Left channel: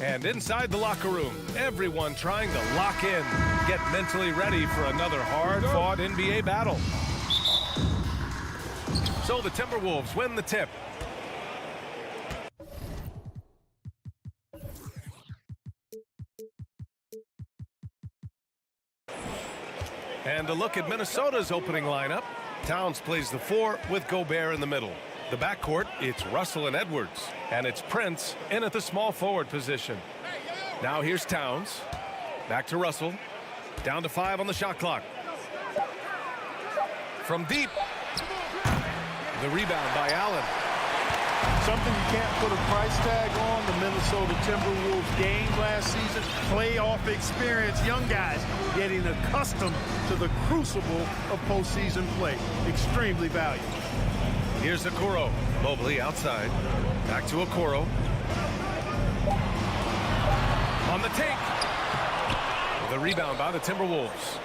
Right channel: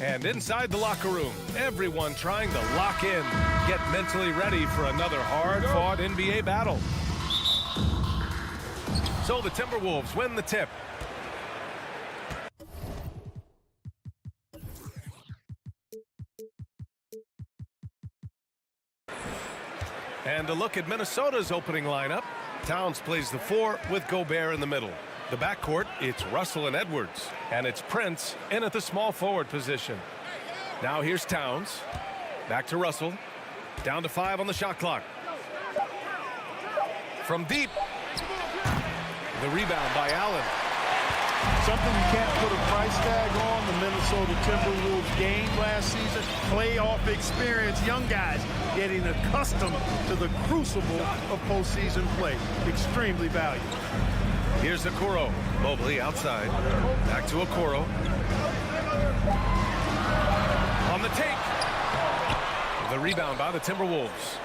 And inside the locker room, everyone trying to lock in, get mentally ready for another hard-fought NBA battle. So the Timberwolves win the tip. And a look at Minnesota's opening lineup. Towns plays the 4 with Gobert in the middle. The backcourt, it's Russell and Edwards. And it's Prince in at the small forward position. Now here's Towns. Back to Russell. Down to 5 on the shot clock. From deep. The rebound by Allen. Something you can't put a price tag on, the Minnesota Timberwolves game last season. Playoff experience, young guys getting accustomed to the crucible of postseason play. Extremely valuable. Here's Okoro. Mobley outside. Back to Okoro. On the take. The rebound by the Timberwolves.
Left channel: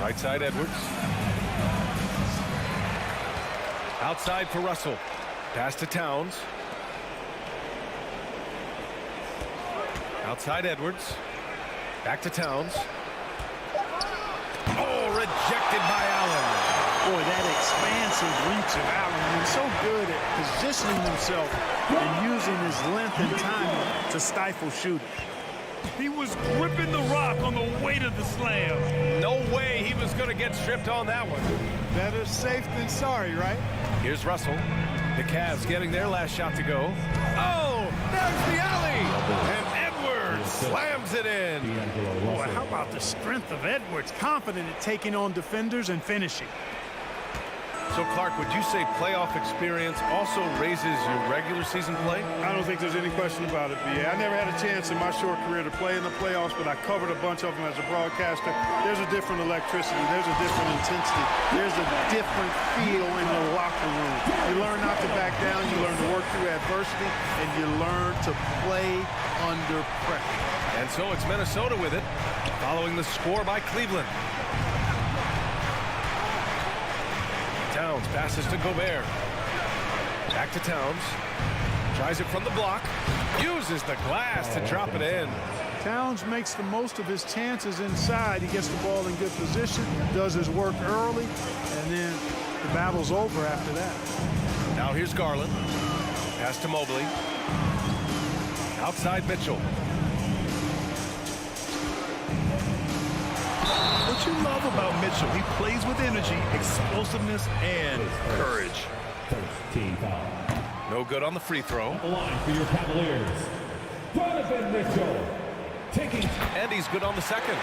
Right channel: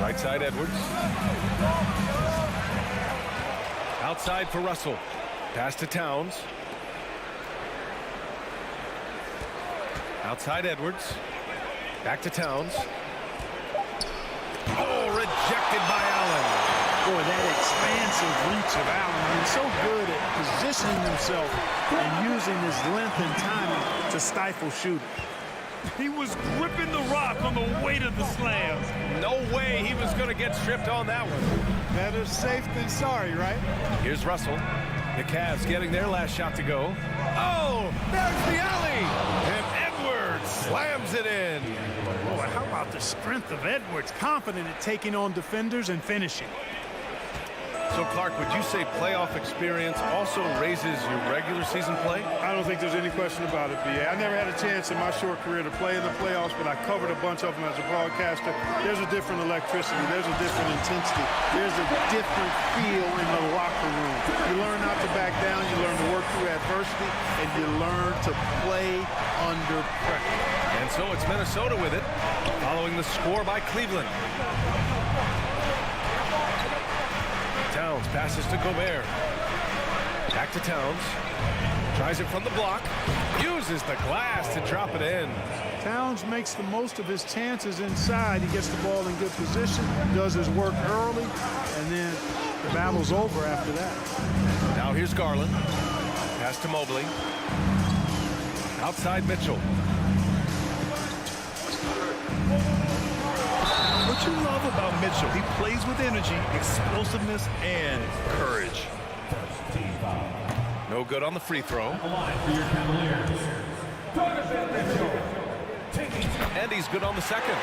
Right side Edwards. Outside for Russell. Pass to Towns. Outside Edwards. Back to Towns. Oh, rejected by Allen. Boy, that expansive reach of Allen. I mean, so good at positioning himself and using his length and timing to stifle shooters. He was gripping the rock on the weight of the slam. No way he was going to get stripped on that one. Better safe than sorry, right? Here's Russell. The Cavs getting their last shot to go. Oh, there's the alley. And Edwards slams it in. Boy, how about the strength of Edwards? Confident at taking on defenders and finishing. So, Clark, would you say playoff experience also raises your regular season play? I don't think there's any question about it, B.A. I never had a chance in my short career to play in the playoffs, but I covered a bunch of them as a broadcaster. There's a different electricity. There's a different intensity. There's a different feel in the locker room. You learn not to back down. You learn to work through adversity, and you learn to play under pressure. And so it's Minnesota with it, following the score by Cleveland. Towns passes to Gobert. Back to Towns. Tries it from the block. Uses the glass to drop it in. Towns makes the most of his chances inside. He gets the ball in good position, does his work early, and then the battle's over after that. Now here's Garland. Pass to Mobley. Outside Mitchell. What you love about Mitchell, he plays with energy, explosiveness, and courage. No good on the free throw. The line for your Cavaliers. And he's good on the second.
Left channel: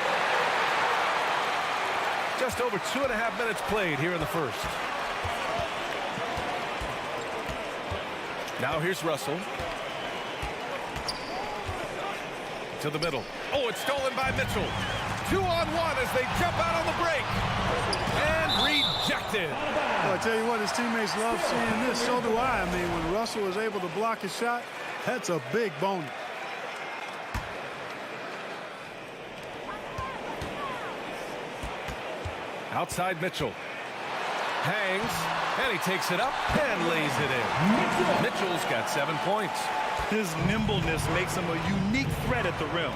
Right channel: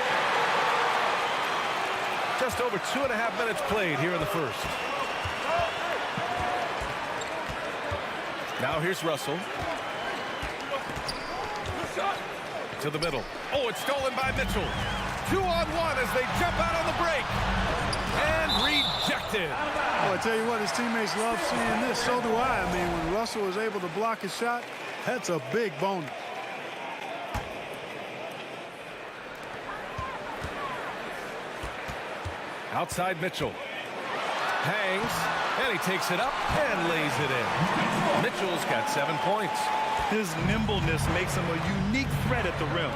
Just over 2.5 minutes played here in the first. Now here's Russell. To the middle. Oh, it's stolen by Mitchell. 2-on-1 as they jump out on the break. And rejected. Well, I tell you what, his teammates love seeing this. So do I. I mean, when Russell is able to block his shot, that's a big bonus. Outside Mitchell. Hangs. And he takes it up and lays it in. Mitchell's got 7 points. His nimbleness makes him a unique threat at the rim.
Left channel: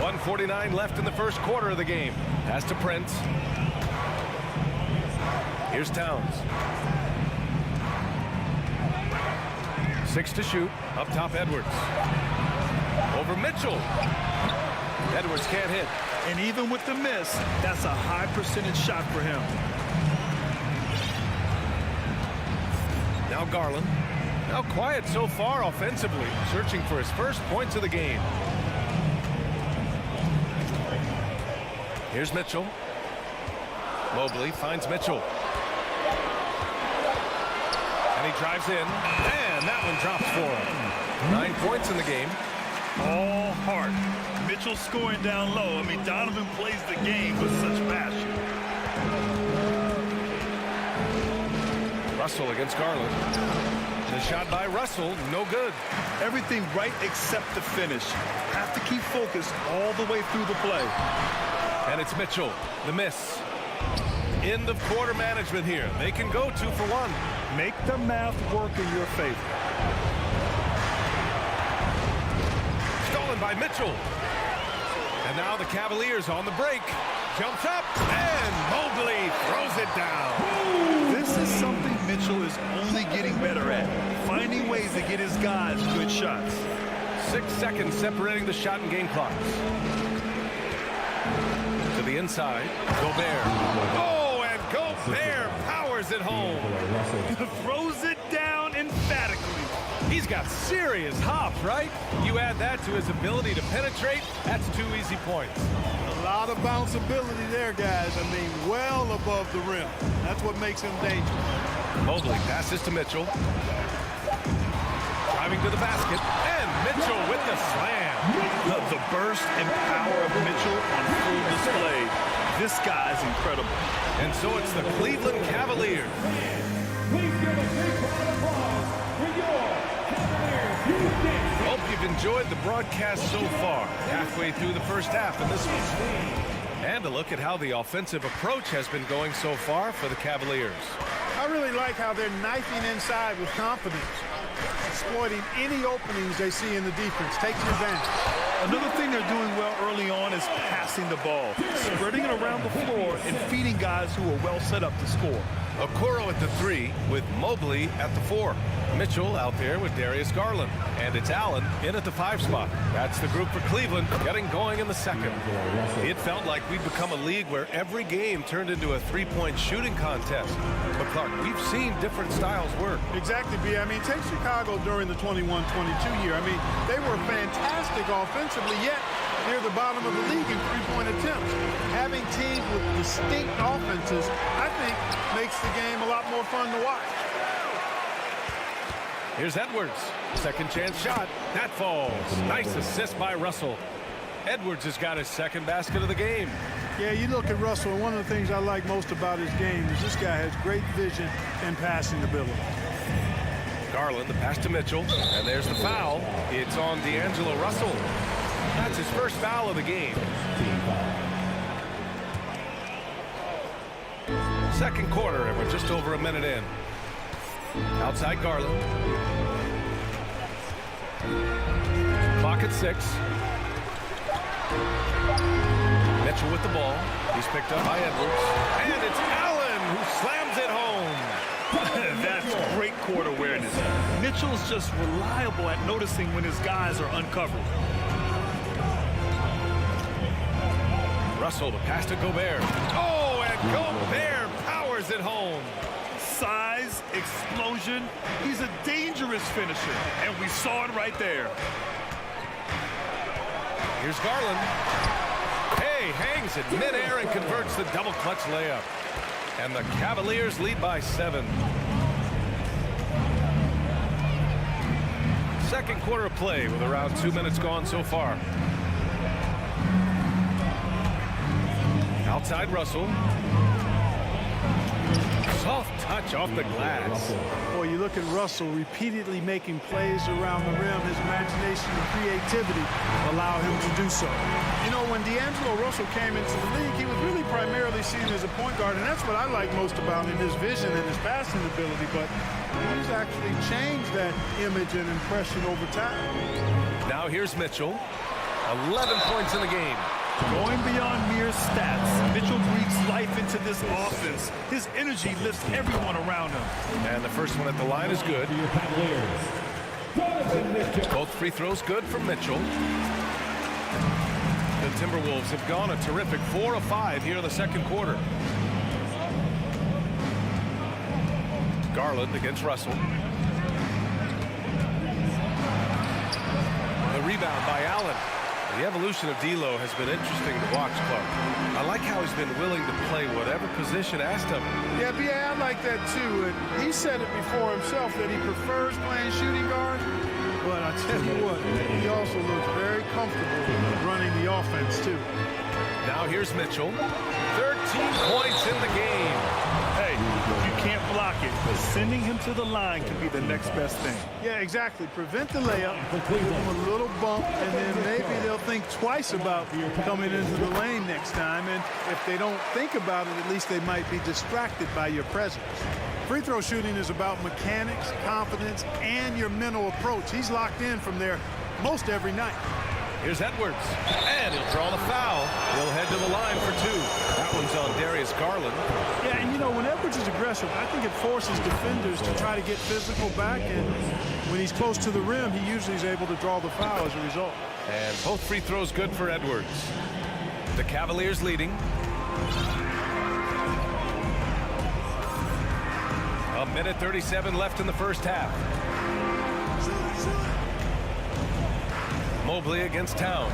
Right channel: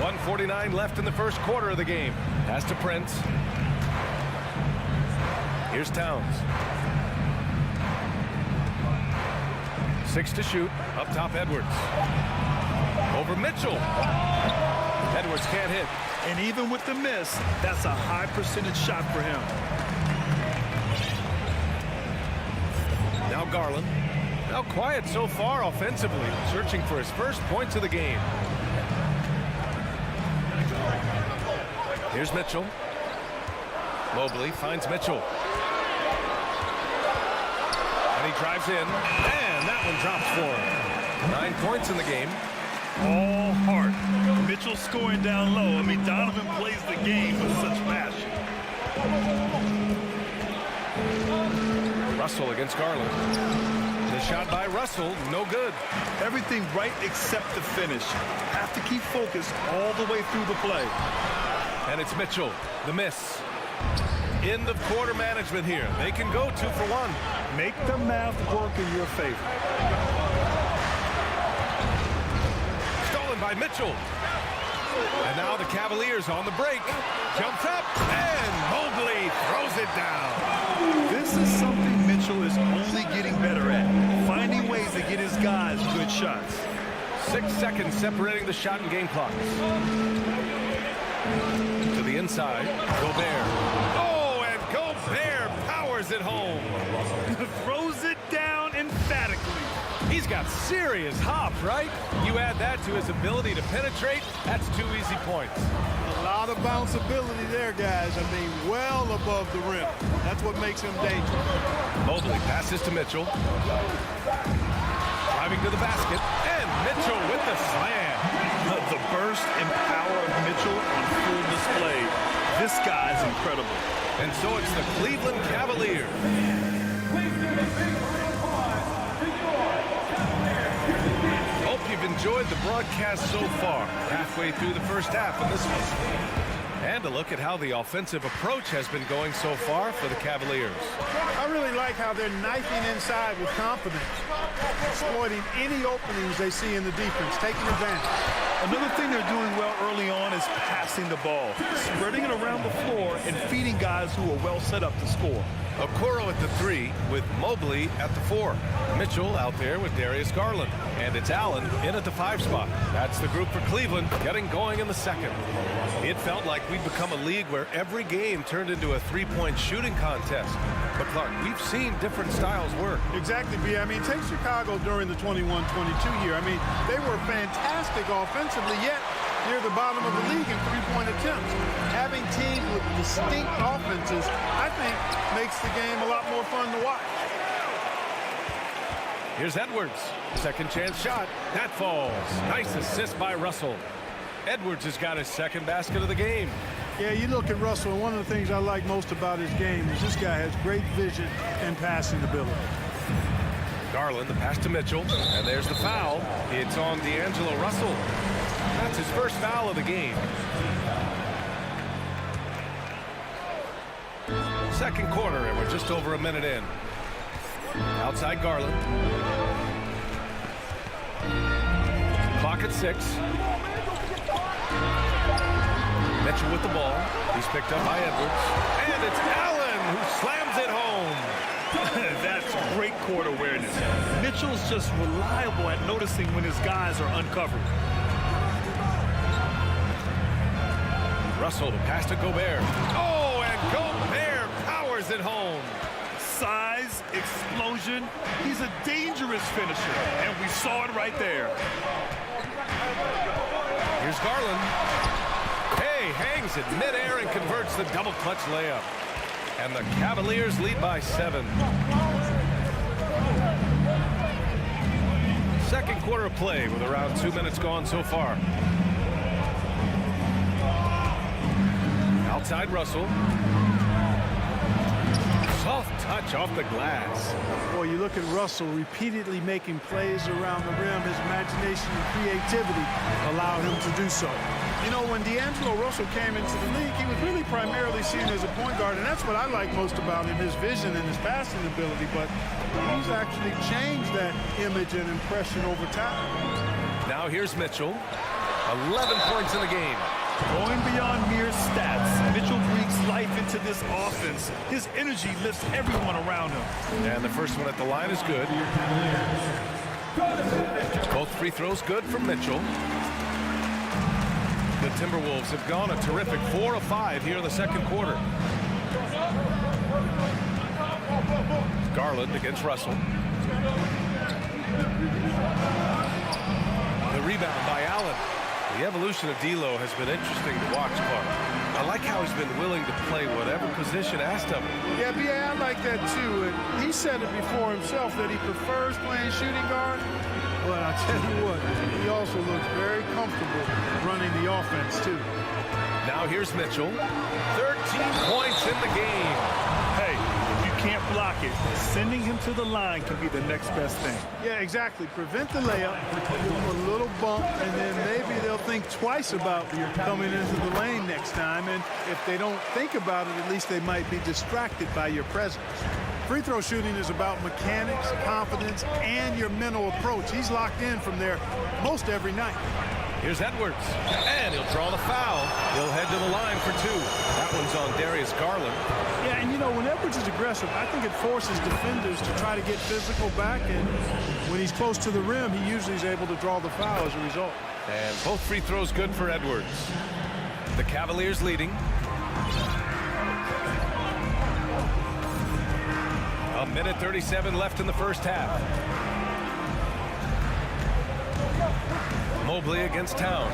1:49 left in the first quarter of the game. Pass to Prince. Here's Towns. 6 to shoot. Up top, Edwards. Over Mitchell. Edwards can't hit. And even with the miss, that's a high percentage shot for him. Now Garland. Now quiet so far offensively. Searching for his first points of the game. Here's Mitchell. Mobley finds Mitchell. And he drives in. And that one drops for him. 9 points in the game. All heart. Mitchell scoring down low. I mean, Donovan plays the game with such passion. Russell against Garland. The shot by Russell, no good. Everything right except the finish. Have to keep focused all the way through the play. And it's Mitchell, the miss. End of quarter management here. They can go 2 for 1. Make the math work in your favor. Stolen by Mitchell. And now the Cavaliers on the break. Jumps up, and Mobley throws it down. This is something Mitchell is only getting better at, finding ways to get his guys good shots. 6 seconds separating the shot and game clocks. To the inside, Gobert. Oh, and Gobert powers it home. Throws it down emphatically. He's got serious hop, right? You add that to his ability to penetrate, that's 2 easy points. A lot of bounceability there, guys. I mean, well above the rim. That's what makes him dangerous. Mobley passes to Mitchell. Driving to the basket, and Mitchell with the slam. The burst and power of Mitchell on full display. This guy's incredible. And so it's the Cleveland Cavaliers. Hope you've enjoyed the broadcast so far. Halfway through the first half in this one. And a look at how the offensive approach has been going so far for the Cavaliers. I really like how they're knifing inside with confidence, exploiting any openings they see in the defense, taking advantage. Another thing they're doing well early on is passing the ball, spreading it around the floor and feeding guys who are well set up to score. Okoro at the 3 with Mobley at the 4. Mitchell out there with Darius Garland. And it's Allen in at the 5 spot. That's the group for Cleveland getting going in the second. It felt like we'd become a league where every game turned into a 3-point shooting contest. But Clark, we've seen different styles work. Exactly, B. I mean, take Chicago during the 21-22 year. I mean, they were fantastic offensively, yet near the bottom of the league in 3-point attempts. Having teams with distinct offenses, I think, makes the game a lot more fun to watch. Here's Edwards. Second chance shot. That falls. Nice assist by Russell. Edwards has got his second basket of the game. Yeah, you look at Russell, and one of the things I like most about his game is this guy has great vision and passing ability. Garland, the pass to Mitchell, and there's the foul. It's on D'Angelo Russell. That's his first foul of the game. Second quarter, and we're just over a minute in. Outside Garland. Clock at 6. Mitchell with the ball. He's picked up by Edwards. And it's Allen who slams it home. That's great court awareness. Mitchell's just reliable at noticing when his guys are uncovered. Russell, the pass to Gobert. Oh, and Gobert powers it home. Size, explosion. He's a dangerous finisher, and we saw it right there. Here's Garland. Hey, hangs it midair and converts the double clutch layup. And the Cavaliers lead by 7. Second quarter of play with around 2 minutes gone so far. Outside Russell. Soft touch off the glass. Boy, you look at Russell repeatedly making plays around the rim. His imagination and creativity allow him to do so. You know, when D'Angelo Russell came into the league, he was really primarily seen as a point guard, and that's what I like most about him, his vision and his passing ability. But he's actually changed that image and impression over time. Now here's Mitchell. 11 points in the game. Going beyond mere stats, Mitchell breathes life into this offense. His energy lifts everyone around him. And the first one at the line is good. Both free throws good from Mitchell. The Timberwolves have gone a terrific 4 of 5 here in the second quarter. Garland against Russell. The rebound by Allen. The evolution of D'Lo has been interesting to watch, Clark. I like how he's been willing to play whatever position asked of him. Yeah, B.A., I like that too. And he said it before himself that he prefers playing shooting guard. But I tell you what, he also looks very comfortable running the offense too. Now here's Mitchell. 13 points in the game. Hey, if you can't block it, sending him to the line can be the next best thing. Yeah, exactly. Prevent the layup, give them a little bump, and then maybe they'll think twice about coming into the lane next time. And if they don't think about it, at least they might be distracted by your presence. Free throw shooting is about mechanics, confidence, and your mental approach. He's locked in from there most every night. Here's Edwards, and he'll draw the foul. He'll head to the line for two. That one's on Darius Garland. Yeah, and you know, when Edwards is aggressive, I think it forces defenders to try to get physical back, and when he's close to the rim, he usually is able to draw the foul as a result. And both free throws good for Edwards. The Cavaliers leading. A minute 37 left in the first half. Mobley against Towns.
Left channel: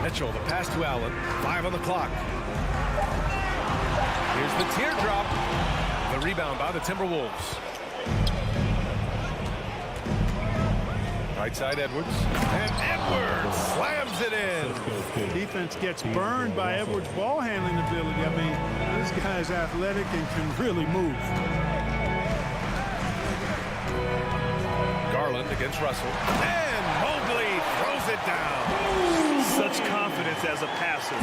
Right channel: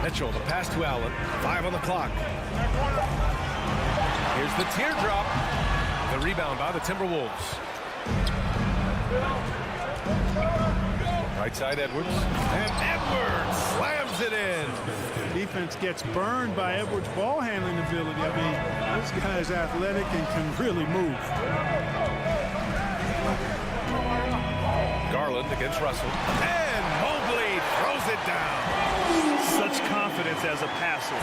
Mitchell, the pass to Allen. 5 on the clock. Here's the teardrop. The rebound by the Timberwolves. Right side Edwards. And Edwards slams it in. Defense gets burned by Edwards' ball handling ability. I mean, this guy's athletic and can really move. Garland against Russell. And Mobley throws it down. Such confidence as a passer.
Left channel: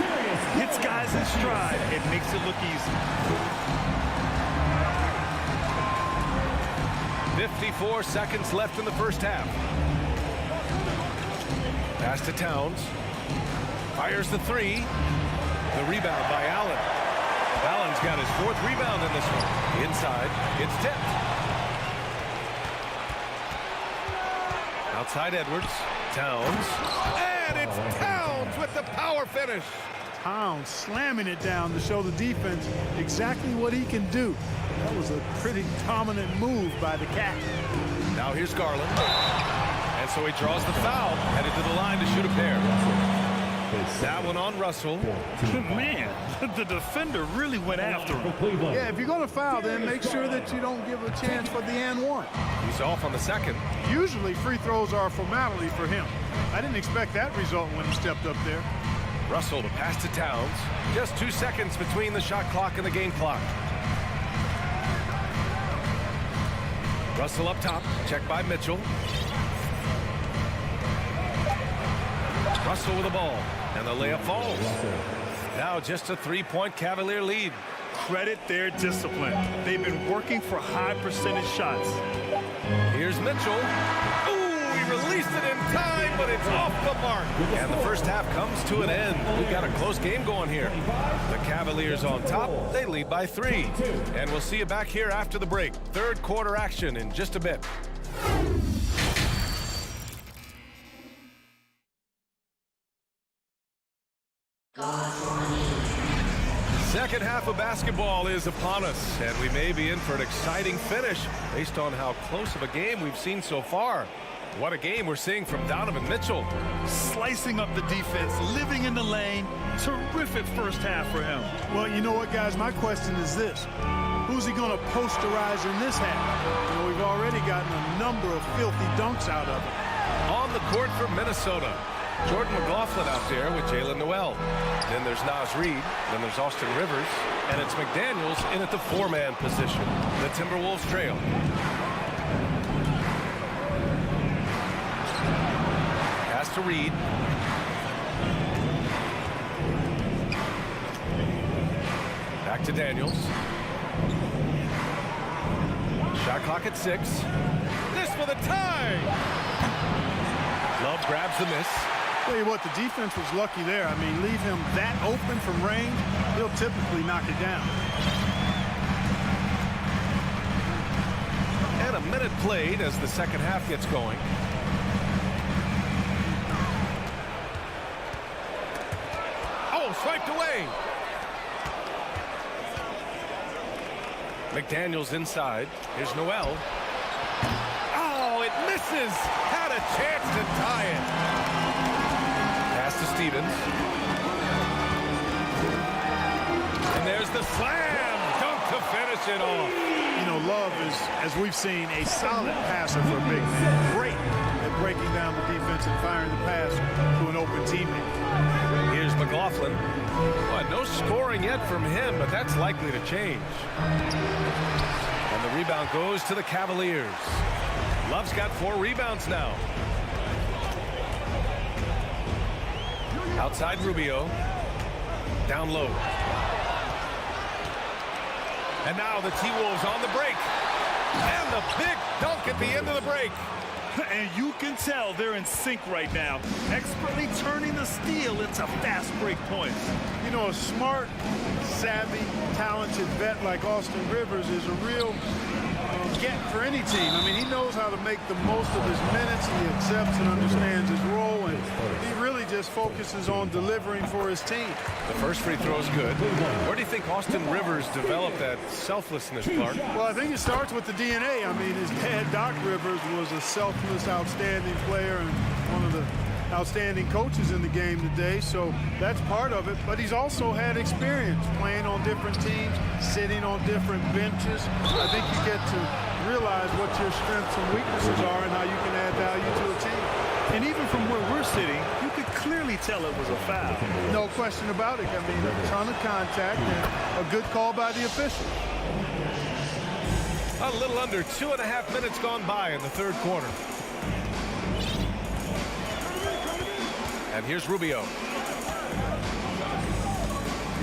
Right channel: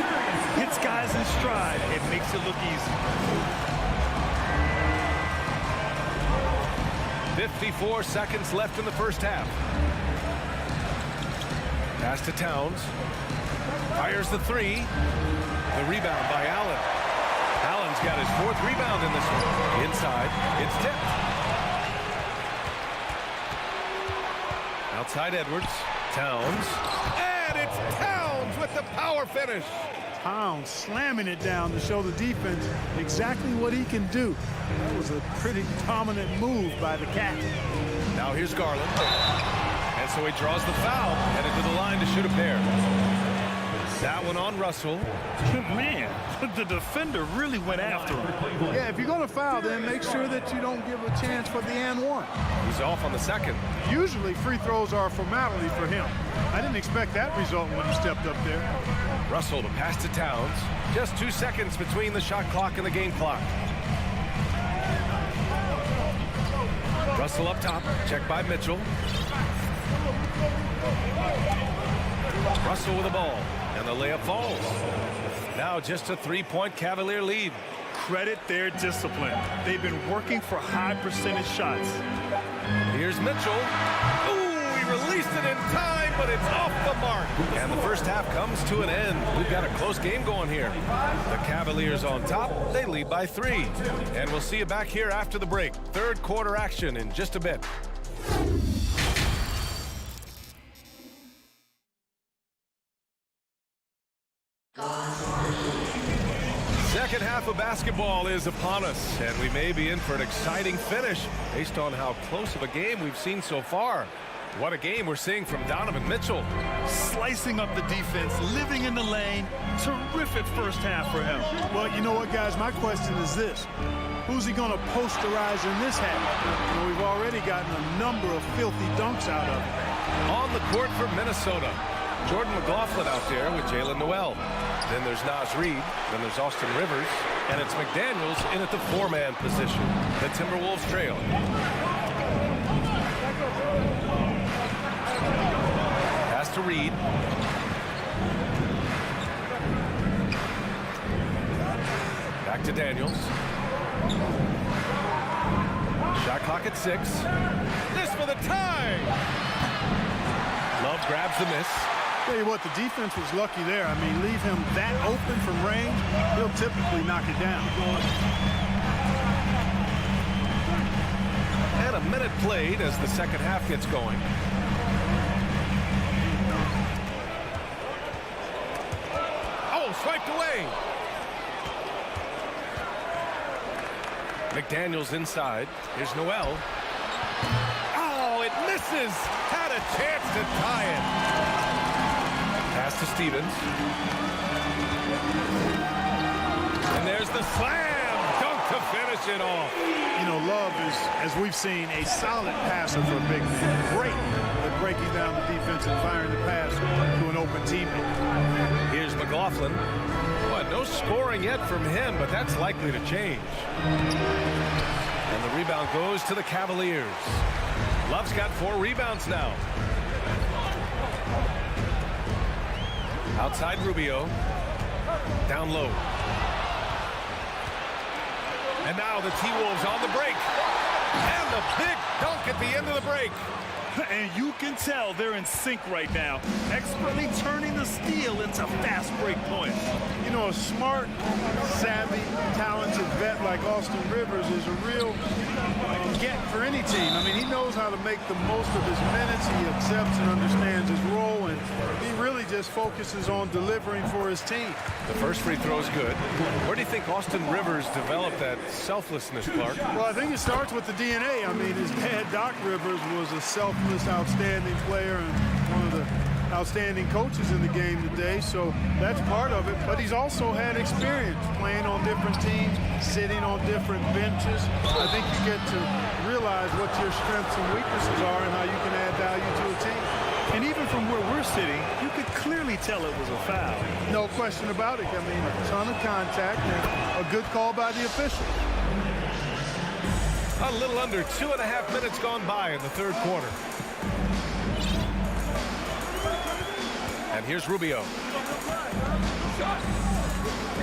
Hits guys in stride. It makes it look easy. 54 seconds left in the first half. Pass to Towns. Fires the three. The rebound by Allen. Allen's got his 4th rebound in this one. Inside, it's tipped. Outside Edwards. Towns. And it's Towns with the power finish. Towns slamming it down to show the defense exactly what he can do. That was a pretty dominant move by the Cat. Now here's Garland. And so he draws the foul, headed to the line to shoot a pair. That one on Russell. Man, the defender really went after him. Yeah, if you're going to foul, then make sure that you don't give a chance for the and one. He's off on the second. Usually free throws are a formality for him. I didn't expect that result when he stepped up there. Russell, the pass to Towns. Just 2 seconds between the shot clock and the game clock. Russell up top, checked by Mitchell. Russell with the ball, and the layup falls. Now just a 3-point Cavalier lead. Credit their discipline. They've been working for high percentage shots. Here's Mitchell. Ooh, he released it in time, but it's off the mark. And the first half comes to an end. We've got a close game going here. The Cavaliers on top. They lead by 3. And we'll see you back here after the break. Third quarter action in just a bit. Second half of basketball is upon us, and we may be in for an exciting finish based on how close of a game we've seen so far. What a game we're seeing from Donovan Mitchell. Slicing up the defense, living in the lane. Terrific first half for him. Well, you know what, guys? My question is this. Who's he going to posterize in this half? You know, we've already gotten a number of filthy dunks out of it. On the court for Minnesota, Jordan McLaughlin out there with Jalen Noel. Then there's Naz Reid. Then there's Austin Rivers. And it's McDaniels in at the 4-man position. The Timberwolves trail. Pass to Reid. Back to Daniels. Shot clock at 6. This for the tie. Love grabs the miss. Tell you what, the defense was lucky there. I mean, leave him that open from range, he'll typically knock it down. And a minute played as the second half gets going. Oh, swiped away. McDaniels inside. Here's Noel. Oh, it misses. Had a chance to tie it. Pass to Stevens. And there's the slam dunk to finish it off. You know, Love is, as we've seen, a solid passer for a big man. Great at breaking down the defense and firing the pass to an open teammate. Here's McLaughlin. Well, no scoring yet from him, but that's likely to change. And the rebound goes to the Cavaliers. Love's got 4 rebounds now. Outside Rubio. Down low. And now the T-Wolves on the break. And the big dunk at the end of the break. And you can tell they're in sync right now, expertly turning the steal into fast break points. You know, a smart, savvy, talented vet like Austin Rivers is a real get for any team. I mean, he knows how to make the most of his minutes. He accepts and understands his role, and he really just focuses on delivering for his team. The first free throw is good. Where do you think Austin Rivers developed that selflessness, Clark? Well, I think it starts with the DNA. I mean, his dad, Doc Rivers, was a selfless, outstanding player and one of the outstanding coaches in the game today, so that's part of it. But he's also had experience playing on different teams, sitting on different benches. I think you get to realize what your strengths and weaknesses are and how you can add value to a team. And even from where we're sitting, you could clearly tell it was a foul. No question about it. I mean, a ton of contact and a good call by the officials. A little under 2.5 minutes gone by in the third quarter. And here's Rubio.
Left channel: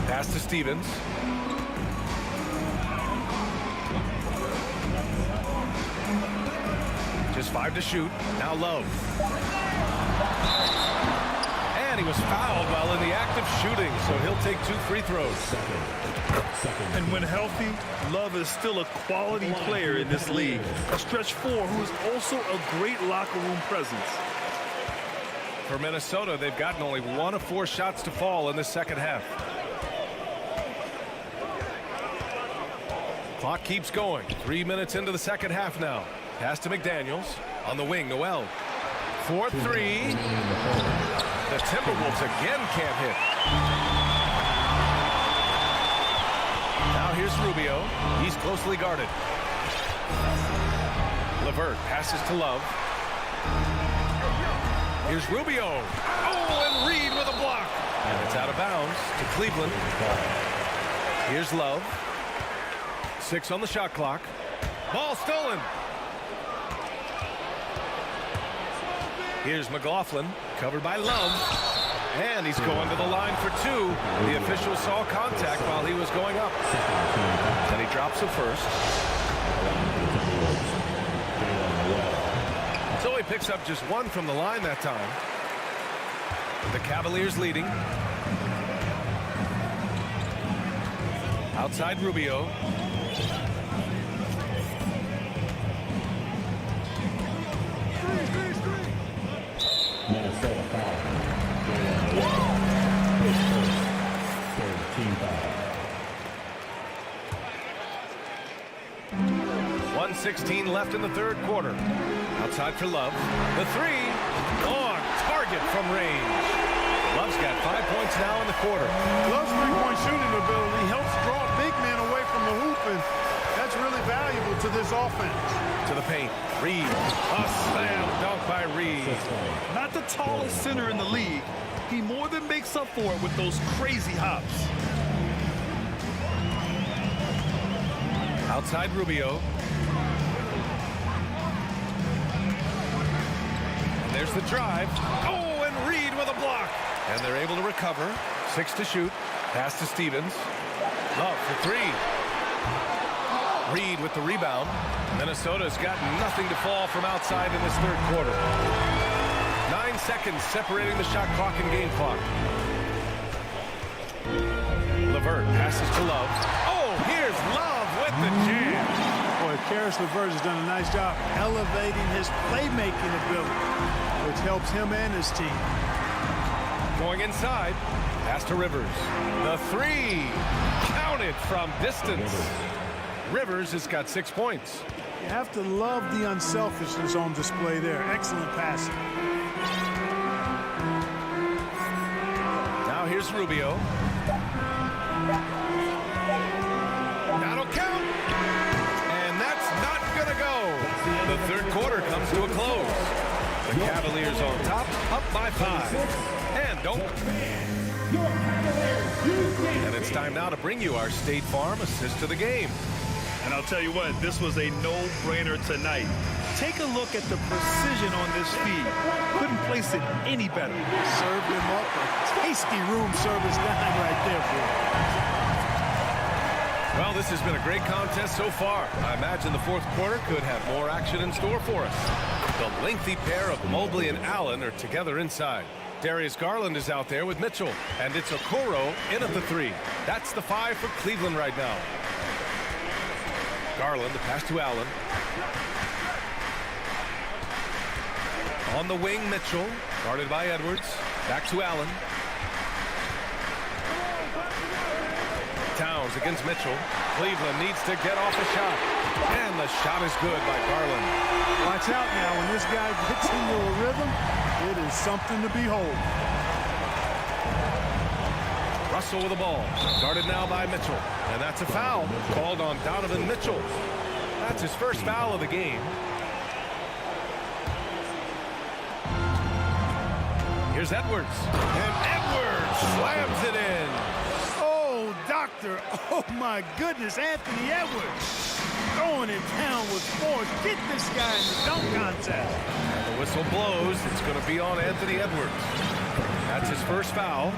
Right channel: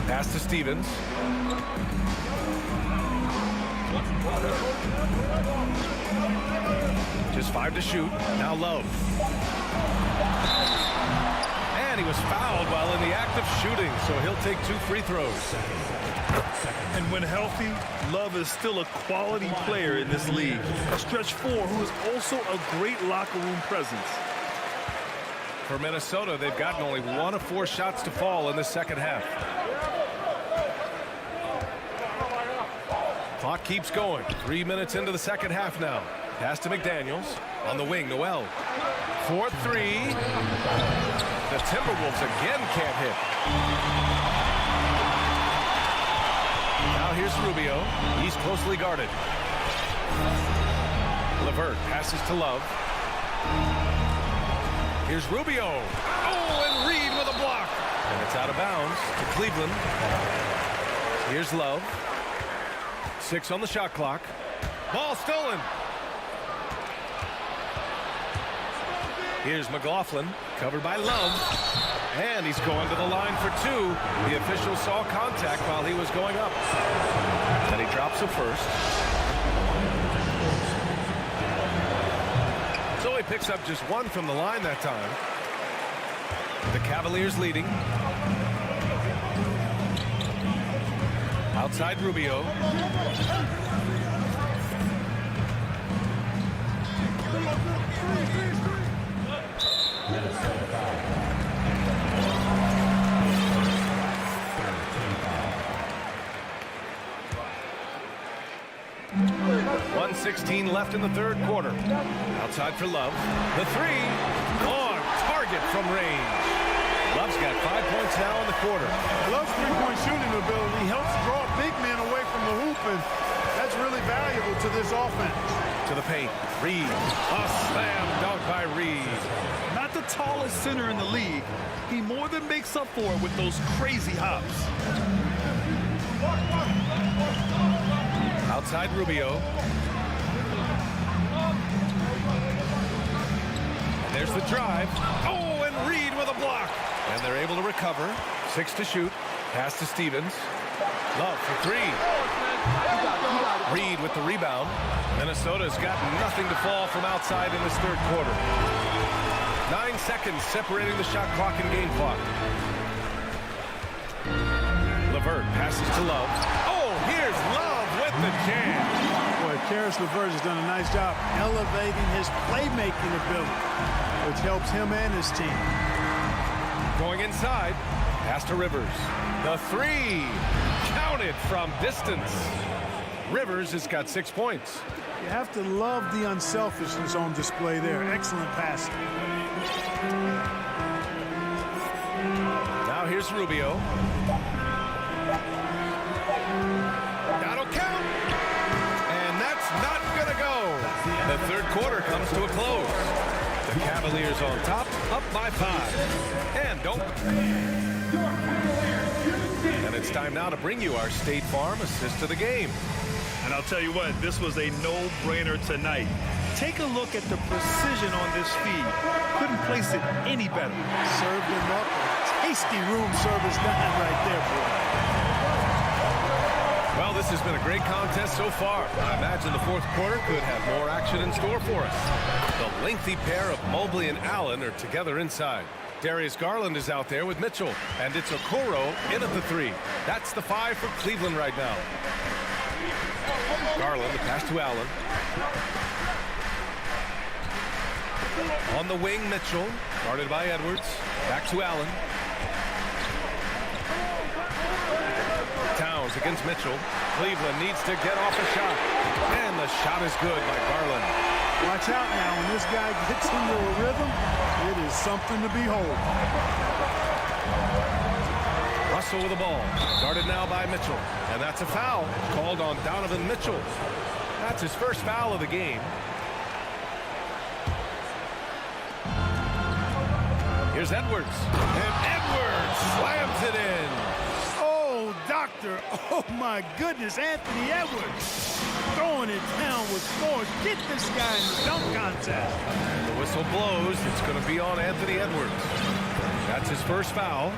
Pass to Stevens. Just 5 to shoot. Now Love. And he was fouled while in the act of shooting, so he'll take 2 free throws. And when healthy, Love is still a quality player in this league. A stretch 4 who is also a great locker room presence. For Minnesota, they've gotten only 1 of 4 shots to fall in the second half. Clock keeps going. 3 minutes into the second half now. Pass to McDaniels. On the wing, Noel. 4-3. The Timberwolves again can't hit. Now here's Rubio. He's closely guarded. LeVert passes to Love. Here's Rubio. Oh, and Reed with a block. And it's out of bounds to Cleveland. Here's Love. 6 on the shot clock. Ball stolen. Here's McLaughlin, covered by Love. And he's going to the line for 2. The official saw contact while he was going up. And he drops a first. So he picks up just 1 from the line that time. The Cavaliers leading. Outside Rubio. Minnesota foul. 1:16 left in the third quarter. Outside for Love. The 3 on target from range. Love's got 5 points now in the quarter. Love's three-point shooting ability helps draw big men away from the hoop, and that's really valuable to this offense. To the paint. Reed. A slam dunk by Reed. Not the tallest center in the league. He more than makes up for it with those crazy hops. Outside Rubio. And there's the drive. Oh, and Reed with a block. And they're able to recover. 6 to shoot. Pass to Stevens. Love for 3. Reed with the rebound. Minnesota's got nothing to fall from outside in this third quarter. 9 seconds separating the shot clock and game clock. LeVert passes to Love. Oh, here's Love with the jam. Boy, Karis LeVert has done a nice job elevating his playmaking ability, which helps him and his team. Going inside. Pass to Rivers. The 3. Counted from distance. Rivers has got 6 points. You have to love the unselfishness on display there. Excellent passing. Now here's Rubio. That'll count. And that's not going to go. The third quarter comes to a close. The Cavaliers on top, up by 5. And don't. And it's time now to bring you our State Farm assist of the game. And I'll tell you what, this was a no-brainer tonight. Take a look at the precision on this feed. Couldn't place it any better. Served him up a tasty room service dime right there, boy. Well, this has been a great contest so far. I imagine the fourth quarter could have more action in store for us. The lengthy pair of Mobley and Allen are together inside. Darius Garland is out there with Mitchell, and it's Okoro in at the 3. That's the 5 for Cleveland right now. Garland, the pass to Allen. On the wing, Mitchell, guarded by Edwards. Back to Allen. Towns against Mitchell. Cleveland needs to get off a shot. And the shot is good by Garland. Watch out now. When this guy gets into a rhythm, it is something to behold. Russell with the ball. Guarded now by Mitchell. And that's a foul called on Donovan Mitchell. That's his first foul of the game. Here's Edwards. And Edwards slams it in. Oh, doctor. Oh, my goodness. Anthony Edwards throwing it down with force. Get this guy in the dunk contest. And the whistle blows. It's going to be on Anthony Edwards. That's his first foul.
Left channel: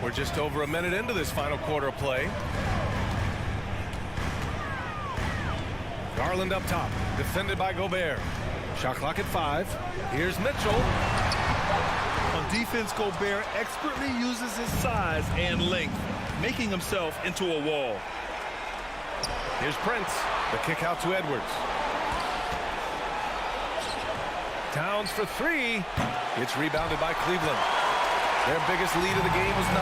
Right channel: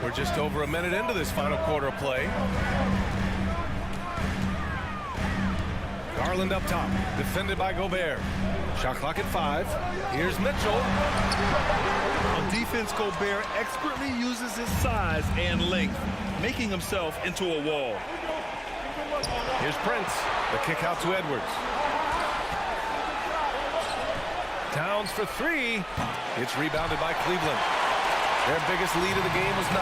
We're just over a minute into this final quarter of play. Garland up top, defended by Gobert. Shot clock at 5. Here's Mitchell. On defense, Gobert expertly uses his size and length, making himself into a wall. Here's Prince. The kick out to Edwards. Towns for 3. It's rebounded by Cleveland. Their biggest lead of the game was 9.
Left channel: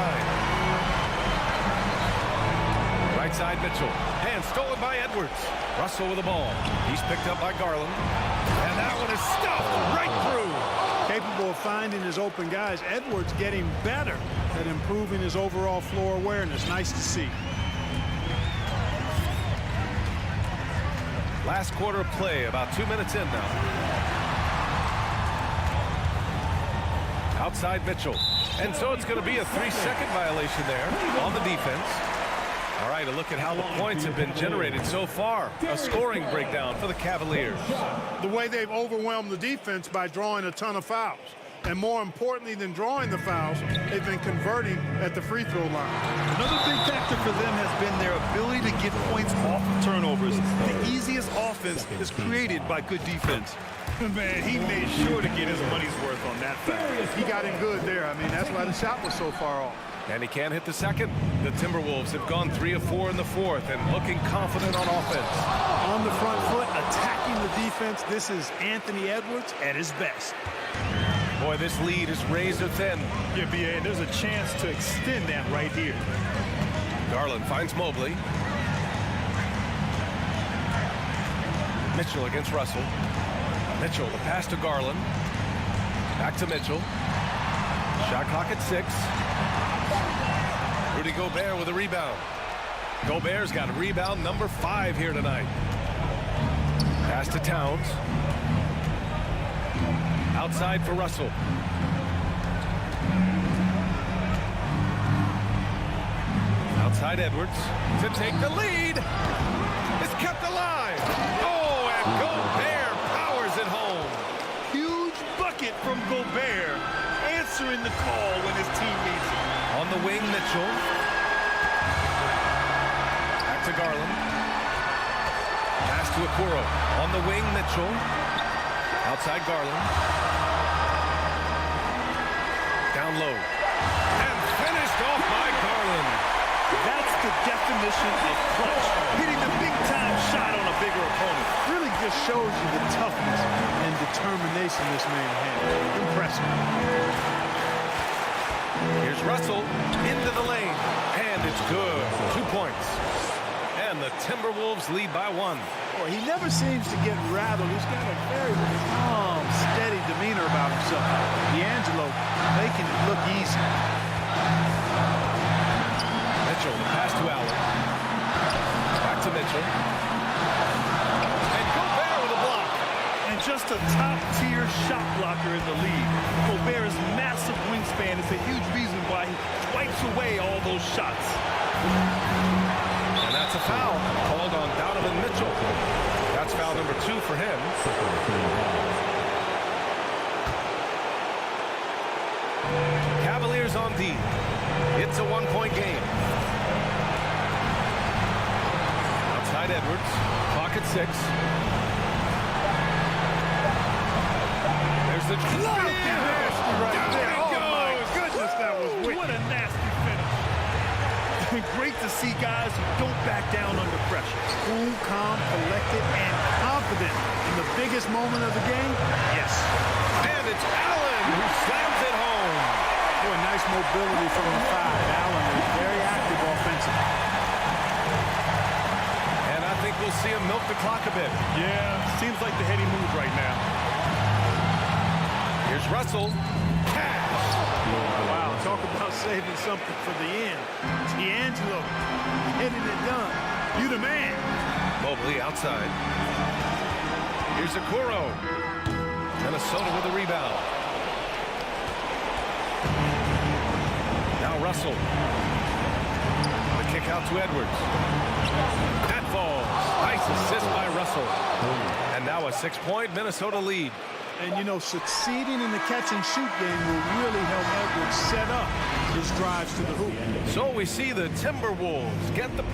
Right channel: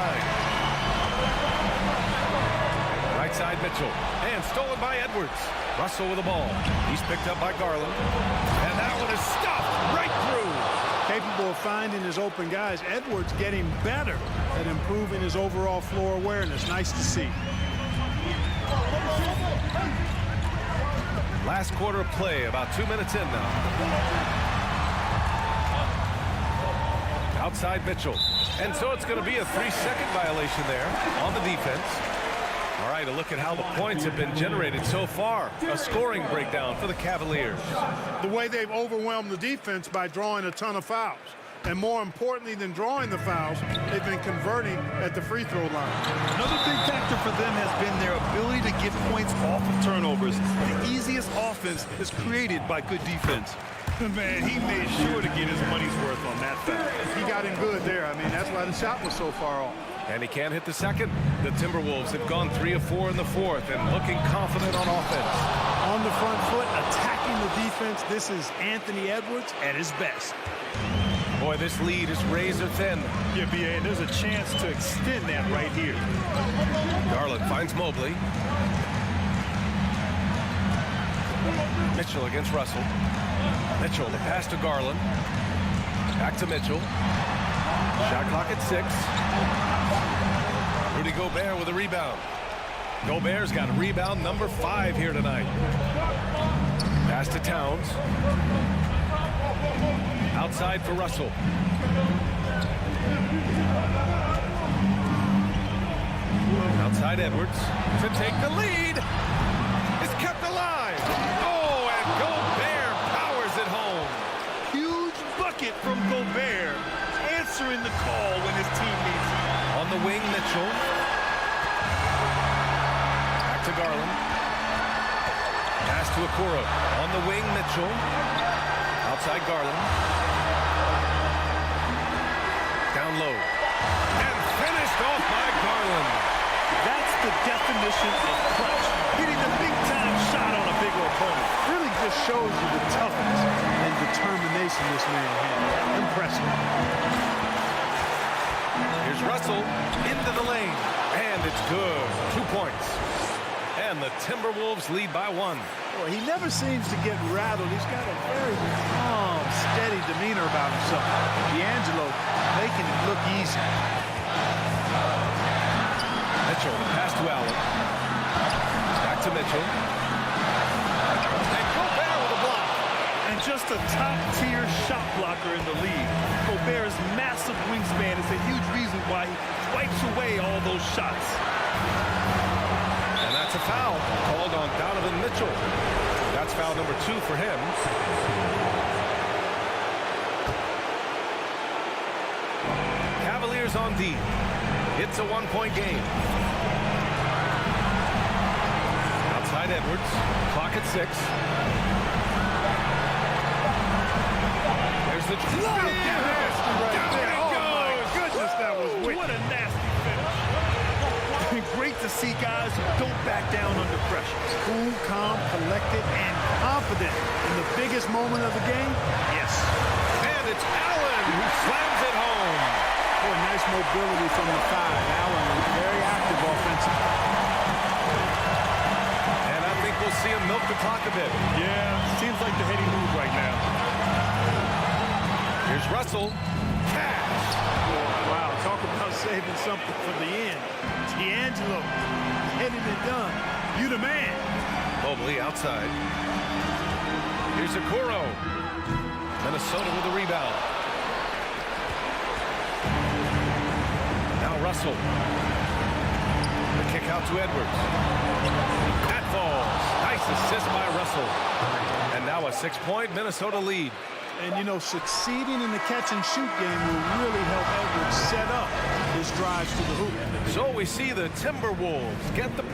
Right side Mitchell. And stolen by Edwards. Russell with the ball. He's picked up by Garland. And that one is stuffed right through. Capable of finding his open guys. Edwards getting better at improving his overall floor awareness. Nice to see. Last quarter of play, about 2 minutes in now. Outside Mitchell. And so it's going to be a 3-second violation there on the defense. All right, a look at how the points have been generated so far. A scoring breakdown for the Cavaliers. The way they've overwhelmed the defense by drawing a ton of fouls. And more importantly than drawing the fouls, they've been converting at the free throw line. Another big factor for them has been their ability to get points off of turnovers. The easiest offense is created by good defense. Man, he made sure to get his money's worth on that foul. He got him good there. I mean, that's why the shot was so far off. And he can't hit the second. The Timberwolves have gone 3 of 4 in the fourth and looking confident on offense. On the front foot, attacking the defense. This is Anthony Edwards at his best. Boy, this lead is razor thin. Yeah, BA, and there's a chance to extend that right here. Garland finds Mobley. Mitchell against Russell. Mitchell, the pass to Garland. Back to Mitchell. Shot clock at 6. Rudy Gobert with a rebound. Gobert's got a rebound number 5 here tonight. Pass to Towns. Outside for Russell. Outside Edwards to take the lead. It's kept alive. Oh, and Gobert powers it home. Huge bucket from Gobert, answering the call when his team needs it. On the wing, Mitchell. Back to Garland. Pass to Okoro. On the wing, Mitchell. Outside Garland. Down low. And finished off by Garland. That's the definition of clutch. Hitting the big-time shot on a bigger opponent. Really just shows you the toughness and determination this man had. Impressive. Here's Russell into the lane. And it's good. 2 points. And the Timberwolves lead by 1. Boy, he never seems to get rattled. He's got a very calm, steady demeanor about himself. D'Angelo making it look easy. Mitchell, the pass to Allen. Back to Mitchell. And just a top-tier shot blocker in the league. Gobert's massive wingspan is a huge reason why he wipes away all those shots. And that's a foul called on Donovan Mitchell. That's foul number 2 for him. Cavaliers on D. It's a 1-point game. Outside Edwards. Clock at 6. There's the Nasty right there. Oh, my goodness, that was wicked. What a nasty finish. Great to see guys who don't back down under pressure. Cool, calm, collected, and confident in the biggest moment of the game. Yes. And it's Allen who slams it home. Boy, nice mobility from the 5. Allen is very active offensively. And I think we'll see him milk the clock a bit. Yeah, seems like the heady move right now. Here's Russell. Cash. Wow, talk about saving something for the end. D'Angelo getting it done. You the man. Mobley outside. Here's Okoro. Minnesota with a rebound. Now Russell. The kick out to Edwards. That falls. Nice assist by Russell. And now a 6-point Minnesota lead. And, you know, succeeding in the catch-and-shoot game will really help Edwards set up his drives to the hoop. So we see the Timberwolves get the...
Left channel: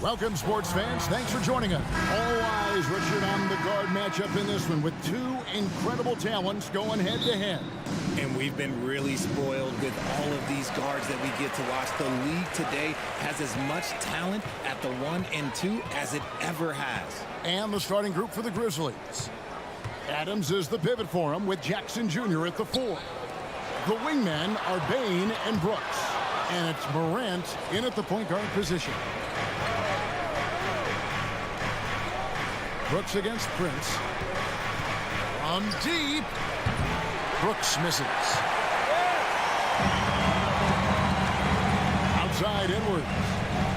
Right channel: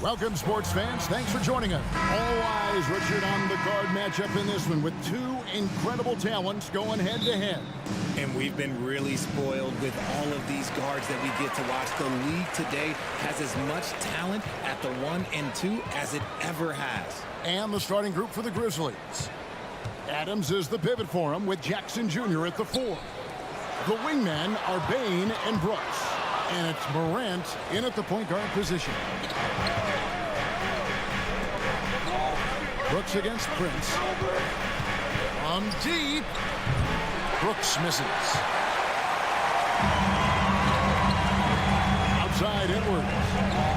Welcome, sports fans. Thanks for joining us. All eyes, Richard, on the guard matchup in this one with two incredible talents going head-to-head. And we've been really spoiled with all of these guards that we get to watch. The league today has as much talent at the 1 and 2 as it ever has. And the starting group for the Grizzlies. Adams is the pivot for him with Jackson Jr. at the 4. The wingmen are Bain and Brooks. And it's Morant in at the point guard position. Brooks against Prince. From deep. Brooks misses. Outside Edwards.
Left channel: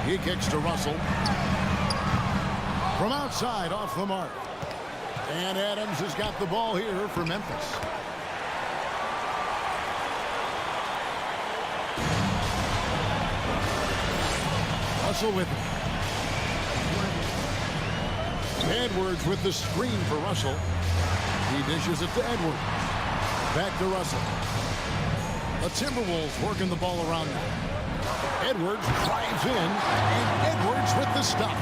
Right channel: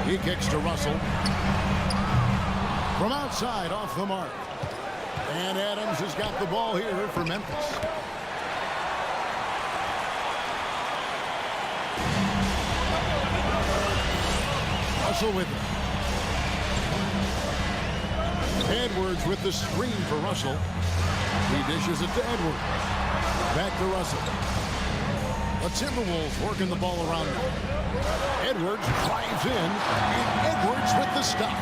He kicks to Russell. From outside off the mark. And Adams has got the ball here for Memphis. Russell with it. Edwards with the screen for Russell. He dishes it to Edwards. Back to Russell. The Timberwolves working the ball around now. Edwards drives in, and Edwards with the stop.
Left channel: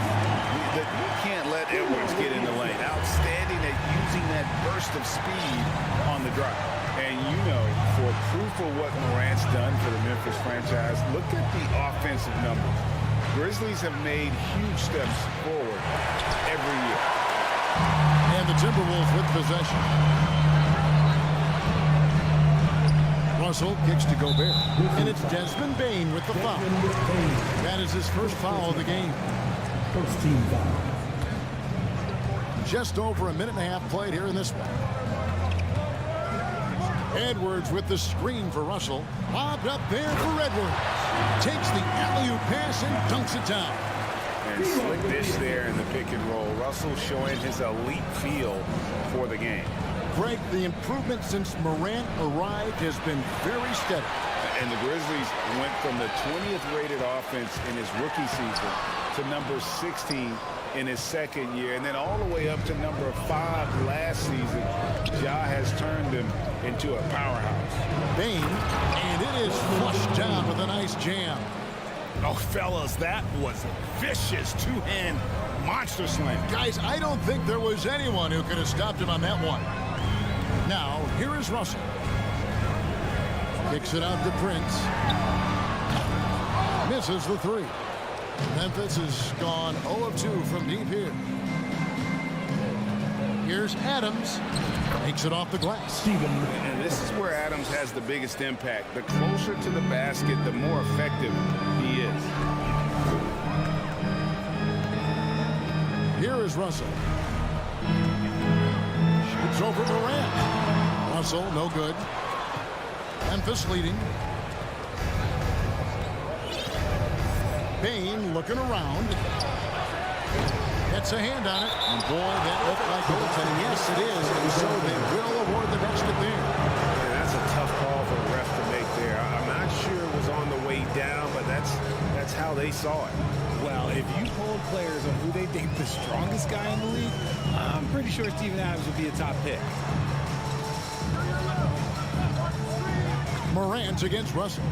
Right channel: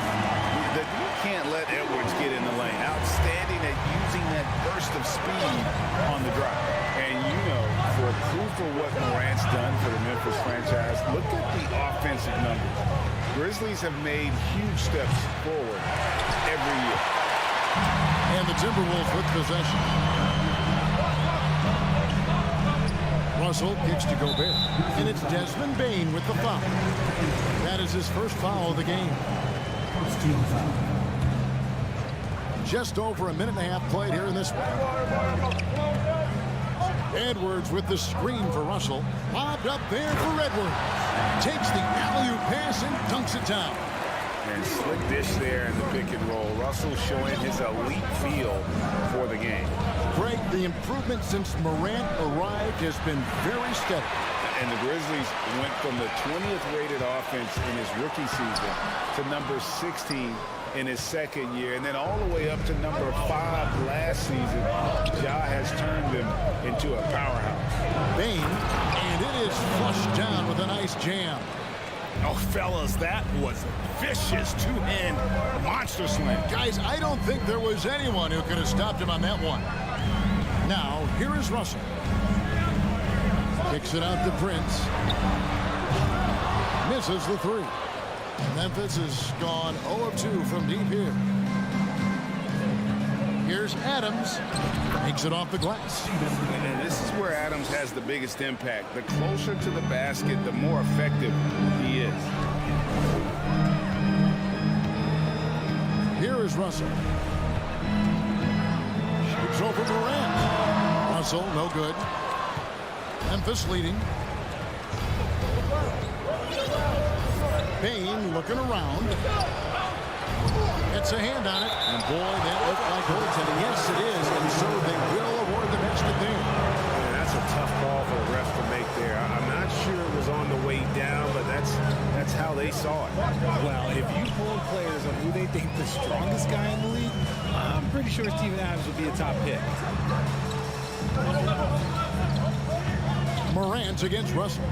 You can't let Edwards get in the lane. Outstanding at using that burst of speed on the drive. And you know, for proof of what Morant's done for the Memphis franchise, look at the offensive numbers. Grizzlies have made huge steps forward every year. And the Timberwolves with possession. Russell kicks to Gobert. And it's Desmond Bain with the foul. That is his first foul of the game. First team foul. Just over a minute and a half played here in this one. Edwards with the screen for Russell. Lobbed up there for Edwards. Takes the alley-oop pass and dunks it down. And slick dish there in the pick and roll. Russell showing his elite feel for the game. Greg, the improvement since Morant arrived has been very steady. And the Grizzlies went from the 20th rated offense in his rookie season to number 16 in his second year, and then all the way up to number 5 last season. Ja has turned them into a powerhouse. Bain, and it is flushed down with a nice jam. Oh, fellas, that was a vicious two-hand monster slam. Guys, I don't think there was anyone who could have stopped him on that one. Now, here is Russell. Kicks it out to Prince. Misses the 3. Memphis has gone 0 of 2 from deep here. Here's Adams. Makes it off the glass. And this is where Adams has the biggest impact. The closer to the basket, the more effective he is. Here is Russell. Shoots over Morant. Russell, no good. Memphis leading. Bain looking around. Gets a hand on it. And boy, that looked like goaltending. Yes, it is. And so they will award the basket there. Man, that's a tough call for the ref to make there. I'm not sure it was on the way down, but that's how they saw it. Well, if you polled players on who they think the strongest guy in the league, I'm pretty sure Steven Adams would be a top pick. Morant against Russell.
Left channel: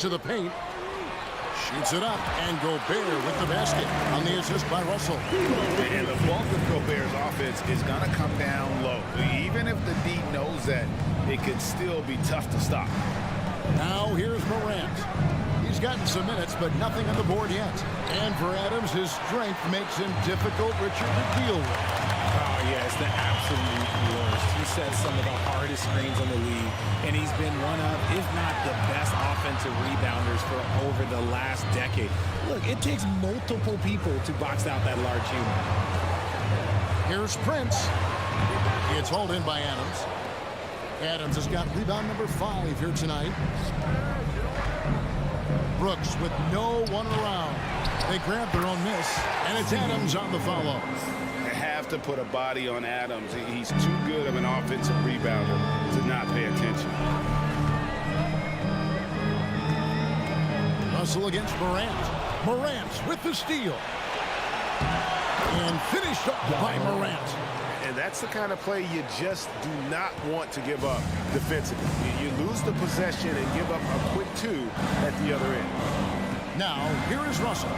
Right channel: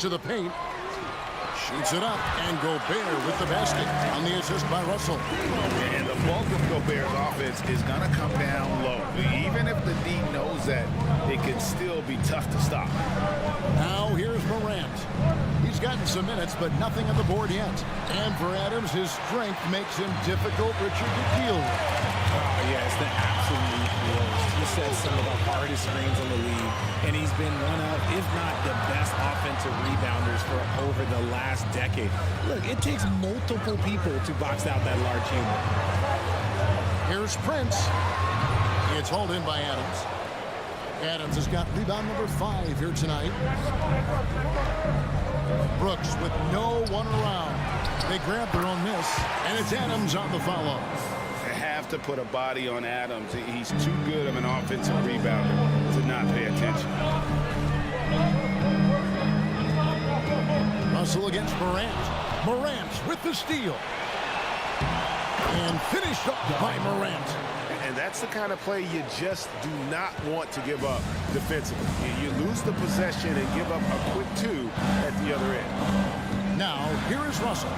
To the paint. Shoots it up, and Gobert with the basket on the assist by Russell. And the bulk of Gobert's offense is going to come down low. Even if the D knows that, it can still be tough to stop. Now here's Morant. He's gotten some minutes, but nothing on the board yet. And for Adams, his strength makes him difficult, Richard, to deal with. Oh, yeah, it's the absolute worst. He sets some of the hardest screens in the league, and he's been one of, if not the best offensive rebounders for over the last decade. Look, it takes multiple people to box out that large human. Here's Prince. It's hauled in by Adams. Adams has got rebound number 5 here tonight. Brooks with no one around. They grab their own miss, and it's Adams on the follow. They have to put a body on Adams. He's too good of an offensive rebounder to not pay attention. Russell against Morant. Morant with the steal. And finished off by Morant. And that's the kind of play you just do not want to give up defensively. You lose the possession and give up a quick 2 at the other end. Now, here is Russell.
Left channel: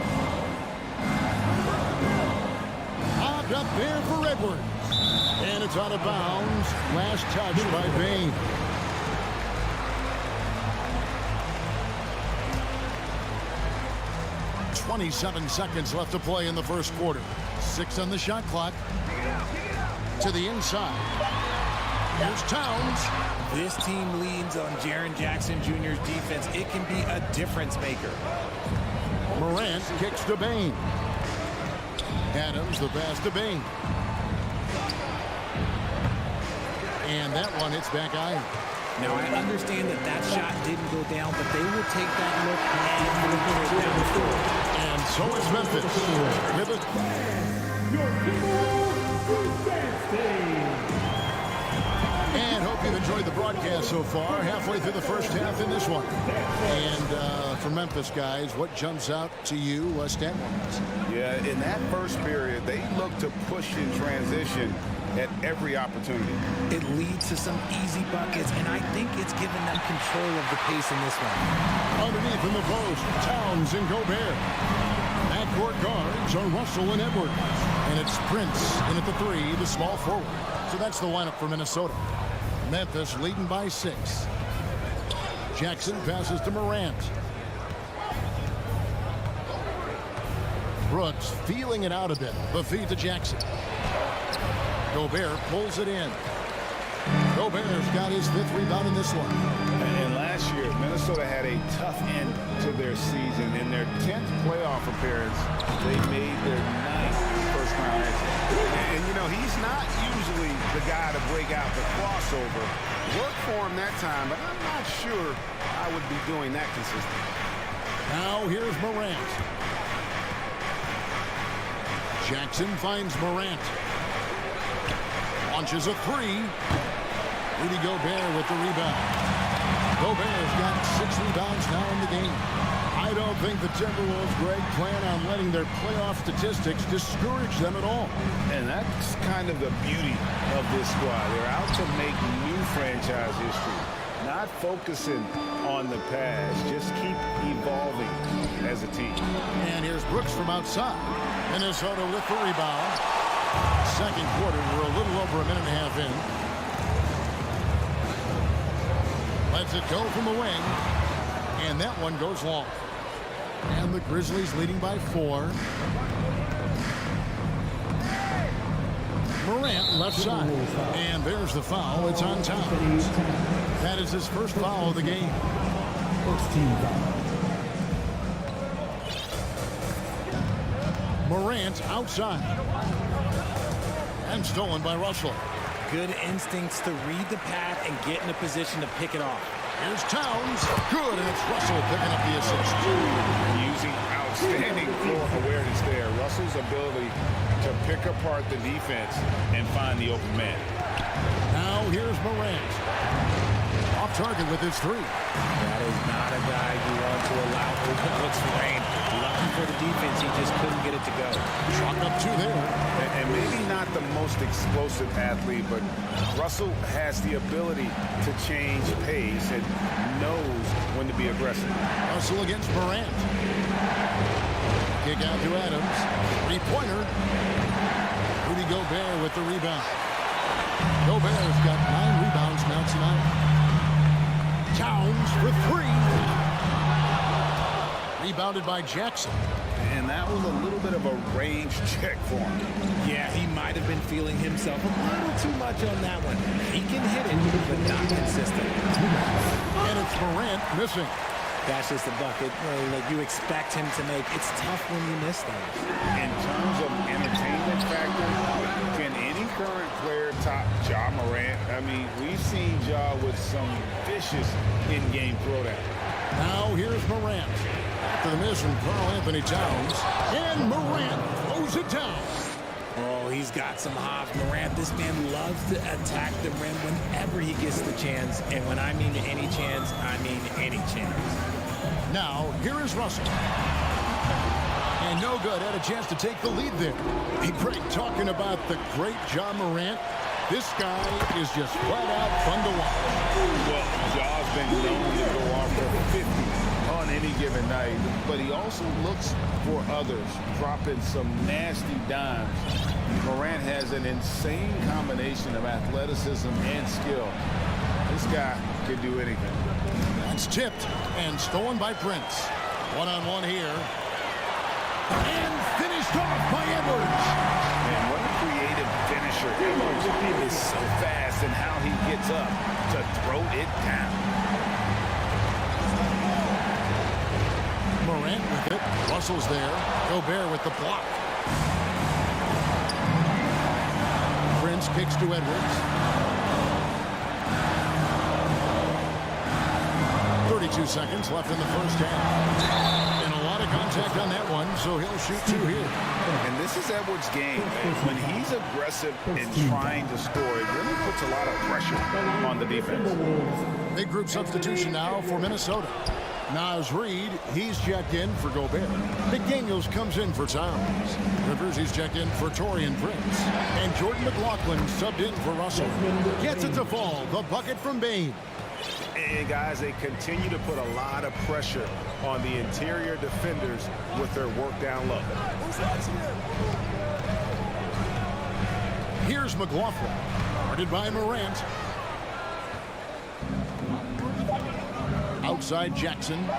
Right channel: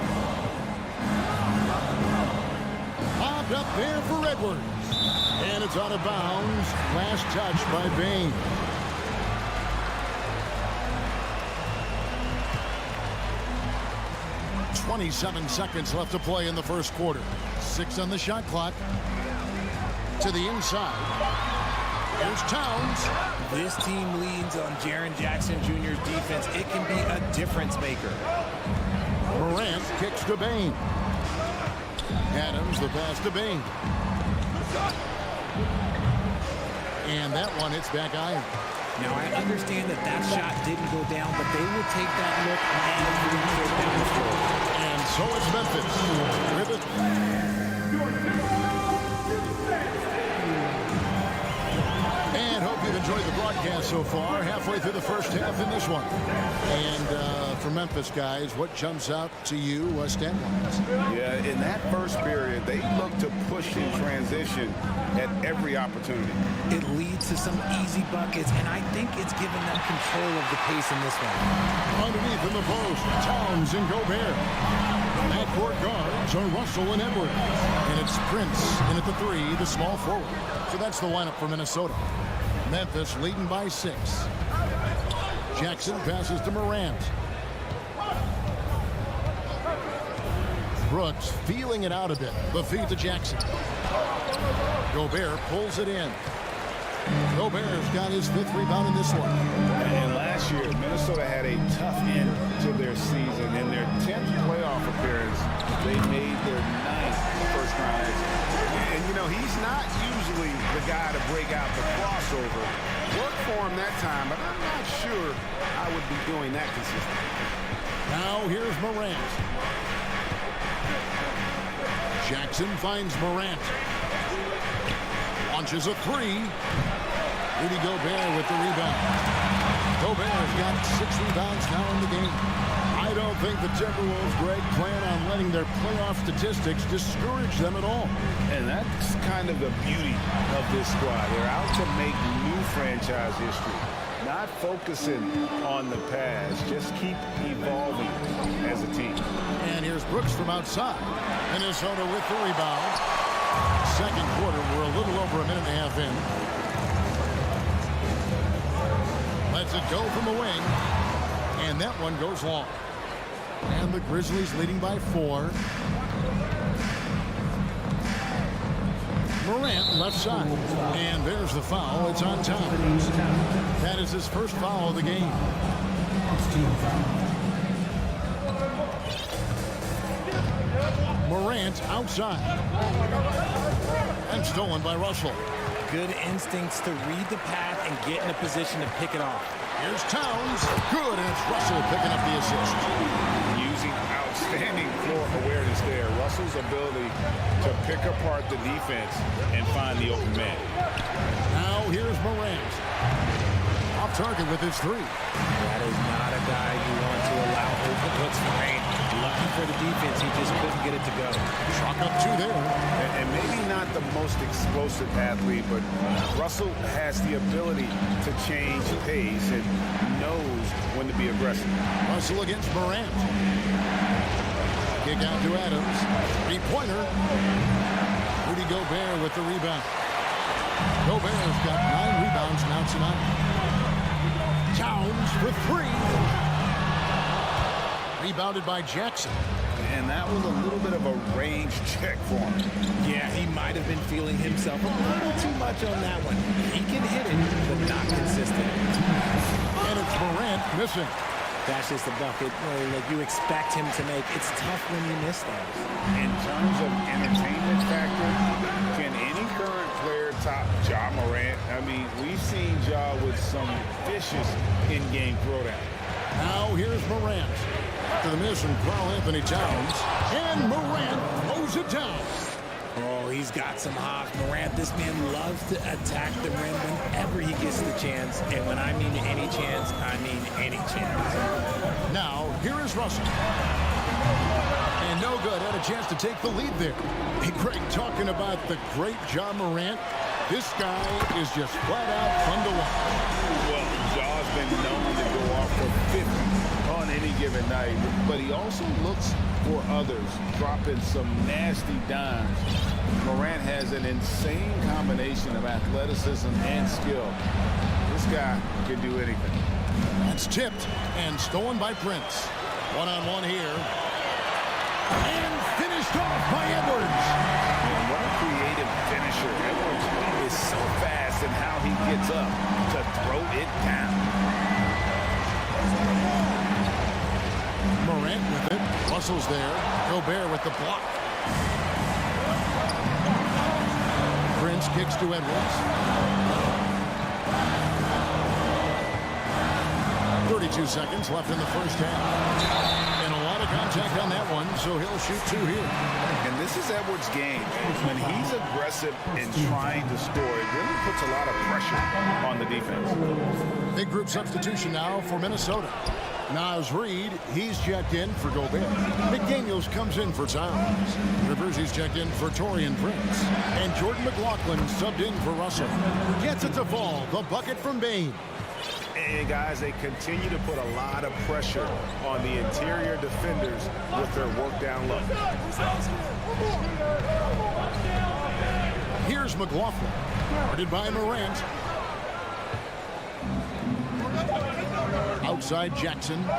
Popped up there for Edwards. And it's out of bounds. Last touch by Bain. .27 seconds left to play in the first quarter. 6 on the shot clock. To the inside. Here's Towns. This team leans on Jaren Jackson Jr.'s defense. It can be a difference maker. Morant kicks to Bain. Adams, the pass to Bain. And that one hits back iron. Now, I understand that that shot didn't go down, but they will take that look every trip down the floor. And so it's Memphis with it. And hope you've enjoyed the broadcast so far. Halfway through the first half in this one. And for Memphis, guys, what jumps out to you stat-wise? Yeah, in that first period, they looked to push in transition at every opportunity. It leads to some easy buckets, and I think it's given them control of the pace in this one. Underneath in the post, Towns and Gobert. Backcourt guards are Russell and Edwards. And it's Prince in at the 3, the small forward. So that's the lineup for Minnesota. Memphis leading by 6. Jackson passes to Morant. Brooks feeling it out a bit. The feed to Jackson. Gobert pulls it in. Gobert's got his 5th rebound in this one. And last year, Minnesota had a tough end to their season. In their 10th playoff appearance, they made their 9th first-round exit. And, you know, he's not usually the guy to break out the crossover. Worked for him that time, but I'm not sure I would be doing that consistently. Now here's Morant. Jackson finds Morant. Launches a 3. Rudy Gobert with the rebound. Gobert's got 6 rebounds now in the game. I don't think the Timberwolves, Greg, plan on letting their playoff statistics discourage them at all. And that's kind of the beauty of this squad. They're out to make new franchise history. Not focusing on the past. Just keep evolving as a team. And here's Brooks from outside. Minnesota with the rebound. Second quarter, we're a little over a minute and a half in. Lets it go from a wing. And that one goes long. And the Grizzlies leading by 4. Morant left side. And there's the foul. It's on Towns. That is his first foul of the game. First team foul. Morant outside. And stolen by Russell. Good instincts to read the path and get in a position to pick it off. Here's Towns. Good, and it's Russell picking up the assist. Using outstanding floor awareness there. Russell's ability to pick apart the defense and find the open man. Now here's Morant. Off target with his 3. That is not a guy you want to allow open looks for rain. Lucky for the defense, he just couldn't get it to go. Chalk up 2 there. And maybe not the most explosive athlete, but Russell has the ability to change pace and knows when to be aggressive. Russell against Morant. Kick out to Adams. 3-pointer. Rudy Gobert with the rebound. Gobert's got 9 rebounds now tonight. Towns for 3. Rebounded by Jackson. And that was a little bit of a range check for him. Yeah, he might have been feeling himself a little too much on that one. He can hit it, but not consistent. And it's Morant missing. That's just a bucket that you expect him to make. It's tough when you miss those. In terms of entertainment factor, can any current player top Ja Morant? I mean, we've seen Ja with some vicious in-game throwdown. Now here's Morant. After the miss from Karl Anthony Towns. And Morant throws it down. Oh, he's got some hops. Morant, this man loves to attack the rim whenever he gets the chance. And when I mean any chance, I mean any chance. Now, here is Russell. And no good. Had a chance to take the lead there. Hey, Greg, talking about the great Ja Morant, this guy is just flat out fun to watch. Well, Ja's been known to go off for 50 on any given night, but he also looks for others, dropping some nasty dimes. Morant has an insane combination of athleticism and skill. This guy can do anything. That's tipped and stolen by Prince. One-on-one here. And finished off by Edwards. Man, what a creative finisher. Edwards is so fast in how he gets up to throw it down. Morant with it. Russell's there. Gobert with the block. Prince kicks to Edwards. 32 seconds left in the first half. And a lot of contact on that one, so he'll shoot 2 here. And this is Edwards' game. When he's aggressive in trying to score, it really puts a lot of pressure on the defense. Big group substitution now for Minnesota. Naz Reid, he's checked in for Gobert. McDaniels comes in for Towns. Rivers, he's checked in for Taurean Prince. And Jordan McLaughlin subbed in for Russell. Gets it to fall. The bucket from Bane. And guys, they continue to put a lot of pressure on the interior defenders with their work down low. Here's McLaughlin. Guarded by Morant. Outside Jackson. And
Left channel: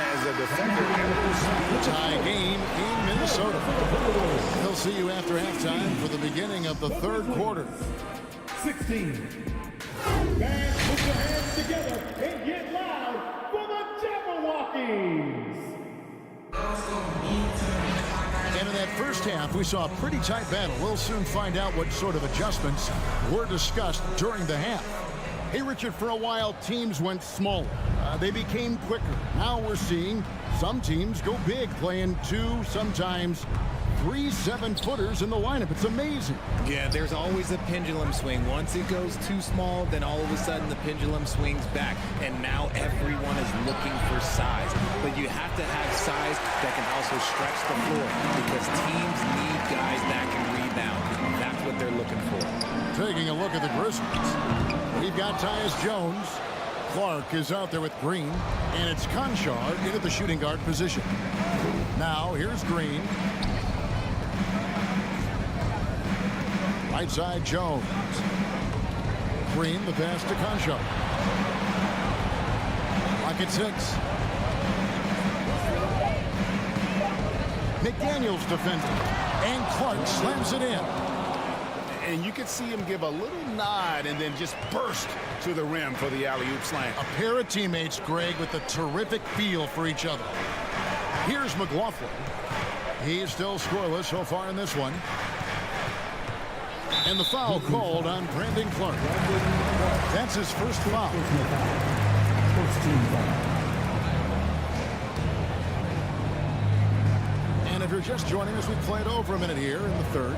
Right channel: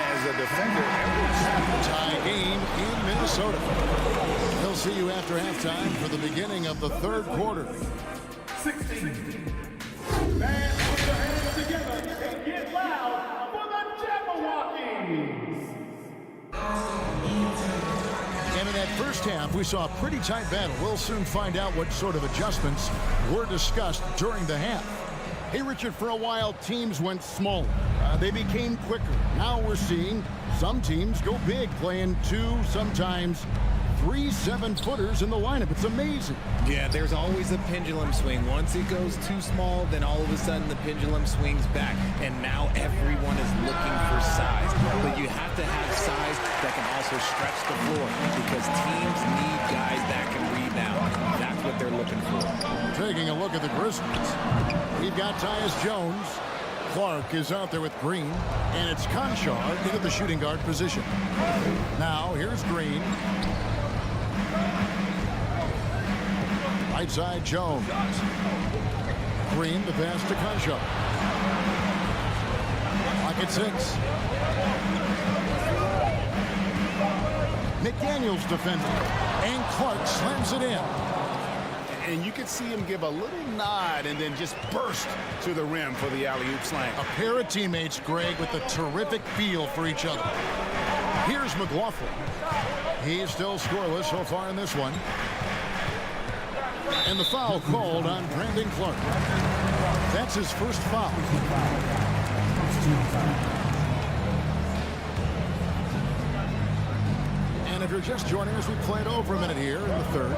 as a defender, Edwards' speed. Tie game in Minnesota. We'll see you after halftime for the beginning of the third quarter. 16. Fans, put your hands together and get loud for the Jabberwockies. And in that first half, we saw a pretty tight battle. We'll soon find out what sort of adjustments were discussed during the half. Hey, Richard, for a while, teams went smaller. They became quicker. Now we're seeing some teams go big, playing 2, sometimes 3 7-footers in the lineup. It's amazing. Yeah, there's always a pendulum swing. Once it goes too small, then all of a sudden the pendulum swings back. And now everyone is looking for size. But you have to have size that can also stretch the floor because teams need guys that can rebound. That's what they're looking for. Taking a look at the Grizzlies. We've got Tyus Jones. Clark is out there with Green. And it's Conchar into the shooting guard position. Now, here's Green. Right side, Jones. Green, the pass to Conchar. Clock at 6. McDaniels defending. And Clark slams it in. And you could see him give a little nod and then just burst to the rim for the alley-oop slam. A pair of teammates, Greg, with a terrific feel for each other. Here's McLaughlin. He's still scoreless so far in this one. And the foul called on Brandon Clark. That's his first foul. First team foul. And if you're just joining us, we played over a minute here in the third.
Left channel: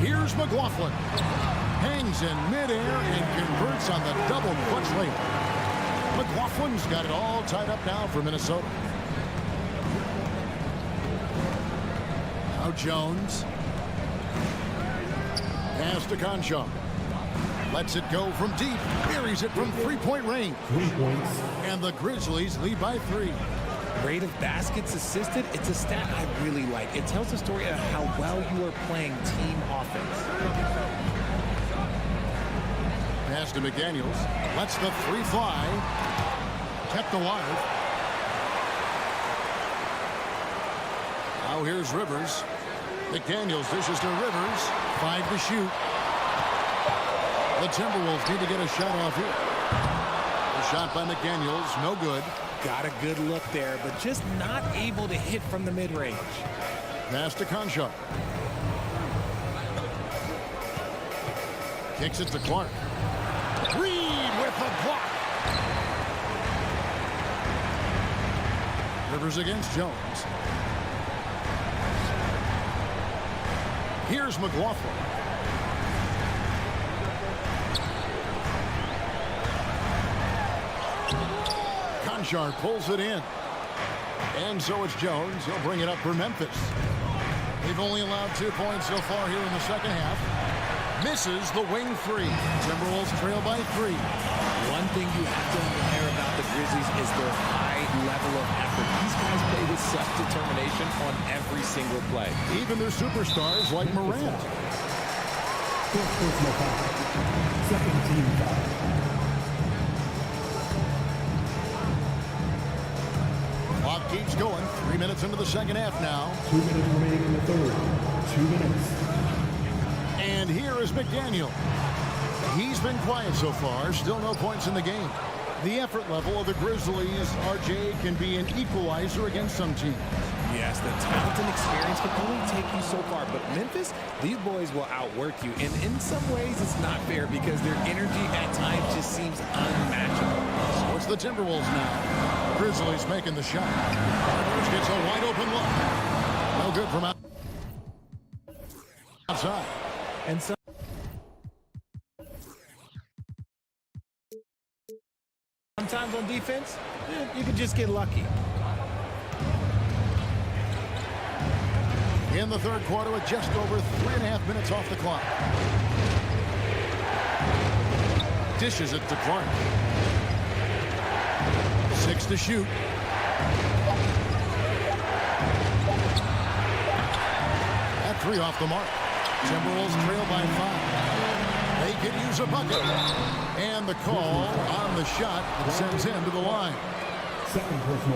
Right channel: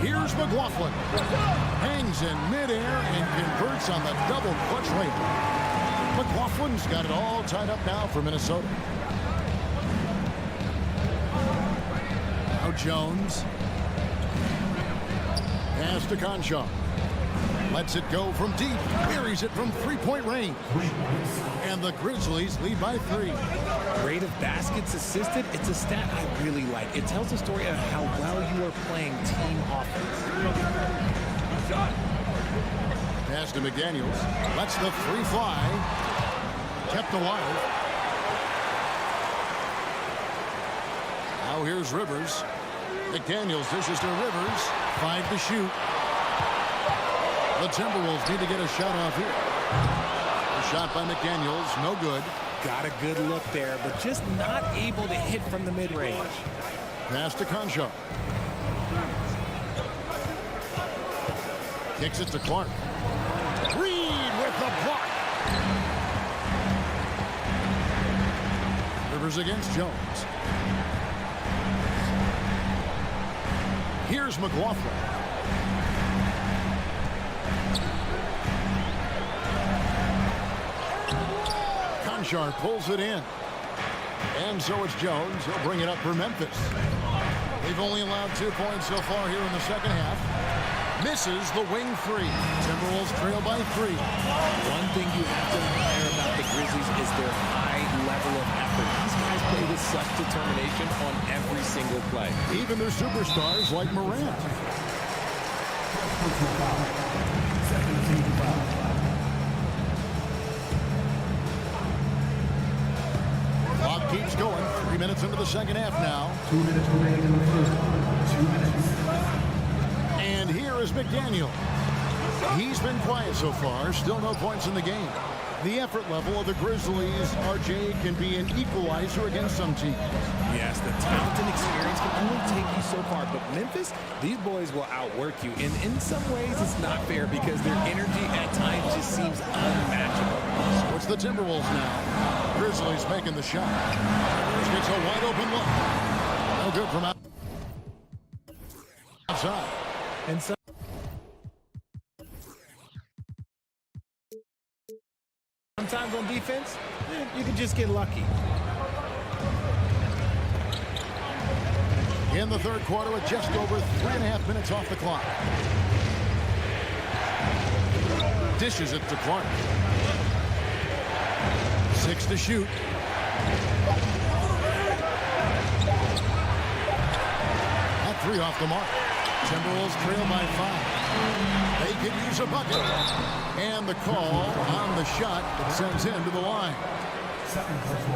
Here's McLaughlin. Hangs in midair and converts on the double clutch layup. McLaughlin's got it all tied up now for Minnesota. Now Jones. Pass to Conchar. Lets it go from deep. Buries it from three-point range. 3 points. And the Grizzlies lead by 3. Rate of baskets assisted, it's a stat I really like. It tells the story of how well you are playing team offense. Pass to McDaniels. Lets the 3 fly. Kept alive. Now here's Rivers. McDaniels dishes to Rivers. 5 to shoot. The Timberwolves need to get a shot off here. A shot by McDaniels, no good. Got a good look there, but just not able to hit from the mid-range. Pass to Conchar. Kicks it to Clark. Reed with the block. Rivers against Jones. Here's McLaughlin. Conchar pulls it in. And so it's Jones. He'll bring it up for Memphis. They've only allowed 2 points so far here in the second half. Misses the wing three. Timberwolves trail by 3. One thing you have to admire about the Grizzlies is their high level of effort. These guys play with such determination on every single play. Even their superstars like Morant. First personal foul. Second team foul. Clock keeps going. 3 minutes into the second half now. 2 minutes remaining in the third. 2 minutes. And here is McDaniel. He's been quiet so far. Still no points in the game. The effort level of the Grizzlies, RJ, can be an equalizer against some teams. Yes, the talent and experience can only take you so far. But Memphis, these boys will outwork you. And in some ways, it's not fair because their energy at times just seems unmatchable. So it's the Timberwolves now. Grizzlies making the shot. Rivers gets a wide open look. No good from outside. And so sometimes on defense, you can just get lucky. In the third quarter with just over 3.5 minutes off the clock. Dishes it to Clark. 6 to shoot. At 3 off the mark. Timberwolves trail by 5. They could use a bucket. And the call on the shot that sends him to the line.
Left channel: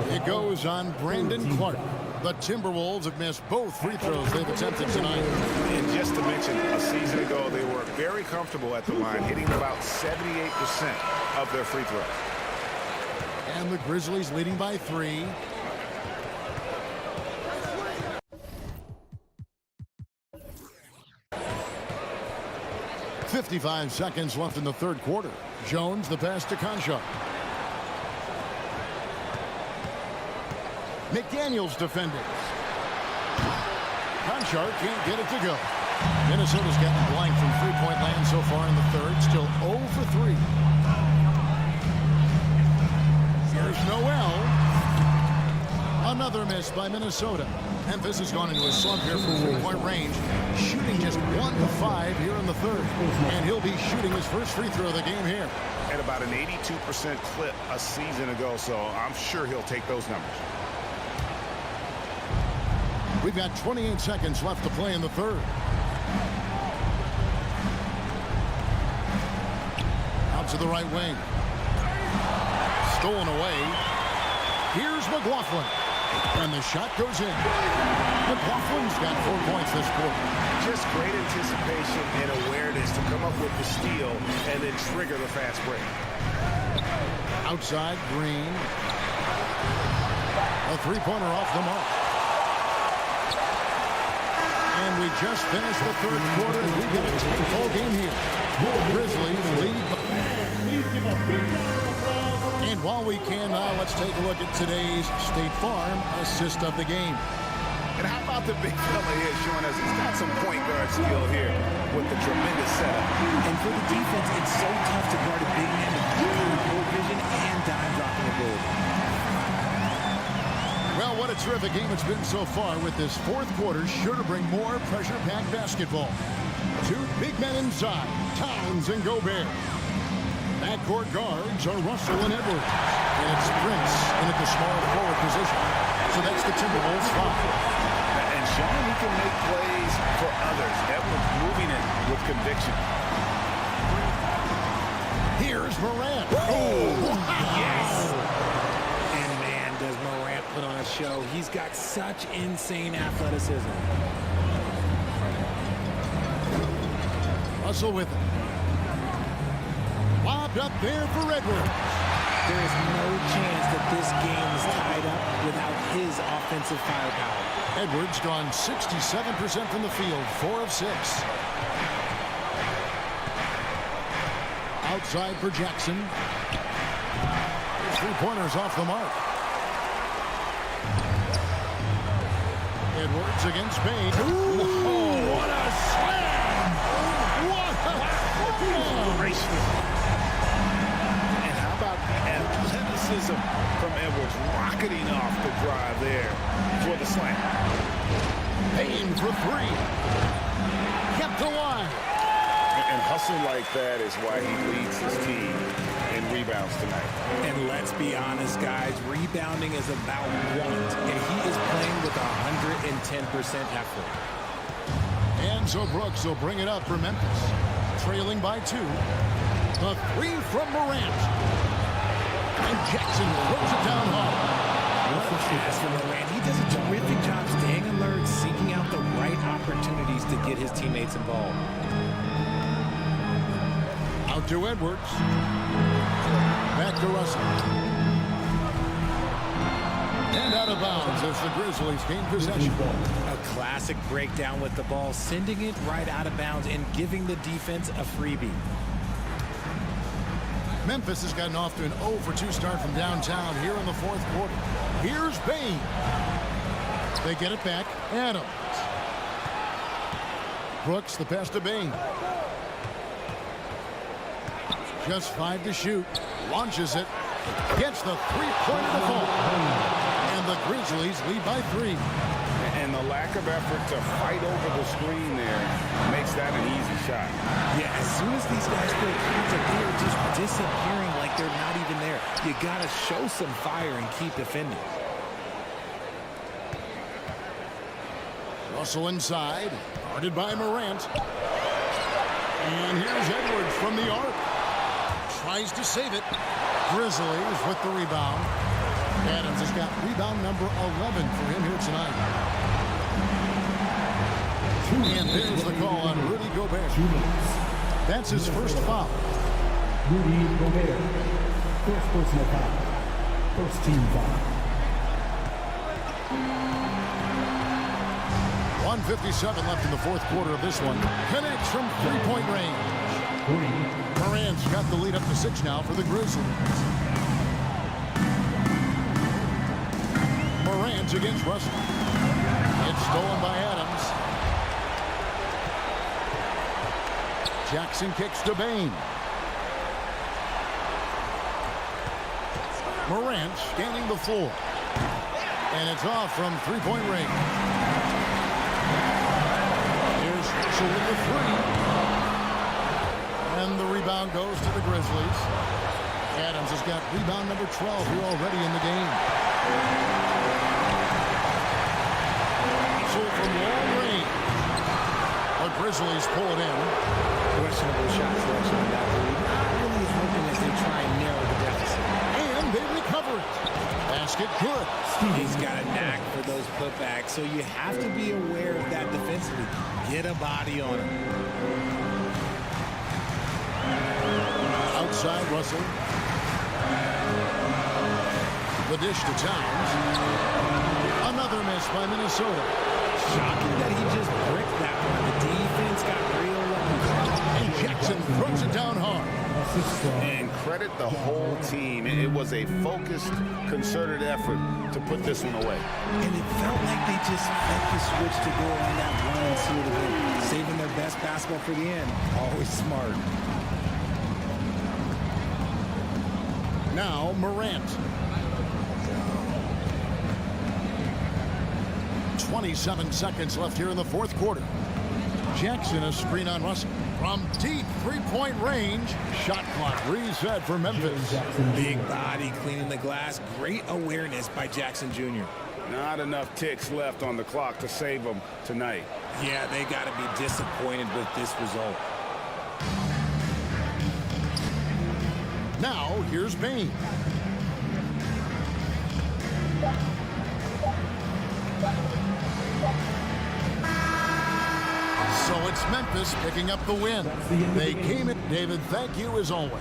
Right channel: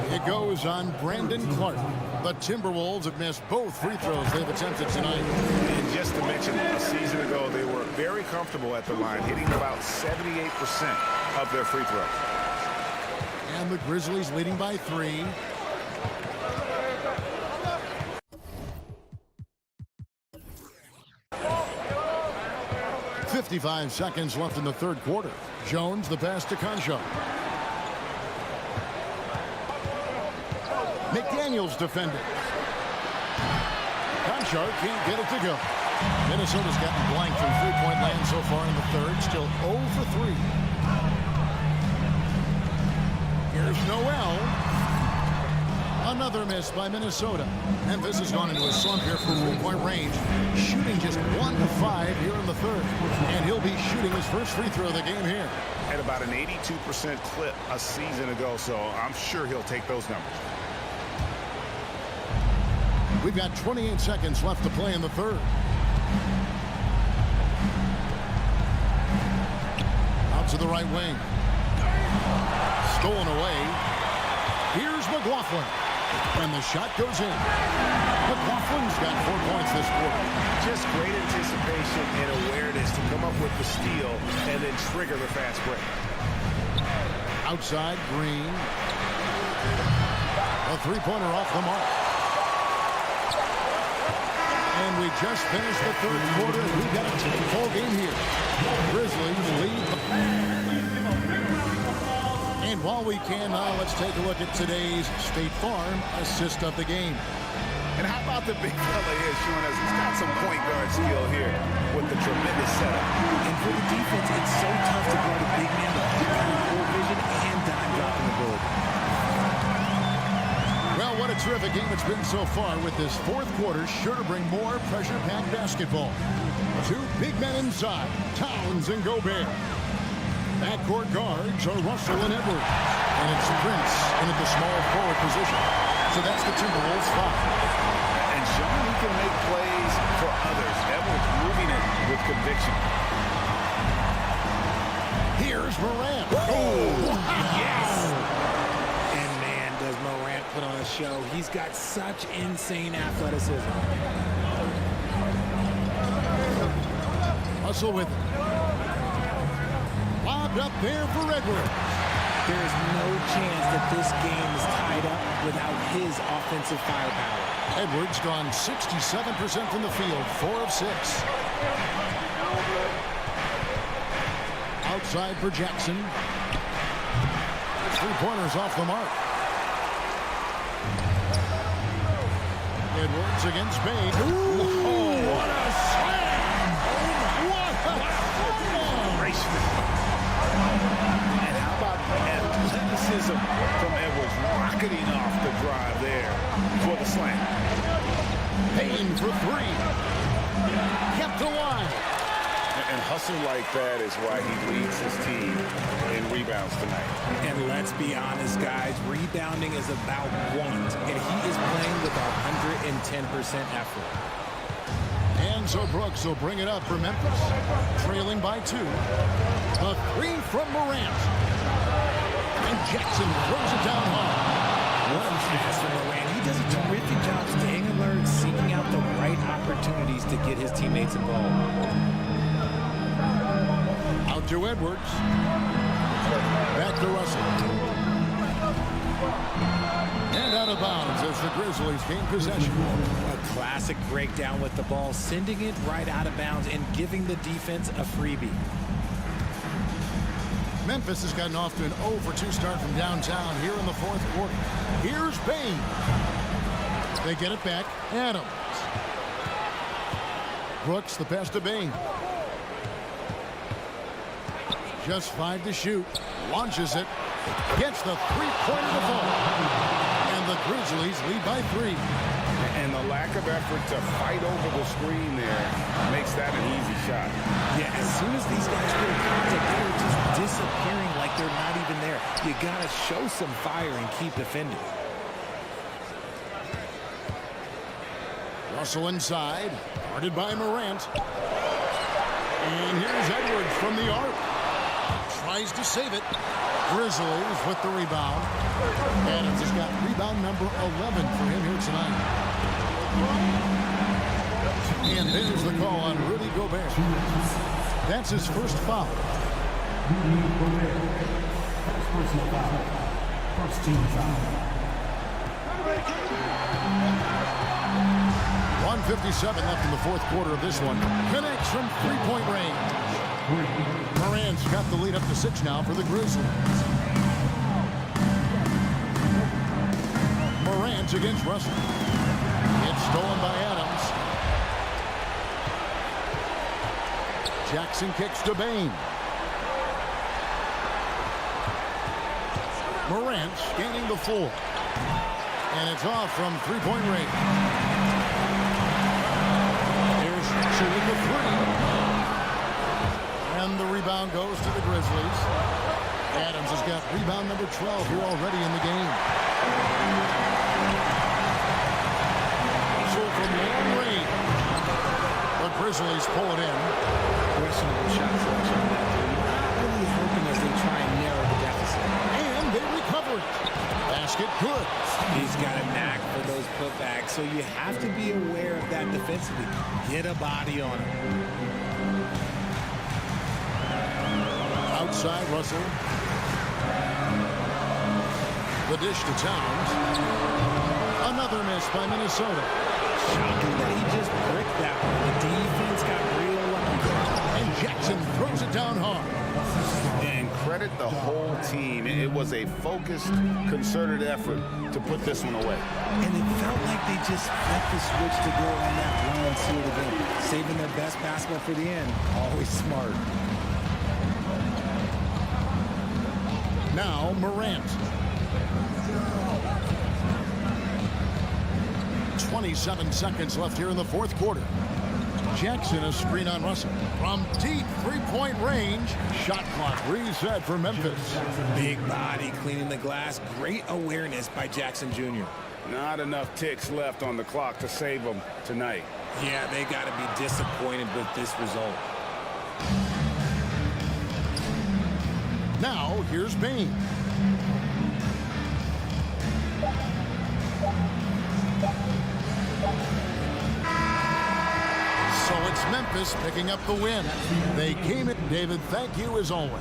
It goes on Brandon Clark. The Timberwolves have missed both free throws they've attempted tonight. And just to mention, a season ago, they were very comfortable at the line, hitting about 78% of their free throws. And the Grizzlies leading by 3. .55 seconds left in the third quarter. Jones the pass to Conchar. McDaniels defending. Conchar can't get it to go. Minnesota's gotten blank from three-point land so far in the third. Still 0 for 3. Here's Noel. Another miss by Minnesota. Memphis has gone into a slump here from three-point range, shooting just 1 of 5 here in the third. And he'll be shooting his first free throw of the game here. At about an 82% clip a season ago, so I'm sure he'll take those numbers. We've got 28 seconds left to play in the third. Out to the right wing. Stolen away. Here's McLaughlin. And the shot goes in. McLaughlin's got 4 points this quarter. Just great anticipation and awareness to come up with the steal and then trigger the fast break. Outside, Green. A three-pointer off the mark. And we just finished the third quarter, and we've got a tight ball game here. Grizzlies lead. And while we can, let's take a look at today's State Farm assist of the game. And how about the big fella here showing us he's got some point guard skill here with the tremendous setup. And for the defense, it's so tough to guard a big man with that kind of court vision and dime-dropping ability. Well, what a terrific game it's been so far, with this fourth quarter sure to bring more pressure-packed basketball. 2 big men inside, Towns and Gobert. Backcourt guards are Russell and Edwards. And it's Prince in at the small forward position. So that's the Timberwolves 5. And showing he can make plays for others. Edwards moving it with conviction. Here's Morant. Oh, wow. Yes! And man, does Morant put on a show. He's got such insane athleticism. Russell with it. Lobbed up there for Edwards. There is no chance that this game is tied up without his offensive firepower. Edwards gone 67% from the field, 4 of 6. Outside for Jackson. 3-pointers off the mark. Edwards against Payne. Ooh, what a slam! What a slam! Gracious. And how about the athleticism from Edwards rocketing off the drive there for the slam. Payne for 3. Kept alive. And hustle like that is why he leads his team in rebounds tonight. And let's be honest, guys, rebounding is about want, and he is playing with 110% effort. And so Brooks will bring it up for Memphis. Trailing by 2. The 3 from Morant. And Jackson throws it down hard. What a pass from Morant. He does a terrific job staying alert, seeking out the right opportunities to get his teammates involved. Out to Edwards. Back to Russell. And out of bounds as the Grizzlies gain possession. A classic breakdown with the ball, sending it right out of bounds and giving the defense a freebie. Memphis has gotten off to an 0-for-2 start from downtown here in the 4th quarter. Here's Bain. They get it back. Adams. Brooks, the pass to Bain. Just 5 to shoot. Launches it. Gets the three-pointer to fall. And the Grizzlies lead by 3. And the lack of effort to fight over the screen there makes that an easy shot. Yeah, as soon as these guys feel contact, they are just disappearing like they're not even there. You got to show some fire and keep defending. Russell inside, guarded by Morant. And here's Edwards from the arc. Tries to save it. Grizzlies with the rebound. Adams has got rebound number 11 for him here tonight. And there's the call on Rudy Gobert. That's his first foul. Rudy Gobert. First personal foul. First team foul. 1:57 left in the 4th quarter of this one. Connects from three-point range. Morant's got the lead up to 6 now for the Grizzlies. Morant against Russell. It's stolen by Adams. Jackson kicks to Bain. Morant scanning the floor. And it's off from three-point range. Here's Russell with the 3. And the rebound goes to the Grizzlies. Adams has got rebound number 12 here already in the game. Russell from long range. The Grizzlies pull it in. Questionable shot selection on that 3. Not really helping as they try and narrow the deficit. And they recover it. Basket good. He's got a knack for those putbacks, so you have to be aware of that defensively. Get a body on him. Outside Russell. The dish to Towns. Another miss by Minnesota. Shocking that he just bricked that one. The defense got real lucky there. And Jackson throws it down hard. And credit the whole team. It was a focused, concerted effort to put this one away. And it felt like they just flipped the switch to go on that run and seal the game. Saving their best basketball for the end. Always smart. Now Morant. 27 seconds left here in the 4th quarter. Jackson a screen on Russell. From deep three-point range. Shot clock reset for Memphis. Big body cleaning the glass. Great awareness by Jackson Jr. Not enough ticks left on the clock to save them tonight. Yeah, they got to be disappointed with this result. Now here's Bain. So it's Memphis picking up the win. They came in. David, thank you as always.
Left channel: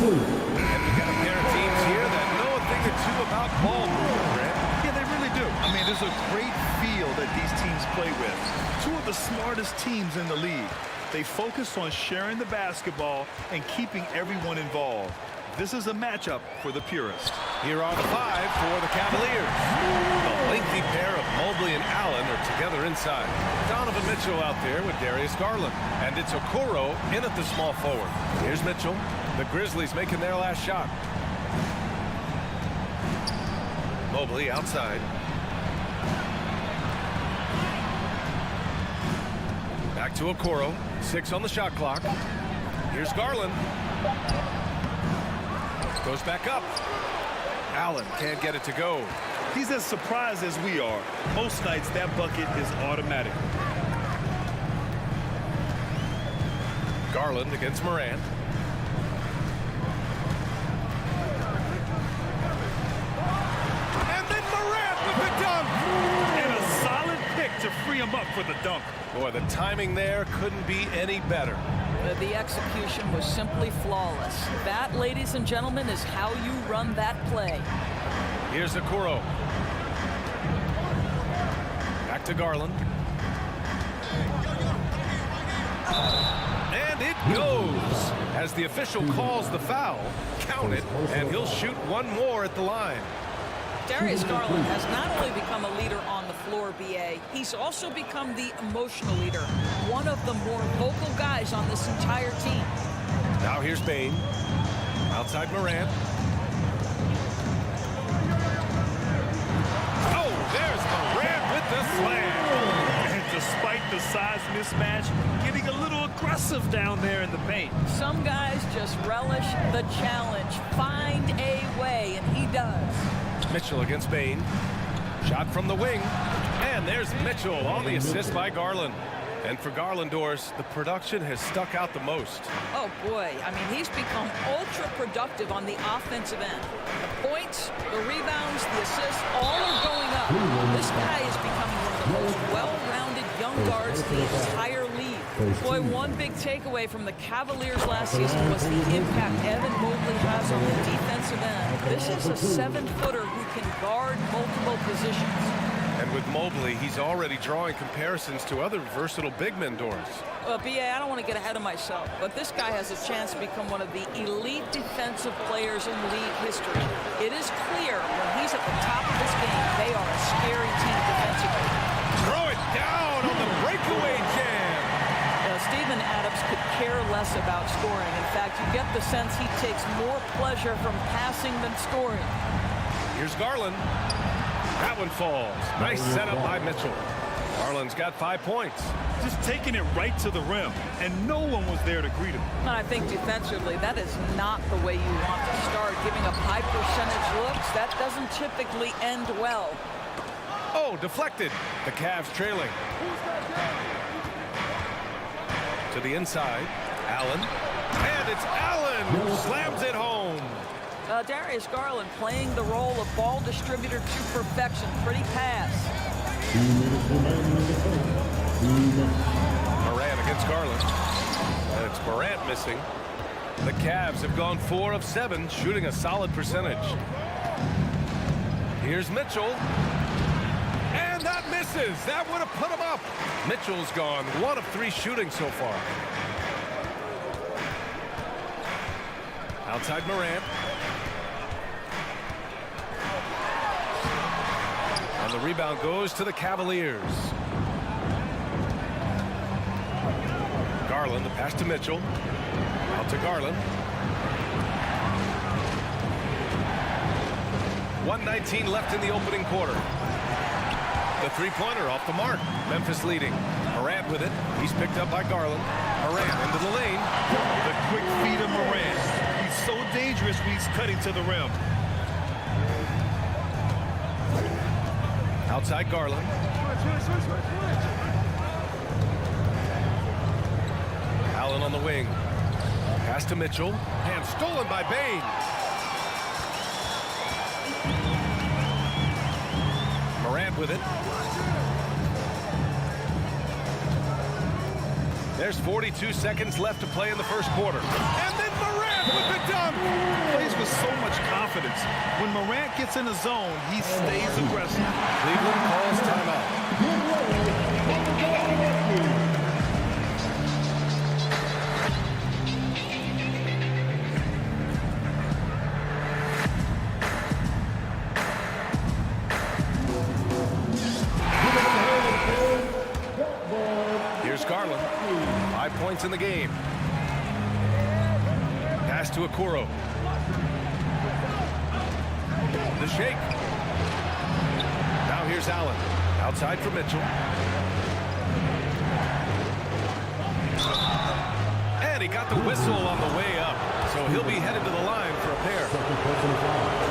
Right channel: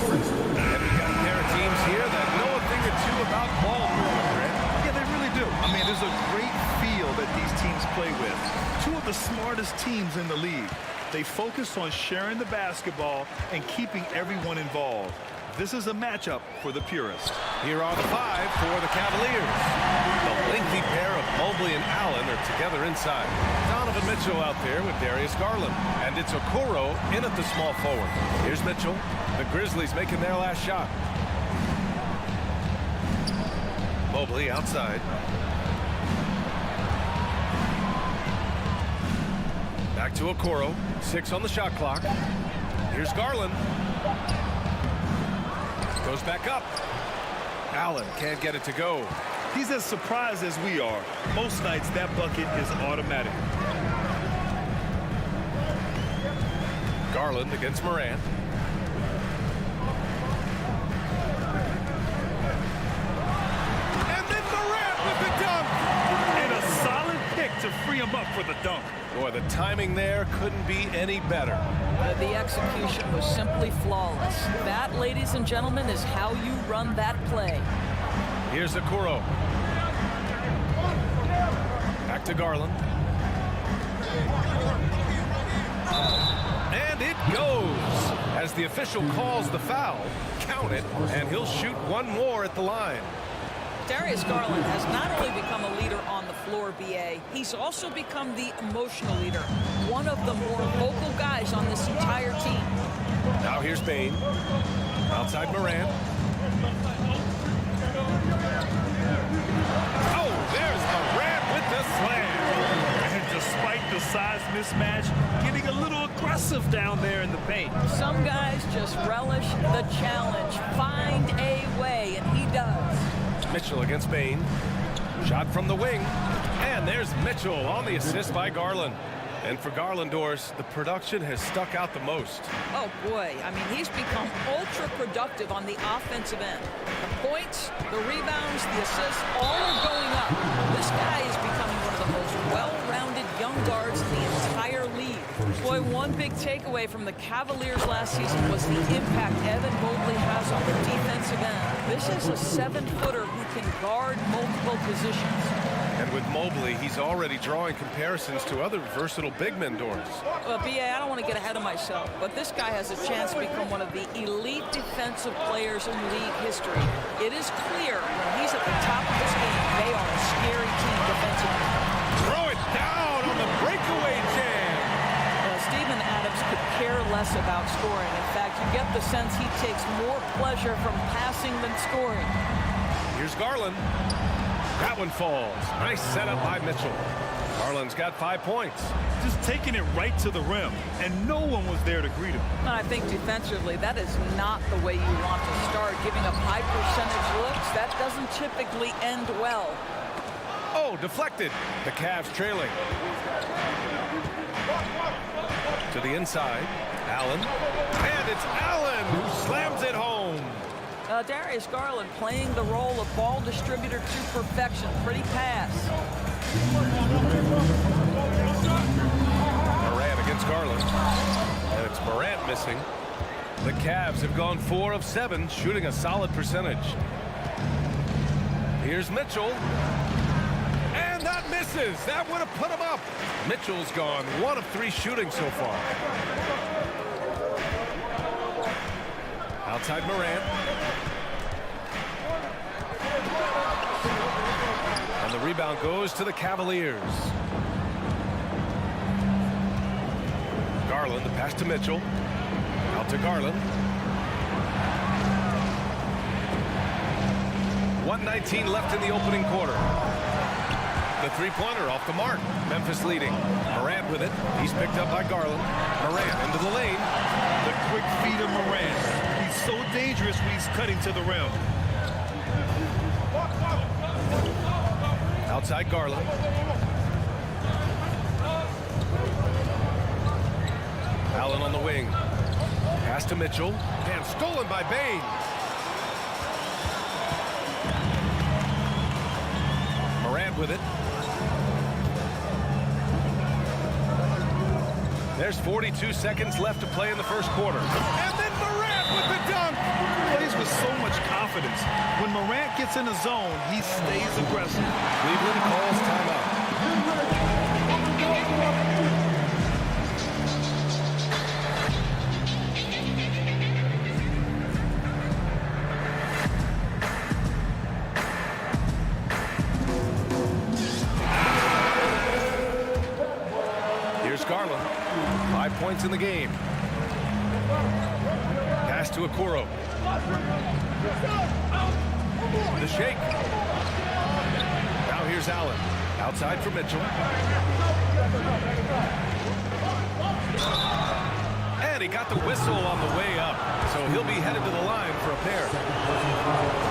And we've got a pair of teams here that know a thing or two about ball movement, Grant. Yeah, they really do. I mean, there's a great feel that these teams play with. Two of the smartest teams in the league. They focus on sharing the basketball and keeping everyone involved. This is a matchup for the purist. Here are the five for the Cavaliers. The lengthy pair of Mobley and Allen are together inside. Donovan Mitchell out there with Darius Garland. And it's Okoro in at the small forward. Here's Mitchell. The Grizzlies making their last shot. Mobley outside. Back to Okoro. 6 on the shot clock. Here's Garland. Goes back up. Allen can't get it to go. He's as surprised as we are. Most nights that bucket is automatic. Garland against Morant. And then Morant with the dunk. And a solid pick to free him up for the dunk. Boy, the timing there couldn't be any better. The execution was simply flawless. That, ladies and gentlemen, is how you run that play. Here's Okoro. Back to Garland. And it goes. As the official calls the foul, count it, and he'll shoot one more at the line. Darius Garland has not only become a leader on the floor, B.A., he's also become the emotional leader, one of the more vocal guys on this entire team. Now here's Bane. Outside Morant. Oh, there's Morant with the slam. And despite the size mismatch, getting a little aggressive down there in the paint. Some guys just relish the challenge, find a way, and he does. Mitchell against Bane. Shot from the wing. And there's Mitchell on the assist by Garland. And for Garlandors, the production has stuck out the most. Oh, boy. I mean, he's become ultra-productive on the offensive end. The points, the rebounds, the assists, all are going up. This guy is becoming one of the most well-rounded young guards in the entire league. Boy, one big takeaway from the Cavaliers last season was the impact Evan Mobley has on the defensive end. This is a 7-footer who can guard multiple positions. And with Mobley, he's already drawing comparisons to other versatile big men, Doris. Well, B.A., I don't want to get ahead of myself, but this guy has a chance to become one of the elite defensive players in league history. It is clear when he's at the top of this game, they are a scary team defensively. Throw it down on the breakaway jam. Steven Adams could care less about scoring. In fact, you get the sense he takes more pleasure from passing than scoring. Here's Garland. That one falls. Nice setup by Mitchell. Garland's got 5 points. Just taking it right to the rim, and no one was there to greet him. And I think defensively, that is not the way you want to start. Giving up high percentage looks, that doesn't typically end well. Oh, deflected. The Cavs trailing. To the inside, Allen. And it's Allen who slams it home. Darius Garland playing the role of ball distributor to perfection. Pretty pass. Morant against Garland. And it's Morant missing. The Cavs have gone 4 of 7, shooting a solid percentage. Here's Mitchell. And that misses. That would have put him up. Mitchell's gone 1 of 3 shooting so far. Outside Morant. And the rebound goes to the Cavaliers. Garland, the pass to Mitchell. Out to Garland. 1:19 left in the opening quarter. The three-pointer off the mark. Memphis leading. Morant with it. He's picked up by Garland. Morant into the lane. The quick feed of Morant. He's so dangerous when he's cutting to the rim. Outside Garland. Allen on the wing. Pass to Mitchell. And stolen by Bain. Morant with it. There's 42 seconds left to play in the first quarter. And then Morant with the dunk. Plays with so much confidence. When Morant gets in the zone, he stays aggressive. Cleveland calls timeout. Here's Garland. 5 points in the game. Pass to Okoro. The shake. Now here's Allen. Outside for Mitchell. And he got the whistle on the way up. So he'll be headed to the line for a pair.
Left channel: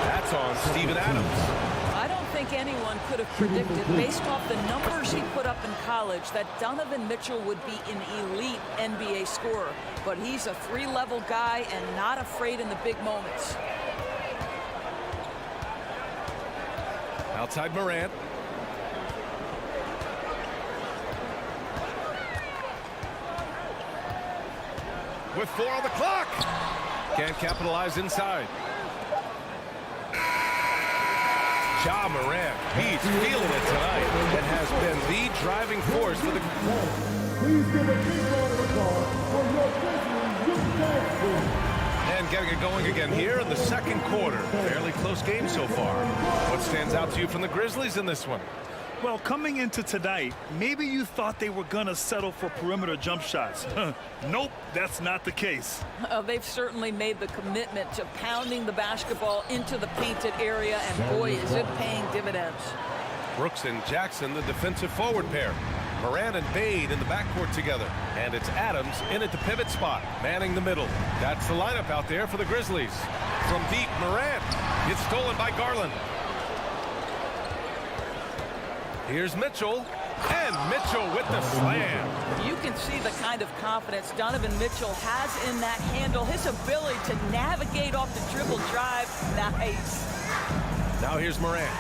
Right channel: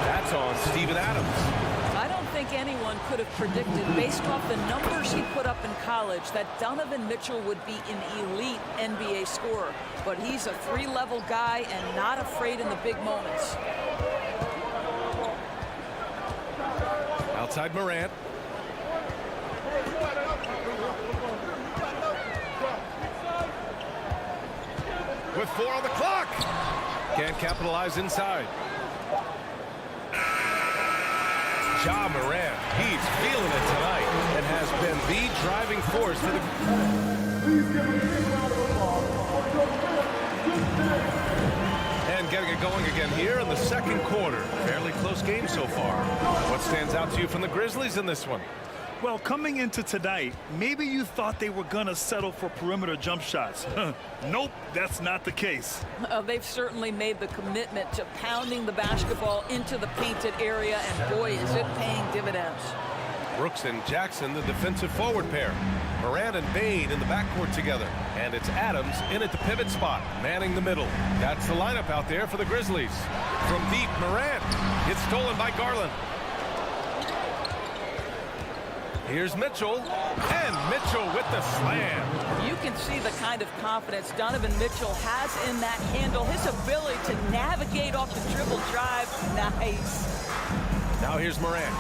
That's on Steven Adams. I don't think anyone could have predicted, based off the numbers he put up in college, that Donovan Mitchell would be an elite NBA scorer. But he's a 3-level guy and not afraid in the big moments. Outside Morant. With 4 on the clock. Can't capitalize inside. Ja Morant, he's feeling it tonight and has been the driving force for the... Please give a big round of applause for your Grizzlies, Shag. And getting it going again here in the second quarter. Fairly close game so far. What stands out to you from the Grizzlies in this one? Well, coming into tonight, maybe you thought they were going to settle for perimeter jump shots. Nope, that's not the case. They've certainly made the commitment to pounding the basketball into the painted area, and boy, is it paying dividends. Brooks and Jackson, the defensive forward pair. Morant and Bain in the backcourt together. And it's Adams in at the pivot spot, manning the middle. That's the lineup out there for the Grizzlies. From deep, Morant. It's stolen by Garland. Here's Mitchell, and Mitchell with the slam. You can see the kind of confidence Donovan Mitchell has in that handle. His ability to navigate off the dribble drive, nice. Now here's Morant.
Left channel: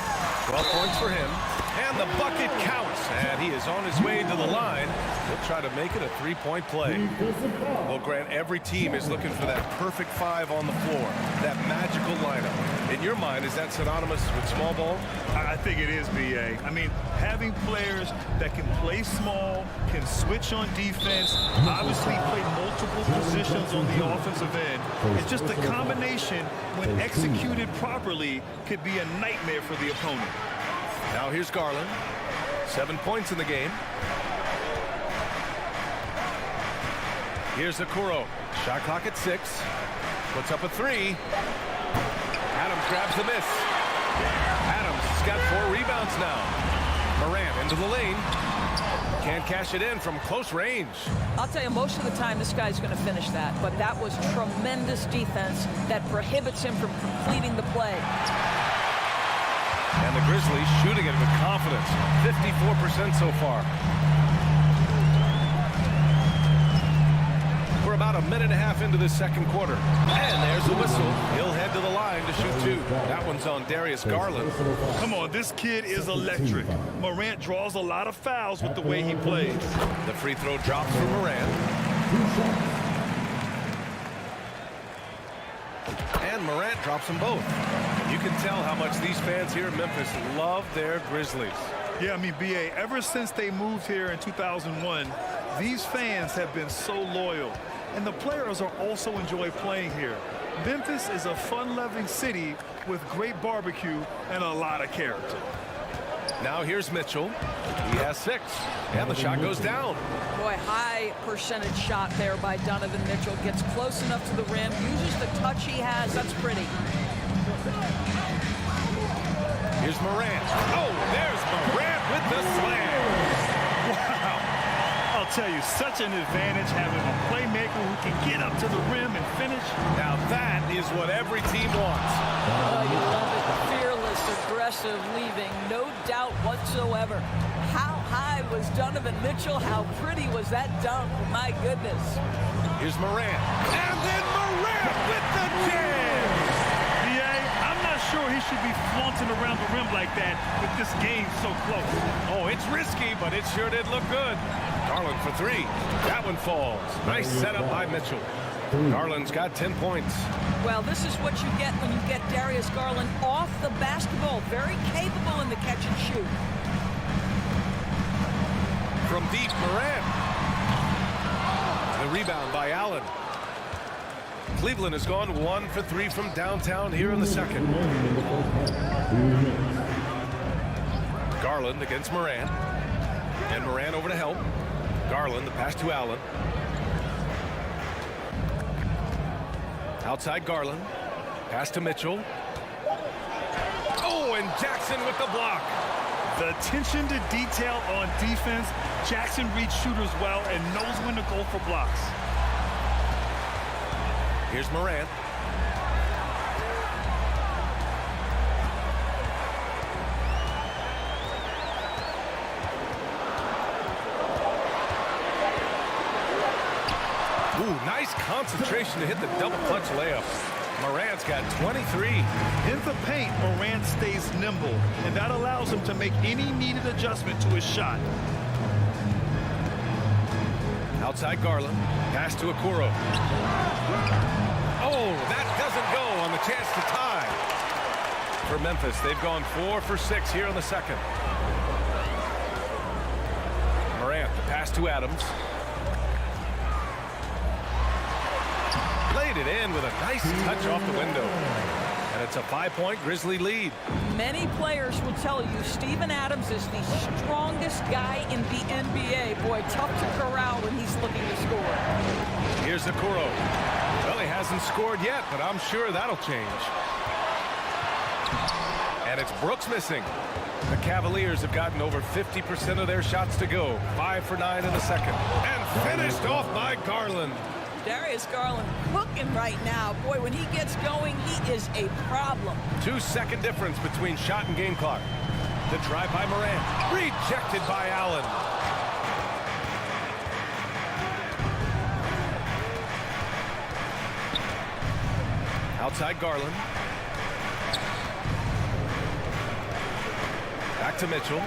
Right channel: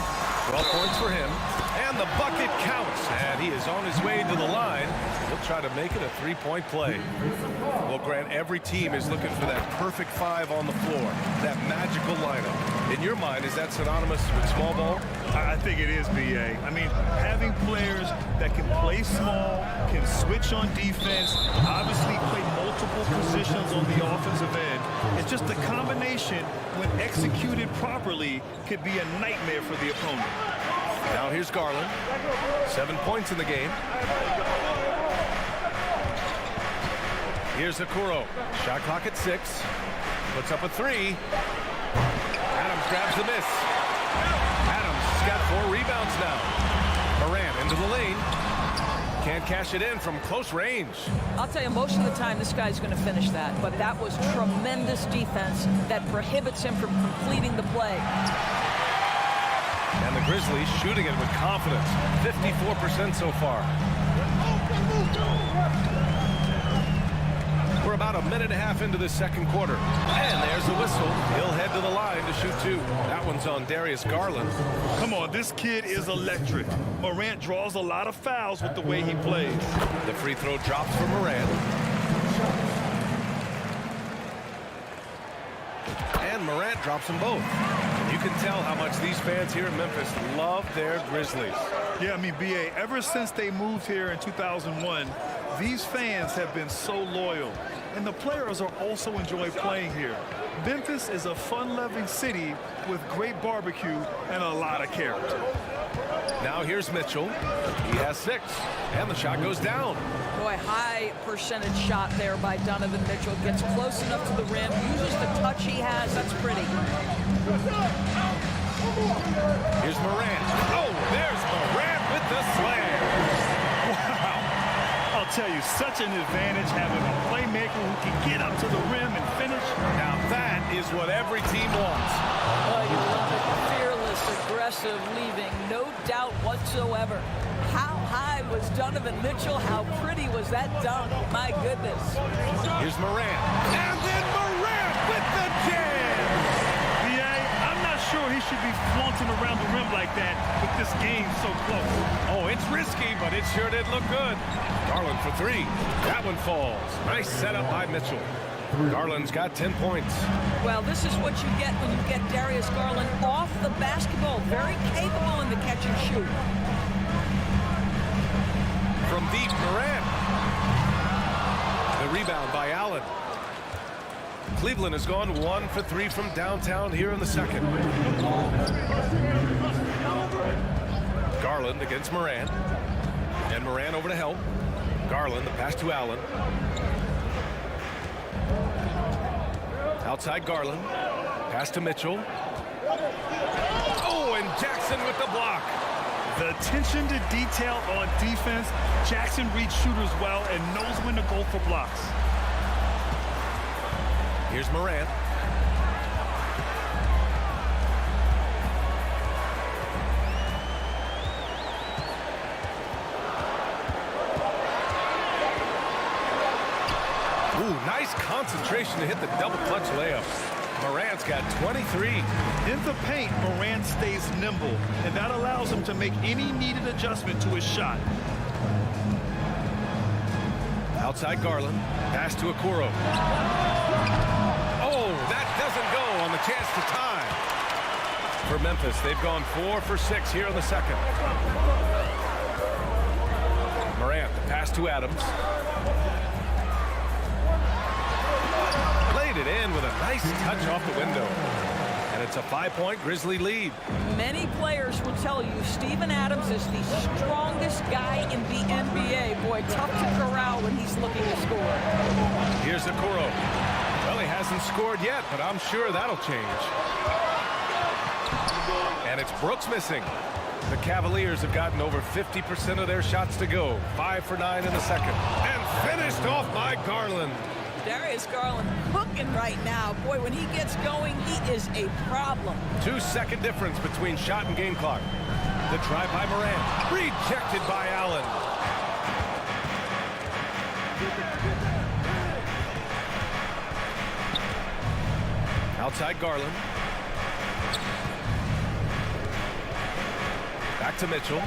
12 points for him, And the bucket counts. And he is on his way to the line. He'll try to make it a three-point play. Well, Grant, every team is looking for that perfect five on the floor, that magical lineup. In your mind, is that synonymous with small ball? I think it is, B.A. I mean, having players that can play small, can switch on defense, obviously play multiple positions on the offensive end. It's just the combination, when executed properly, could be a nightmare for the opponent. Now here's Garland. 7 points in the game. Here's Okoro. Shot clock at 6. Puts up a 3. Adams grabs the miss. Adams has got 4 rebounds now. Morant into the lane. Can't cash it in from close range. I'll tell you, most of the time this guy's going to finish that, but that was tremendous defense that prohibits him from completing the play. And the Grizzlies shooting it with confidence. 54% so far. We're about a minute and a half into the second quarter. And there's a whistle. He'll head to the line to shoot 2. That one's on Darius Garland. Come on, this kid is electric. Morant draws a lot of fouls with the way he plays. The free throw drops for Morant. And Morant drops them both. And you can tell how much these fans here in Memphis love their Grizzlies. Yeah, I mean, B.A., ever since they moved here in 2001, these fans have been so loyal. And the players are also enjoy playing here. Memphis is a fun-loving city with great barbecue and a lot of character. Now here's Mitchell. He has 6. And the shot goes down. Boy, high percentage shot there by Donovan Mitchell. Gets close enough to the rim, uses the touch he has. That's pretty. Here's Morant. Oh, there's Morant with the slam. Wow. I'll tell you, such an advantage having a playmaker who can get up to the rim and finish. Now that is what every team wants. Oh, you love it. Fearless, aggressive, leaving. No doubt whatsoever. How high was Donovan Mitchell? How pretty was that dunk? My goodness. Here's Morant. And then Morant with the jam. B.A., I'm not sure he should be flaunting around the rim like that with this game so close. Oh, it's risky, but it sure did look good. Garland for 3. That one falls. Nice setup by Mitchell. Garland's got 10 points. Well, this is what you get when you get Darius Garland off the basketball. Very capable in the catch and shoot. From deep, Morant. The rebound by Allen. Cleveland has gone 1 for 3 from downtown here in the second. Garland against Morant. And Morant over to help. Garland, the pass to Allen. Outside Garland. Pass to Mitchell. Oh, and Jackson with the block. The attention to detail on defense. Jackson reads shooters well and knows when to go for blocks. Here's Morant. Ooh, nice concentration to hit the double clutch layup. Morant's got 23. In the paint, Morant stays nimble, and that allows him to make any needed adjustment to his shot. Outside Garland. Pass to Okoro. Oh, that doesn't go on the chance to tie. For Memphis, they've gone 4 for 6 here in the second. Morant, the pass to Adams. Laid it in with a nice touch off the window. And it's a 5-point Grizzly lead. Many players will tell you Steven Adams is the strongest guy in the NBA. Boy, tough to corral when he's looking to score. Here's Okoro. Well, he hasn't scored yet, but I'm sure that'll change. And it's Brooks missing. The Cavaliers have gotten over 50% of their shots to go. 5 for 9 in the second. And finished off by Garland. Darius Garland cooking right now. Boy, when he gets going, he is a problem. 2-second difference between shot and game clock. The drive by Morant. Rejected by Allen. Outside Garland. Back to Mitchell.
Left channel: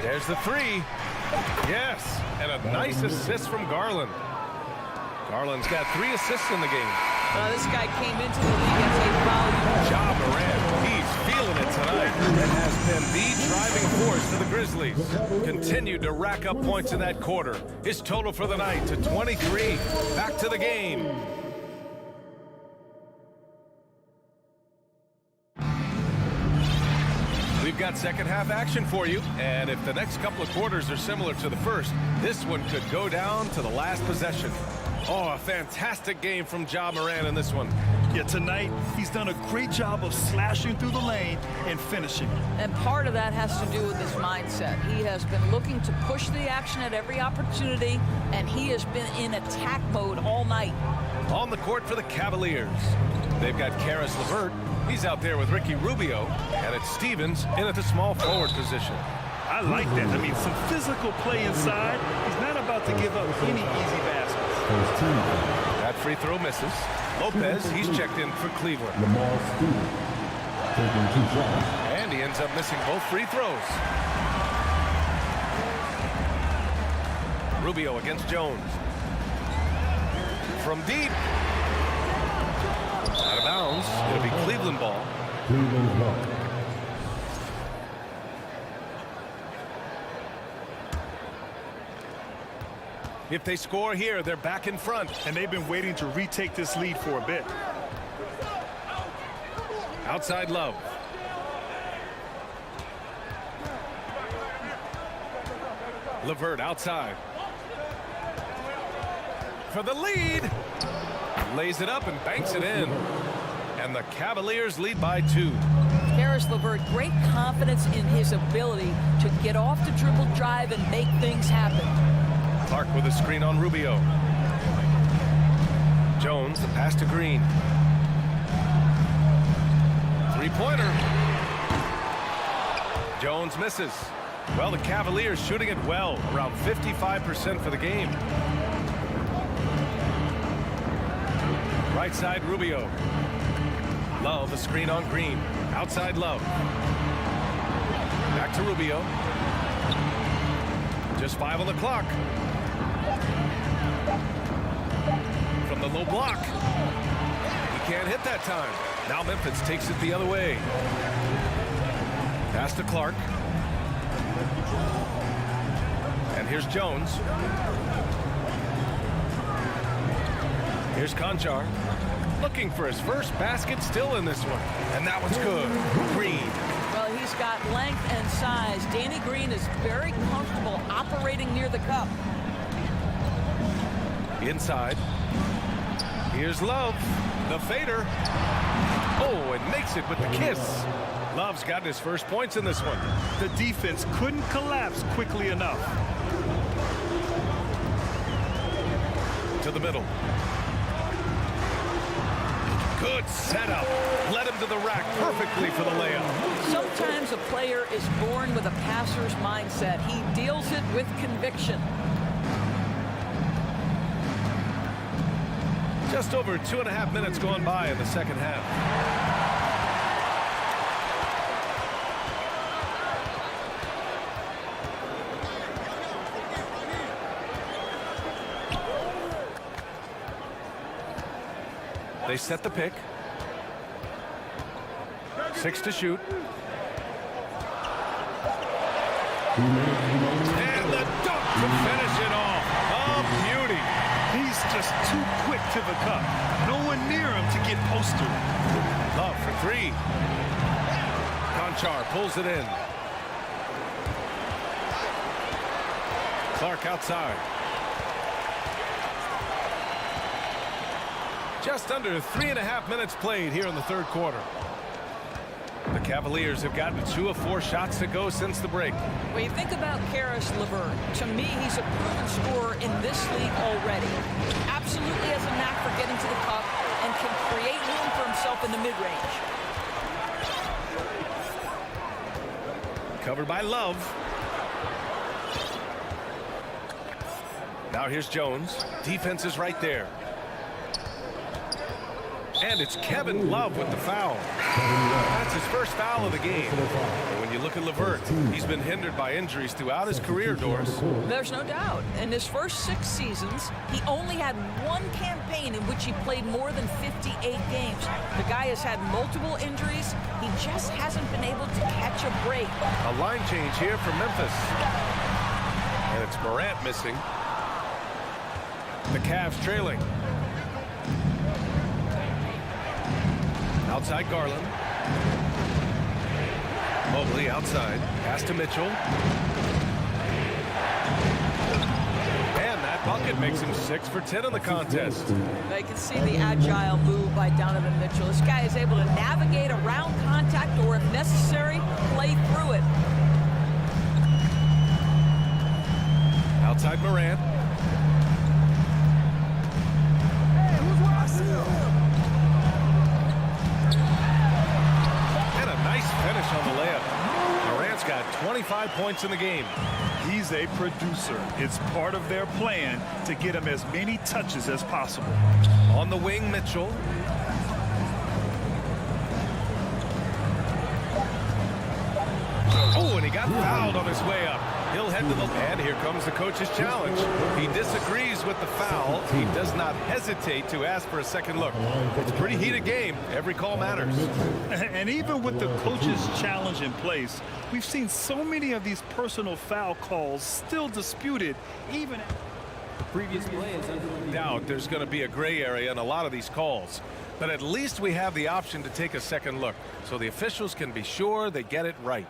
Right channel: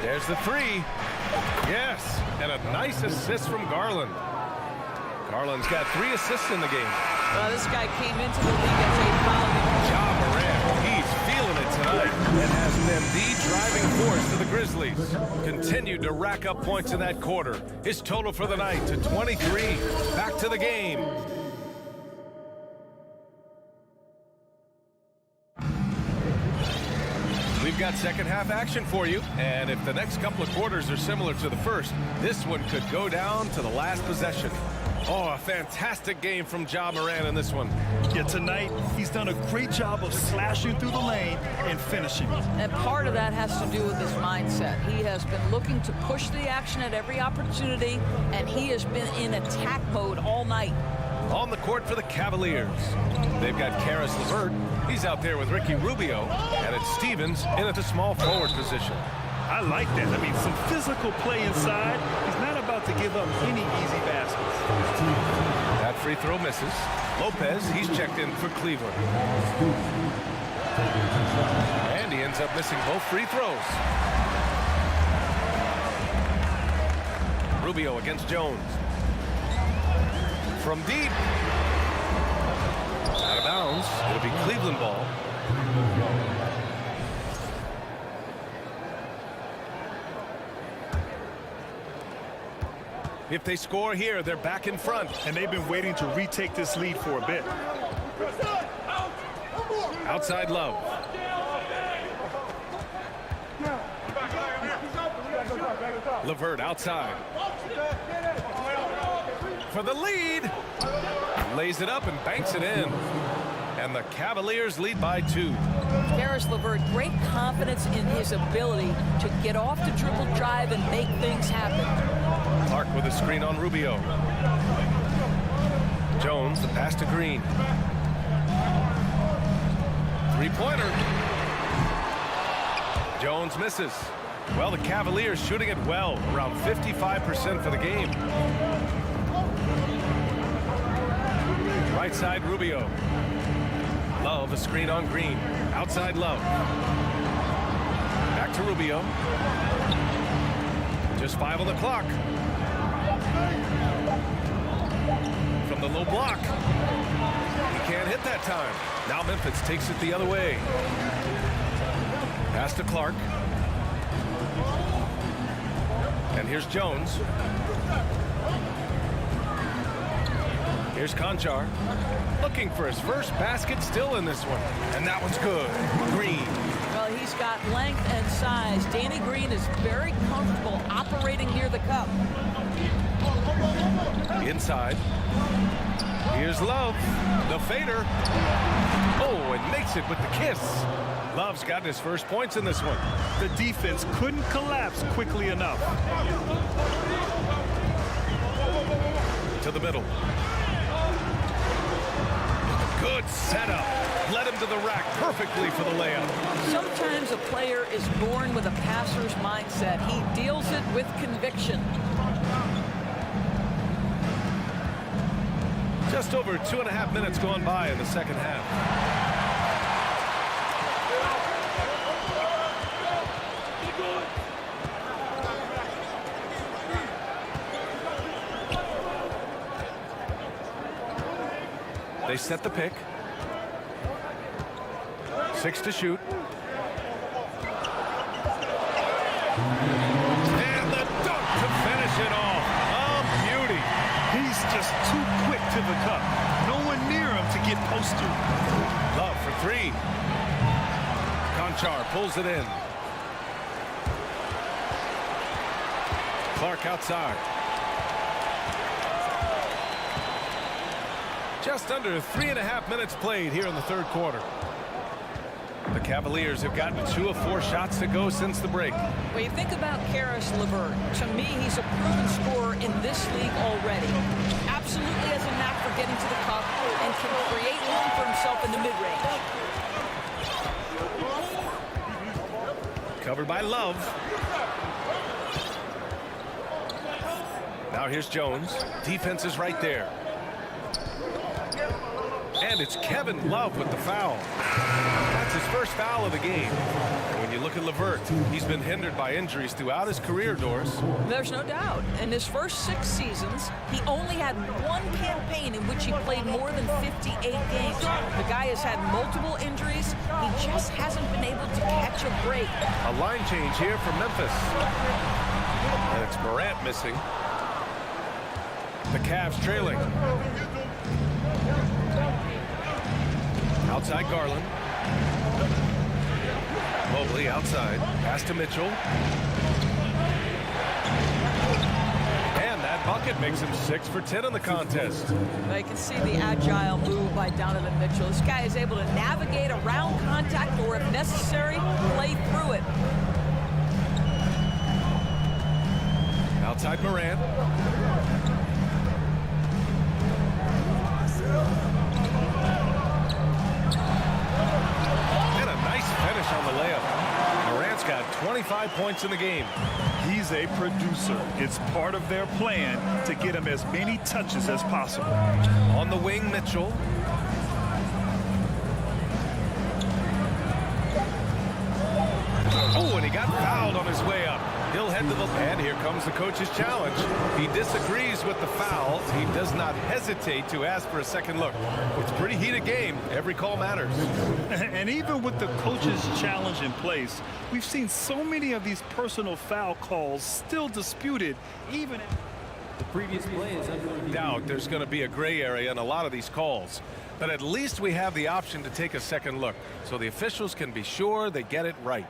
There's the three. Yes, and a nice assist from Garland. Garland's got 3 assists in the game. This guy came into the league as a volume. Ja Morant, he's feeling it tonight and has been the driving force for the Grizzlies. Continued to rack up points in that quarter. His total for the night to 23. Back to the game. We've got second half action for you, and if the next couple of quarters are similar to the first, this one could go down to the last possession. Oh, a fantastic game from Ja Morant in this one. Yeah, tonight he's done a great job of slashing through the lane and finishing. And part of that has to do with his mindset. He has been looking to push the action at every opportunity, and he has been in attack mode all night. On the court for the Cavaliers, they've got Caris LeVert. He's out there with Ricky Rubio, and it's Stevens in at the small forward position. I like that. I mean, some physical play inside. He's not about to give up any easy baskets. That free throw misses. Lopez, he's checked in for Cleveland. And he ends up missing both free throws. Rubio against Jones. From deep. Out of bounds. It'll be Cleveland ball. If they score here, they're back in front. And they've been waiting to retake this lead for a bit. Outside Love. LeVert outside. For the lead. Lays it up and banks it in. And the Cavaliers lead by 2. Caris LeVert, great confidence in his ability to get off the dribble drive and make things happen. Clark with a screen on Rubio. Jones, the pass to Green. Three-pointer. Jones misses. Well, the Cavaliers shooting it well, around 55% for the game. Right side, Rubio. Love, a screen on Green. Outside Love. Back to Rubio. Just 5 on the clock. From the low block. He can't hit that time. Now Memphis takes it the other way. Pass to Clark. And here's Jones. Here's Conchar. Looking for his first basket, still in this one. And that one's good. Green. Well, he's got length and size. Danny Green is very comfortable operating near the cup. Inside. Here's Love. The fader. Oh, and makes it with the kiss. Love's got his first points in this one. The defense couldn't collapse quickly enough. To the middle. Good setup. Led him to the rack perfectly for the layup. Sometimes a player is born with a passer's mindset. He deals it with conviction. Just over 2.5 minutes gone by in the second half. They set the pick. 6 to shoot. And the dunk to finish it off. A beauty. He's just too quick to the cup. No one near him to get postered. Love for 3. Conchar pulls it in. Clark outside. Just under 3.5 minutes played here in the third quarter. The Cavaliers have gotten 2 of 4 shots to go since the break. When you think about Caris LeVert, to me, he's a proven scorer in this league already. Absolutely has a knack for getting to the cup and can create room for himself in the mid-range. Covered by Love. Now here's Jones. Defense is right there. And it's Kevin Love with the foul. That's his first foul of the game. And when you look at LeVert, he's been hindered by injuries throughout his career, Doris. There's no doubt. In his first 6 seasons, he only had one campaign in which he played more than 58 games. The guy has had multiple injuries. He just hasn't been able to catch a break. A line change here for Memphis. And it's Morant missing. The Cavs trailing. Outside Garland. Mobley outside. Pass to Mitchell. And that bucket makes him 6 for 10 in the contest. Now you can see the agile move by Donovan Mitchell. This guy is able to navigate around contact or, if necessary, play through it. Outside Morant. And a nice finish on the layup. Morant's got 25 points in the game. He's a producer. It's part of their plan to get him as many touches as possible. On the wing, Mitchell. Oh, and he got fouled on his way up. He'll head to the... And here comes the coach's challenge. He disagrees with the foul. He does not hesitate to ask for a second look. It's a pretty heated game. Every call matters. And even with the coach's challenge in place, we've seen so many of these personal foul calls still disputed, even after the previous play is under review. Doubt there's going to be a gray area in a lot of these calls. But at least we have the option to take a second look, so the officials can be sure they get it right.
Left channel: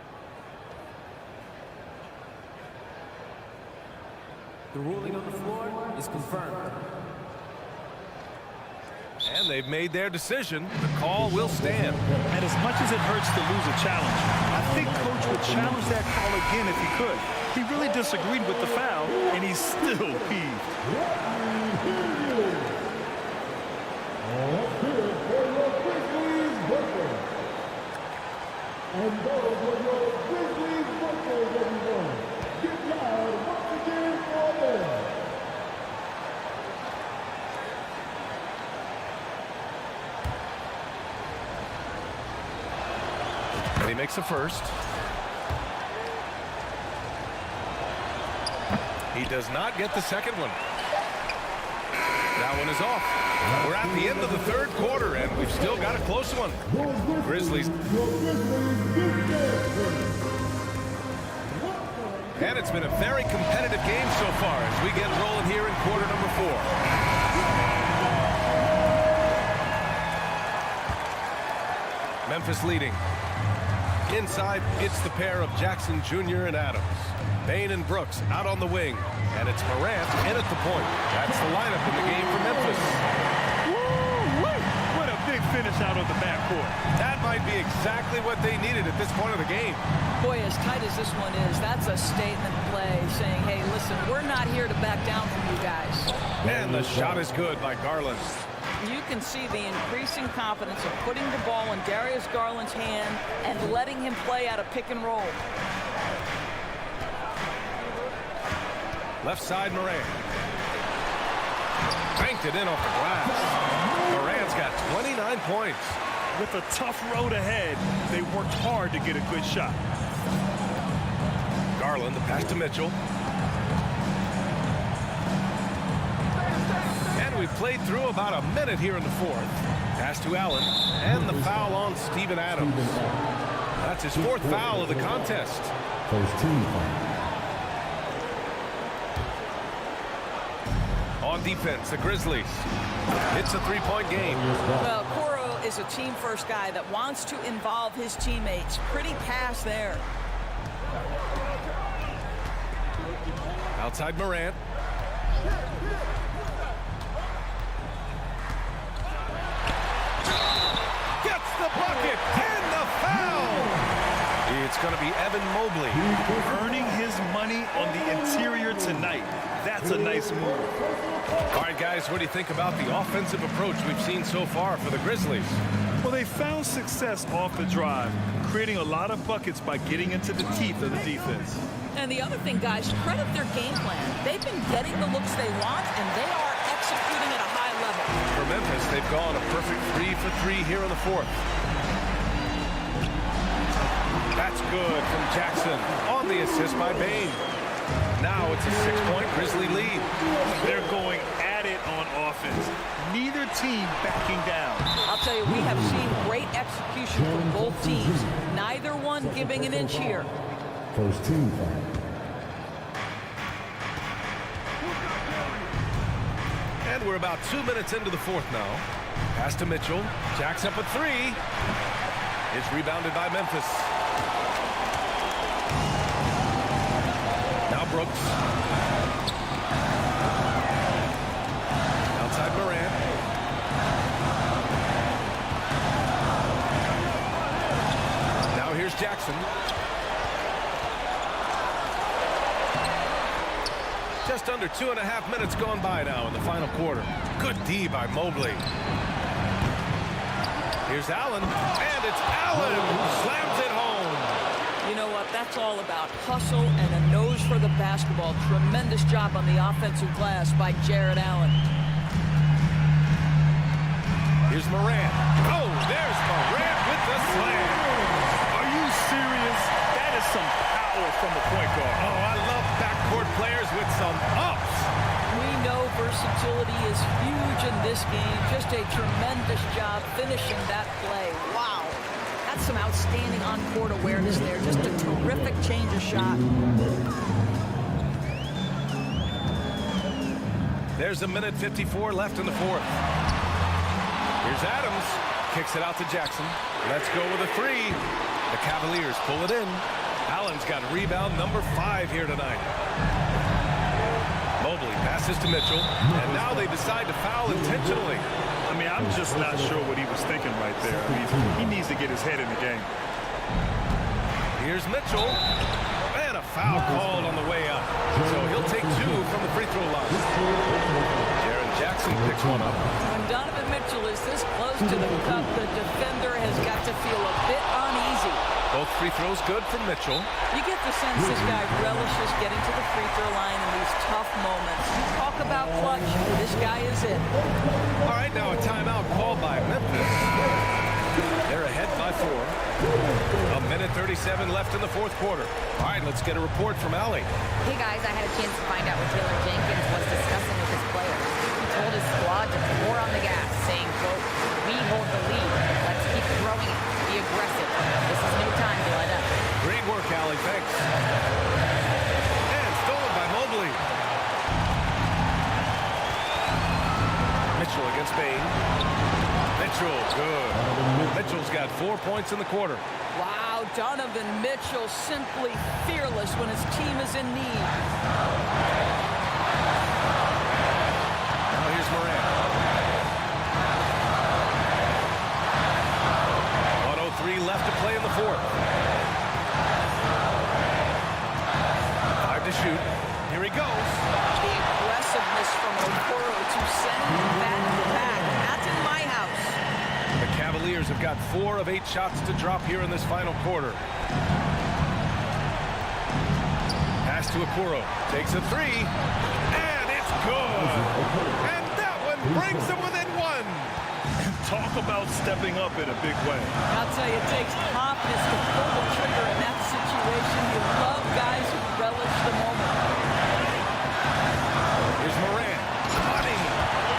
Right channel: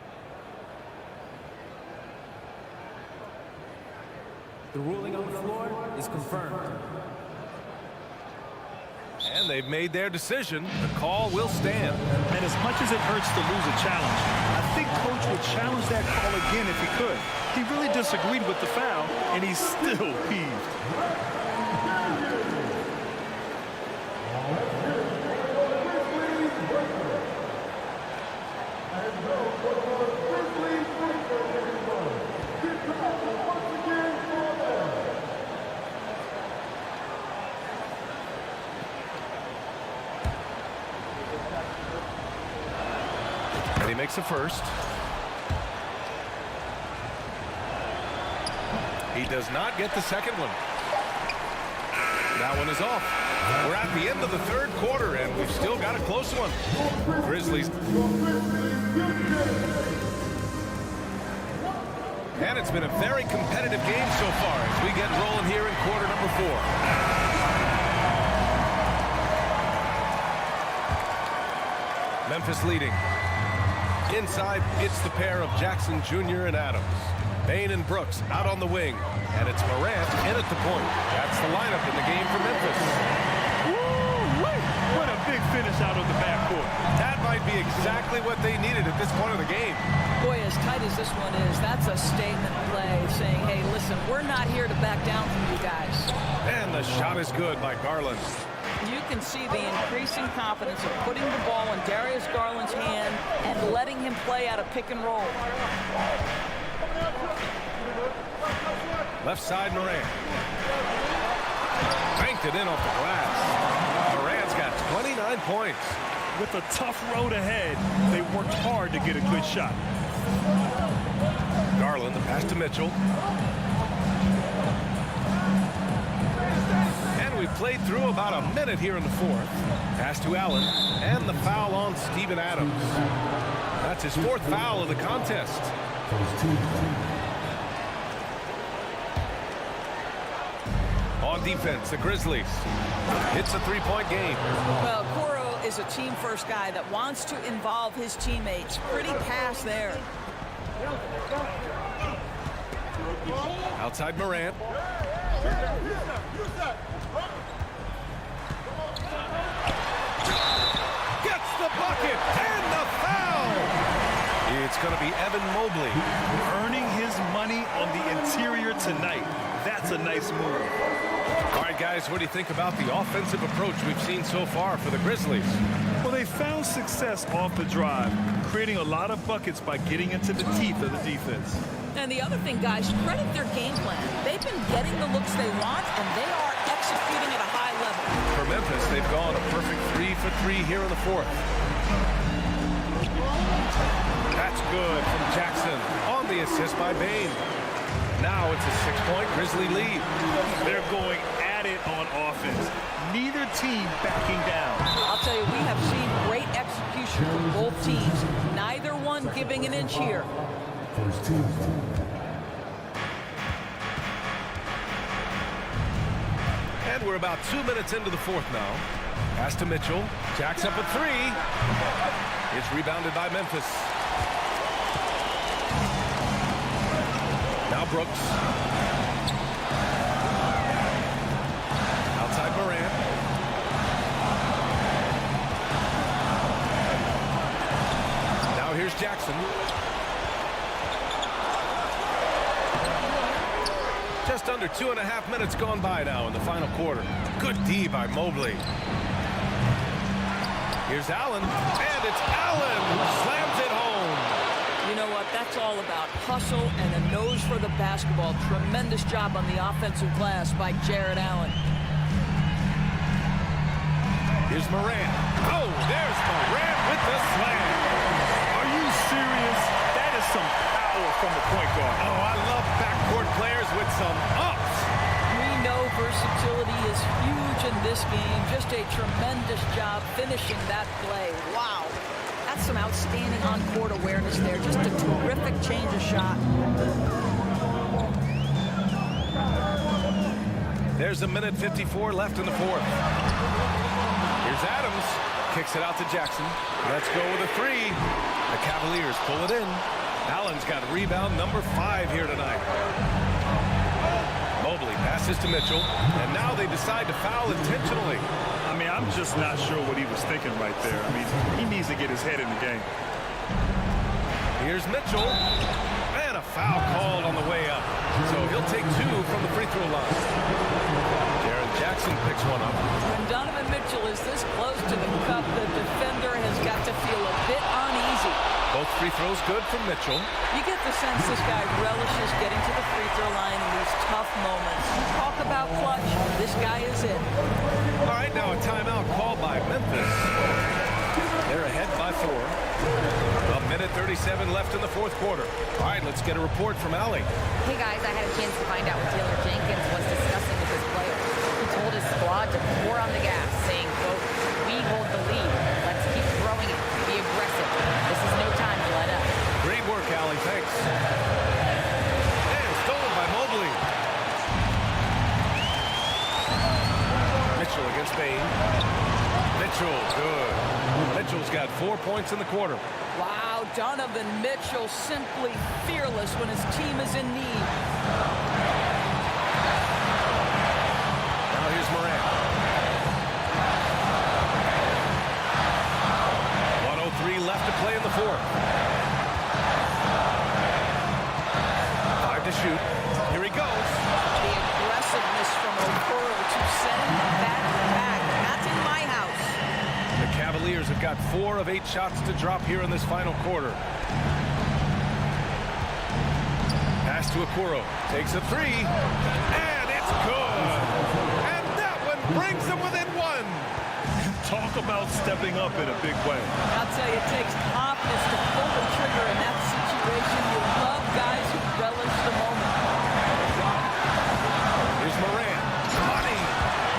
The ruling on the floor is confirmed. And they've made their decision. The call will stand. And as much as it hurts to lose a challenge, I think Coach would challenge that call again if he could. He really disagreed with the foul, and he's still peeved. And he makes the first. He does not get the second one. That one is off. We're at the end of the third quarter, and we've still got a close one. Grizzlies. And it's been a very competitive game so far as we get rolling here in quarter number 4. Memphis leading. Inside, it's the pair of Jackson Jr. and Adams. Bain and Brooks out on the wing. And it's Morant in at the point. That's the lineup in the game for Memphis. Woo-wee! What a big finish out of the backcourt. That might be exactly what they needed at this point of the game. Boy, as tight as this one is, that's a statement play saying, hey, listen, we're not here to back down from you guys. And the shot is good by Garland. You can see the increasing confidence of putting the ball in Darius Garland's hand and letting him play out a pick and roll. Left side, Morant. Banked it in off the glass. Morant's got 29 points. With a tough road ahead, they worked hard to get a good shot. Garland, the pass to Mitchell. And we've played through about a minute here in the fourth. Pass to Allen, and the foul on Steven Adams. That's his 4th foul of the contest. On defense, the Grizzlies. It's a 3-point game. Well, Coro is a team-first guy that wants to involve his teammates. Pretty pass there. Outside Morant. Gets the bucket and the foul. It's going to be Evan Mobley. Earning his money on the interior tonight. That's a nice move. All right, guys, what do you think about the offensive approach we've seen so far for the Grizzlies? Well, they found success off the drive, creating a lot of buckets by getting into the teeth of the defense. And the other thing, guys, credit their game plan. They've been getting the looks they want, and they are executing at a high level. for Memphis. They've gone a perfect 3 for 3 here in the fourth. That's good from Jackson on the assist by Bain. Now it's a 6-point Grizzly lead. They're going at it on offense. Neither team backing down. I'll tell you, we have seen great execution from both teams. Neither one giving an inch here. First team. And we're about 2 minutes into the fourth now. Pass to Mitchell. Jacks up a 3. It's rebounded by Memphis. Now Brooks. Outside Morant. Now here's Jackson. Just under 2.5 minutes gone by now in the final quarter. Good D by Mobley. Here's Allen, and it's Allen who slams it home. You know what? That's all about hustle and a nose for the basketball. Tremendous job on the offensive glass by Jared Allen. Here's Morant. Oh, there's Morant with the slam. Are you serious? That is some power from the point guard. Oh, I love backcourt players with some ups. We know versatility is huge in this game. Just a tremendous job finishing that play. Wow. That's some outstanding on-court awareness there. Just a terrific change of shot. There's a minute 54 left in the fourth. Here's Adams. Kicks it out to Jackson. Let's go with a 3. The Cavaliers pull it in. Allen's got rebound number 5 here tonight. Mobley passes to Mitchell, and now they decide to foul intentionally. I mean, I'm just not sure what he was thinking right there. I mean, he needs to get his head in the game. Here's Mitchell, and a foul called on the way up. So he'll take 2 from the free throw line. Jaren Jackson picks one up. When Donovan Mitchell is this close to the cup, the defender has got to feel a bit uneasy. Both free throws good from Mitchell. You get the sense this guy relishes getting to the free throw line in these tough moments. You talk about clutch, this guy is it. All right, now a timeout called by Memphis. They're ahead by 4. A minute 37 left in the fourth quarter. All right, let's get a report from Allie. Hey guys, I had a chance to find out what Taylor Jenkins was discussing with his players. He told his squad to pour on the gas, saying, quote, "We hold the lead. Let's keep throwing it. Be aggressive. This is no time to let up." Great work, Allie. Thanks. And stolen by Mobley. Mitchell against Bain. Mitchell, good. Mitchell's got 4 points in the quarter. Wow, Donovan Mitchell simply fearless when his team is in need. Now here's Morant. 1:03 left to play in the fourth. 5 to shoot. Here he goes. The aggressiveness from Okoro to send that back. That's in my house. The Cavaliers have got 4 of 8 shots to drop here in this final quarter. Pass to Okoro. Takes a 3. And it's good. And that one brings them within 1. And talk about stepping up in a big way. I'll tell you, it takes confidence to pull the trigger in that situation. You love guys who relish the moment. Here's Morant. Money.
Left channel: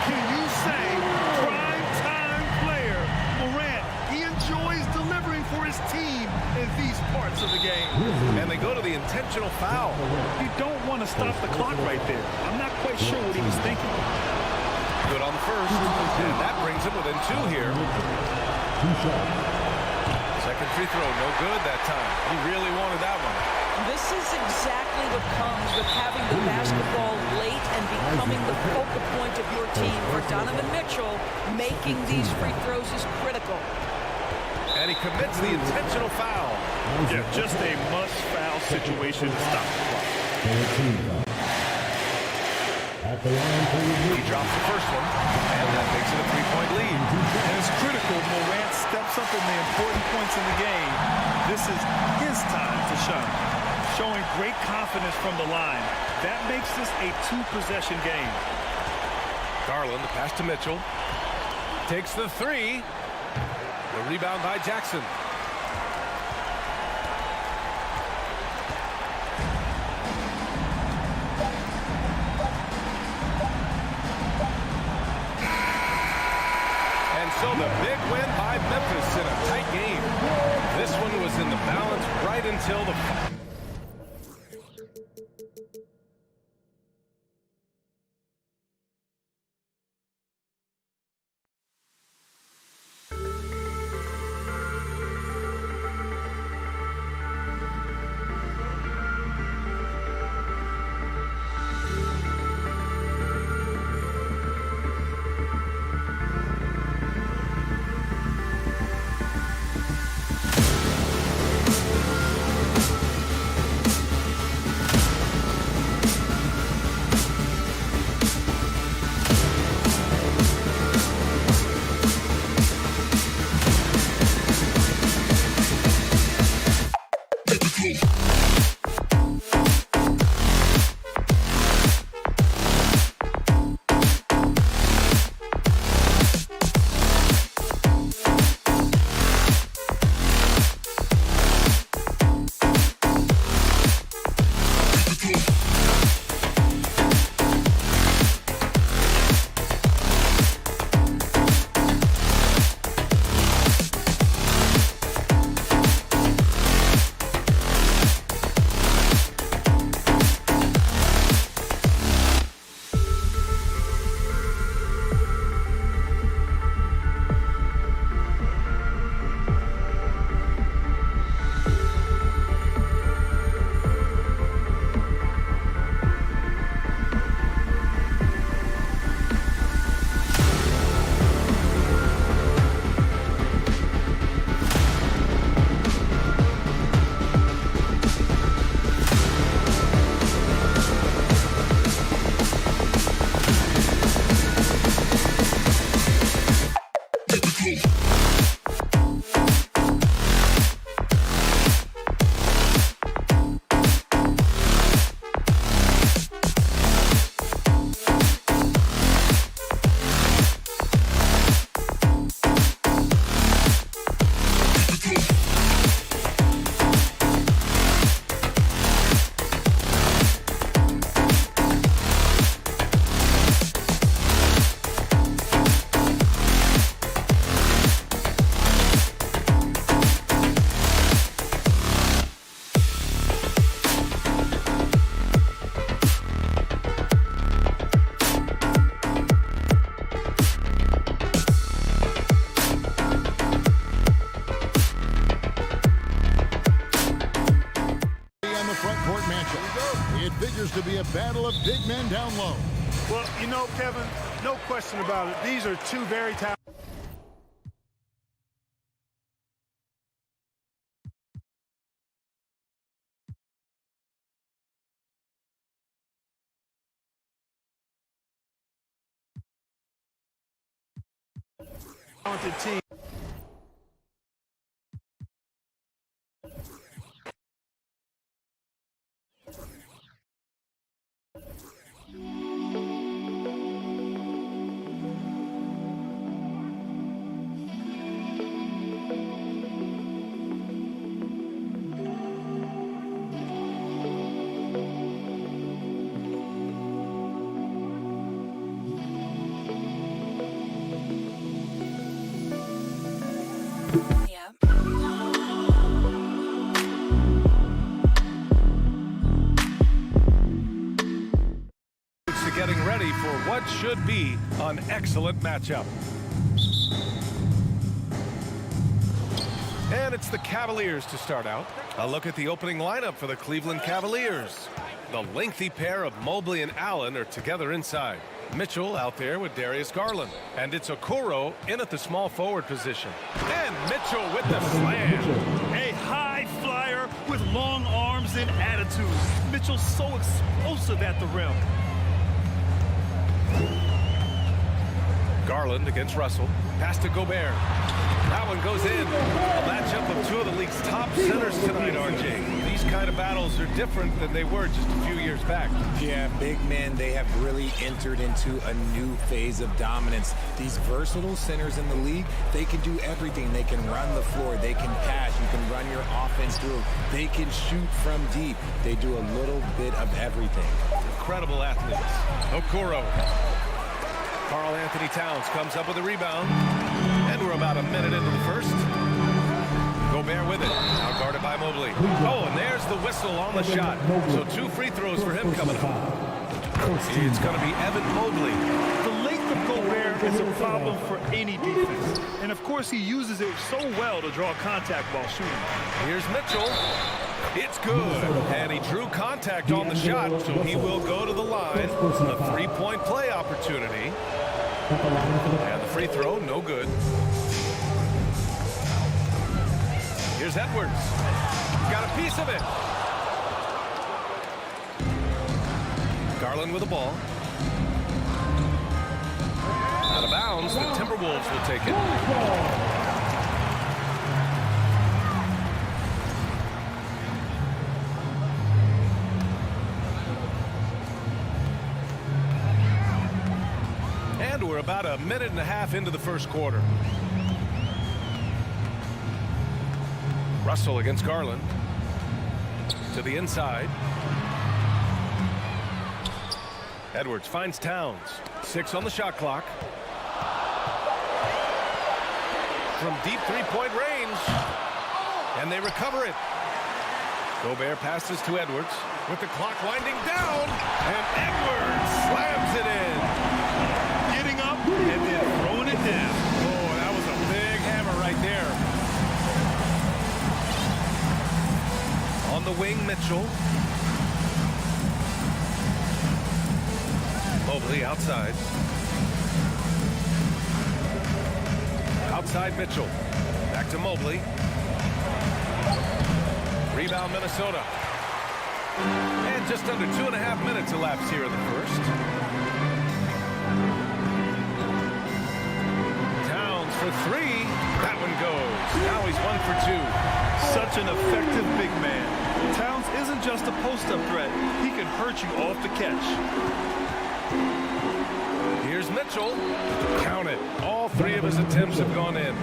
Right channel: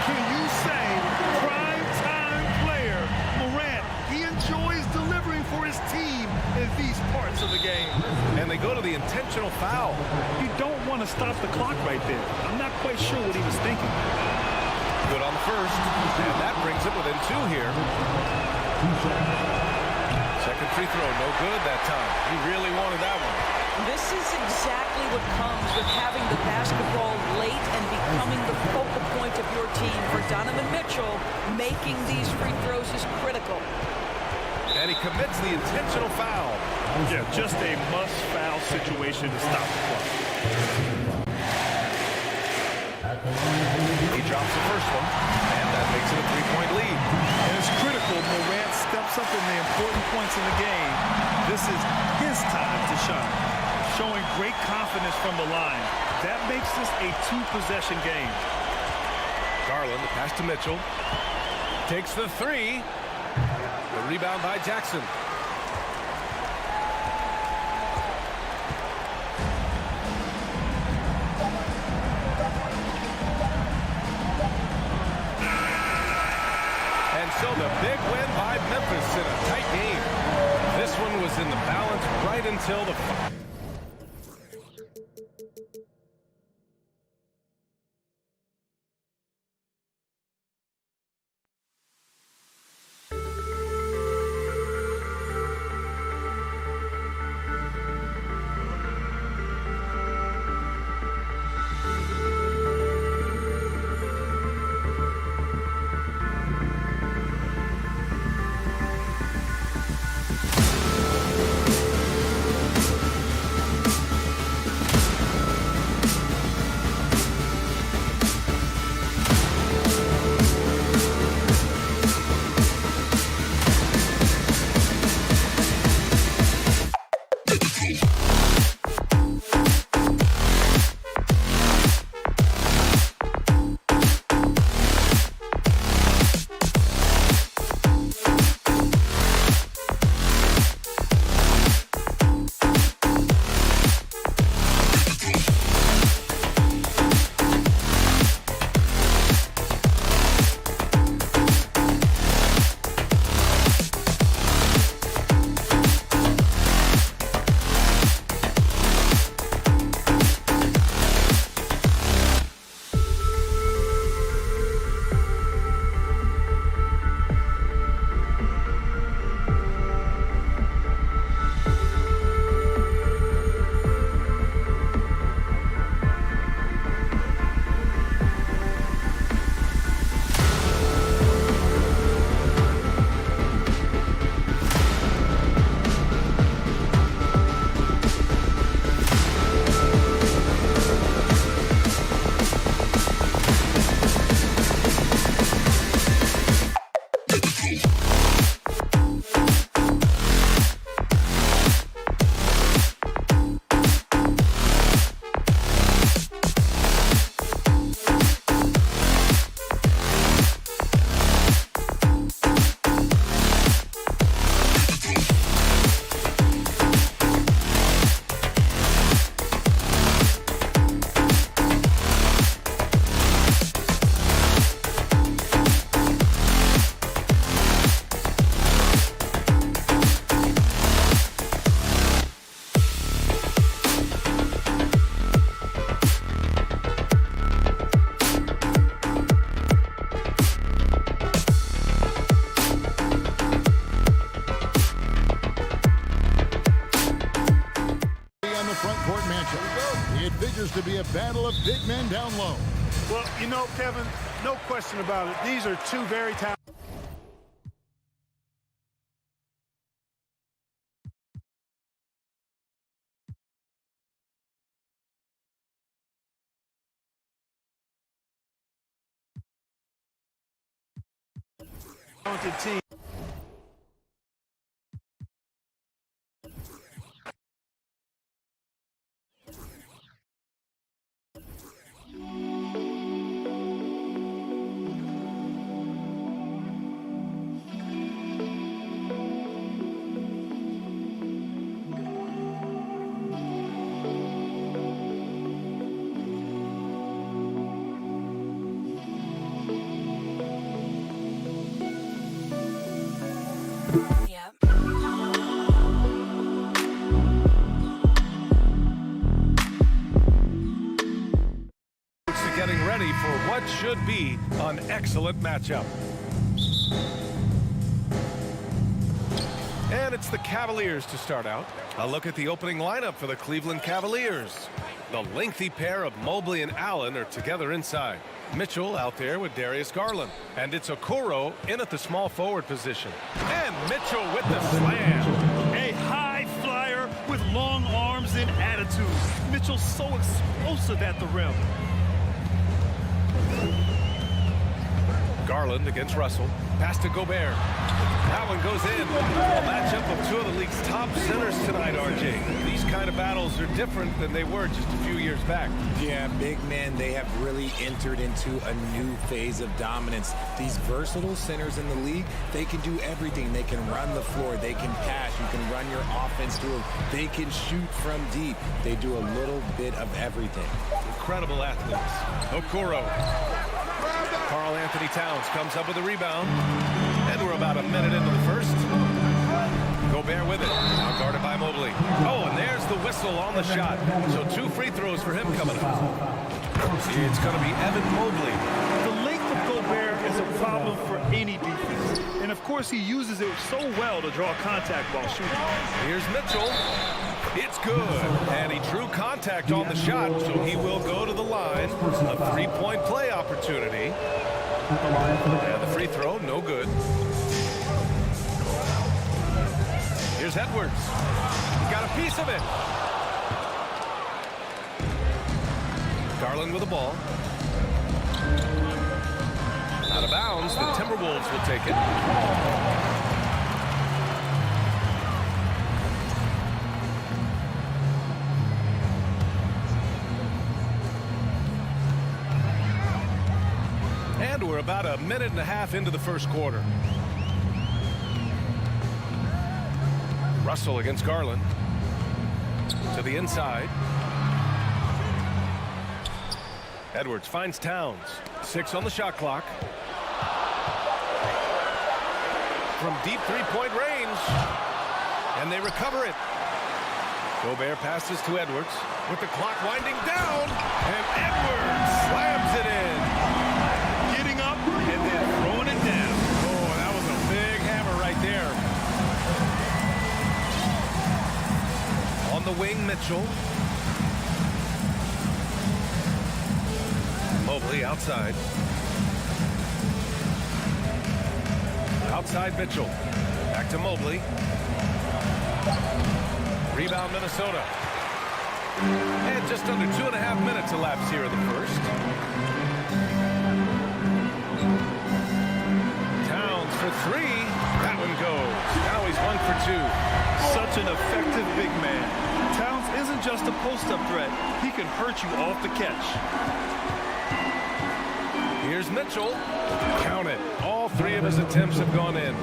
Can you say prime-time player Morant? He enjoys delivering for his team in these parts of the game. And they go to the intentional foul. You don't want to stop the clock right there. I'm not quite sure what he was thinking. Good on the first. And that brings him within 2 here. Second free throw, no good that time. He really wanted that one. This is exactly what comes with having the basketball late and becoming the focal point of your team. For Donovan Mitchell, making these free throws is critical. And he commits the intentional foul. Yeah, just a must-foul situation to stop the clock. He drops the first one, and that makes it a 3-point lead. And it's critical Morant steps up in the important points in the game. This is his time to shine. Showing great confidence from the line. That makes this a 2-possession game. Garland, the pass to Mitchell. Takes the three. The rebound by Jackson. And so the big win by Memphis in a tight game. This one was in the balance right until the final. It figures to be a battle of big men down low. Well, you know, Kevin, no question about it. These are two very talented. Talented team. Getting ready for what should be an excellent matchup. And it's the Cavaliers to start out. A look at the opening lineup for the Cleveland Cavaliers. The lengthy pair of Mobley and Allen are together inside. Mitchell out there with Darius Garland. And it's Okoro in at the small forward position. And Mitchell with the slam. A high flyer with long arms and attitude. Mitchell's so explosive at the rim. Garland against Russell. Pass to Gobert. That one goes in. A matchup of two of the league's top centers tonight, RJ. These kind of battles are different than they were just a few years back. Yeah, big men, they have really entered into a new phase of dominance. These versatile centers in the league, they can do everything. They can run the floor. They can pass. You can run your offense through them. They can shoot from deep. They do a little bit of everything. Incredible athletes. Okoro. Karl Anthony Towns comes up with a rebound. And we're about a minute into the first. Gobert with it. Now guarded by Mobley. Oh, and there's the whistle on the shot. So 2 free throws for him coming up. It's going to be Evan Mobley. The length of Gobert is a problem for any defense. And, of course, he uses it so well to draw contact while shooting. Here's Mitchell. It's good. And he drew contact on the shot, so he will go to the line. A 3-point play opportunity. And the free throw, no good. Here's Edwards. He got a piece of it. Garland with the ball. Out of bounds, the Timberwolves will take it. And we're about a minute and a half into the first quarter. Russell against Garland. To the inside. Edwards finds Towns. 6 on the shot clock. From deep 3-point range. And they recover it. Gobert passes to Edwards with the clock winding down. And Edwards slams it in. Getting up and then throwing it down. Oh, that was a big hammer right there. On the wing, Mitchell. Mobley outside. Outside Mitchell. Back to Mobley. Rebound Minnesota. And just under 2.5 minutes elapsed here in the first. Towns for 3. That one goes. Now he's 1 for 2. Such an effective big man. Towns isn't just a post-up threat. He can hurt you off the catch. Here's Mitchell. Count it. All 3 of his attempts have gone in.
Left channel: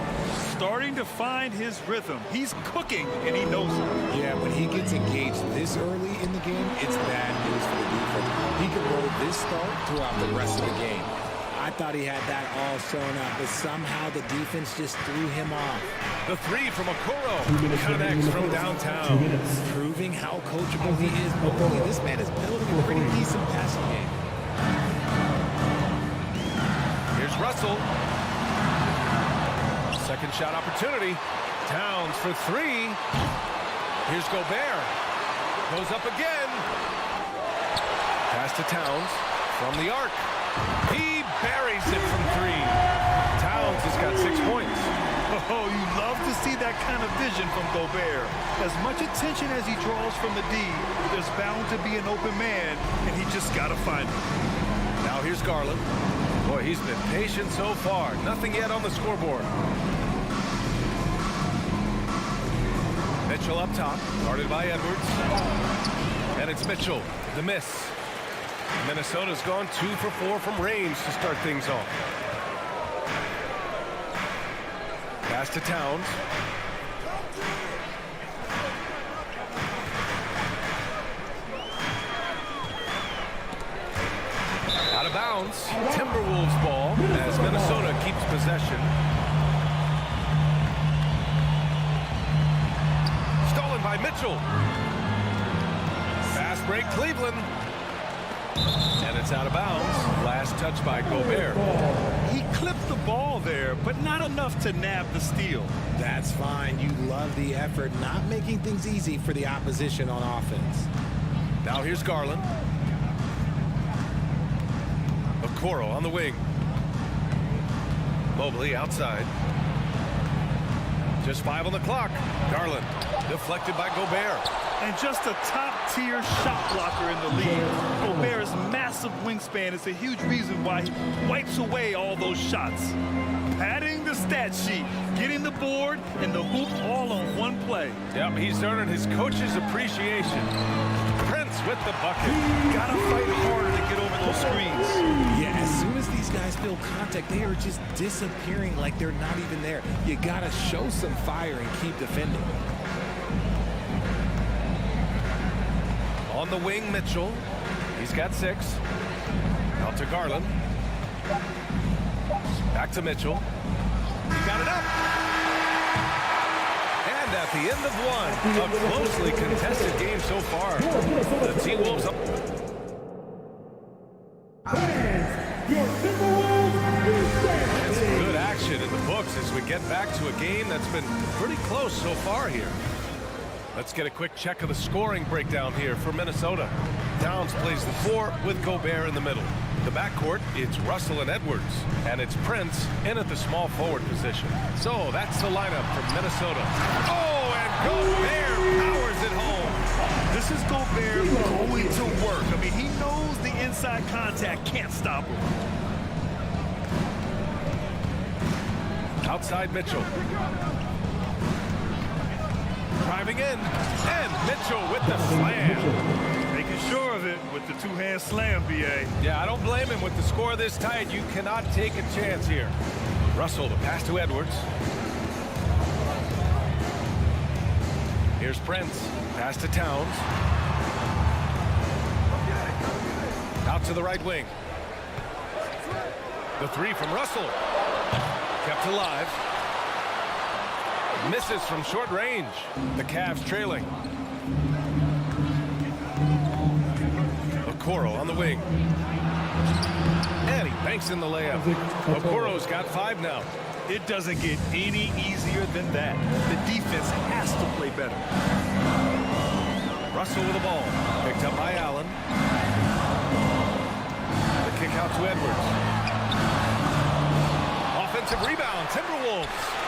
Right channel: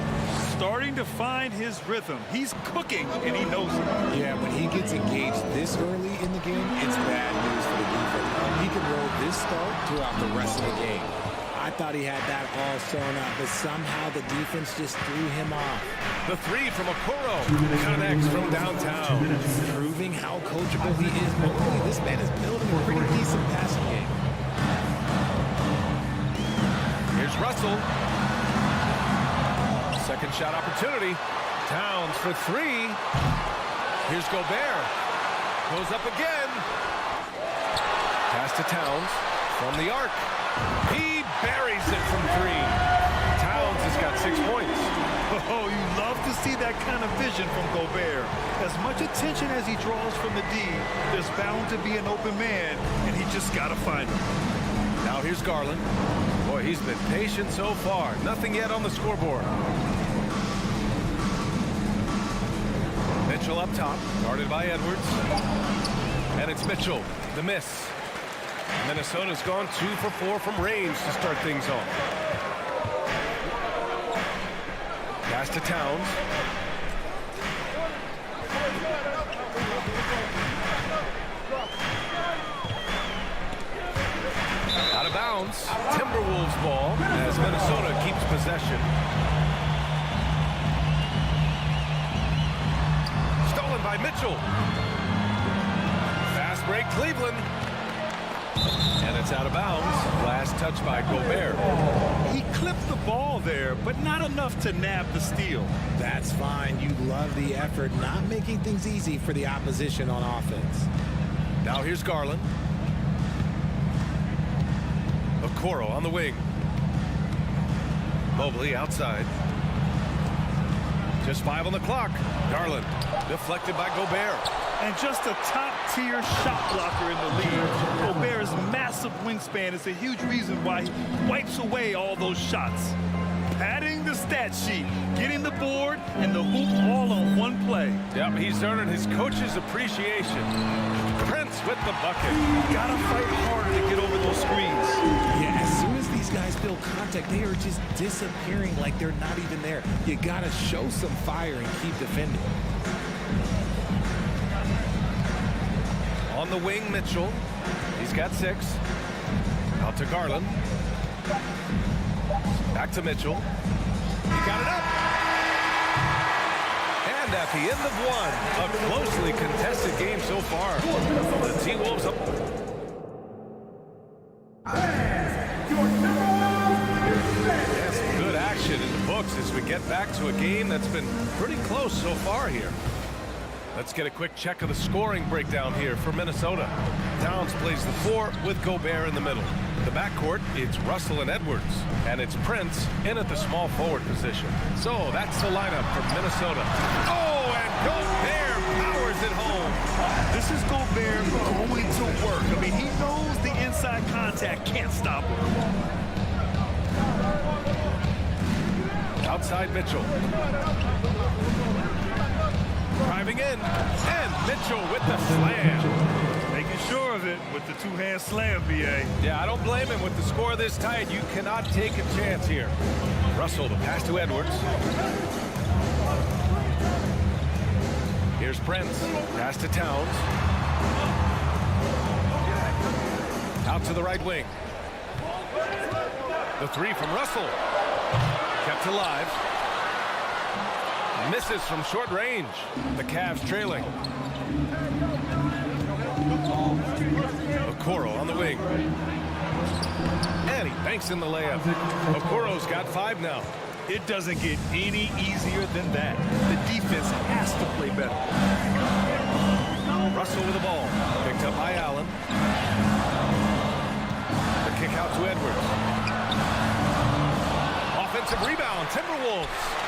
Starting to find his rhythm. He's cooking, and he knows it. Yeah, when he gets engaged this early in the game, it's bad news for the defense. He can roll this start throughout the rest of the game. I thought he had that all sewn up, but somehow the defense just threw him off. The 3 from Okoro connects from downtown. Proving how coachable he is. Mobley, this man is building a pretty decent passing game. Here's Russell. Second shot opportunity. Towns for 3. Here's Gobert. Goes up again. Pass to Towns from the arc. He buries it from 3. Towns has got 6 points. Oh, you love to see that kind of vision from Gobert. As much attention as he draws from the D, there's bound to be an open man, and he just got to find him. Now here's Garland. Boy, he's been patient so far. Nothing yet on the scoreboard. Mitchell up top, guarded by Edwards. And it's Mitchell, the miss. Minnesota's gone 2 for 4 from range to start things off. Pass to Towns. Out of bounds. Timberwolves ball as Minnesota keeps possession. Stolen by Mitchell. Fast break Cleveland. And it's out of bounds. Last touch by Gobert. He clipped the ball there, but not enough to nab the steal. That's fine. You love the effort, not making things easy for the opposition on offense. Now here's Garland. Okoro on the wing. Mobley outside. Just 5 on the clock. Garland deflected by Gobert. And just a top-tier shot blocker in the league. Gobert's massive wingspan is a huge reason why he wipes away all those shots. padding the stat sheet, getting the board and the hoop all on one play. Yep, he's earning his coach's appreciation. Prince with the bucket. Gotta fight harder to get over those screens. Yeah, as soon as these guys feel contact, they are just disappearing like they're not even there. You gotta show some fire and keep defending. On the wing, Mitchell. He's got 6. Out to Garland. Back to Mitchell. He got it up. And at the end of one, a closely contested game so far. The T-Wolves up. And some good action in the books as we get back to a game that's been pretty close so far here. Let's get a quick check of the scoring breakdown here for Minnesota. Towns plays the 4 with Gobert in the middle. The backcourt, it's Russell and Edwards. And it's Prince in at the small forward position. So that's the lineup for Minnesota. Oh, and Gobert powers it home. This is Gobert going to work. I mean, he knows the inside contact can't stop him. Outside Mitchell. Driving in, and Mitchell with the slam. Making sure of it with the two-hand slam, B.A. Yeah, I don't blame him. With the score this tight, you cannot take a chance here. Russell, the pass to Edwards. Here's Prince. Pass to Towns. Out to the right wing. The 3 from Russell. Kept alive. Misses from short range. The Cavs trailing. Okoro on the wing. And he banks in the layup. Okoro's got 5 now. It doesn't get any easier than that. The defense has to play better. Russell with the ball. Picked up by Allen. The kick out to Edwards. Offensive rebound, Timberwolves.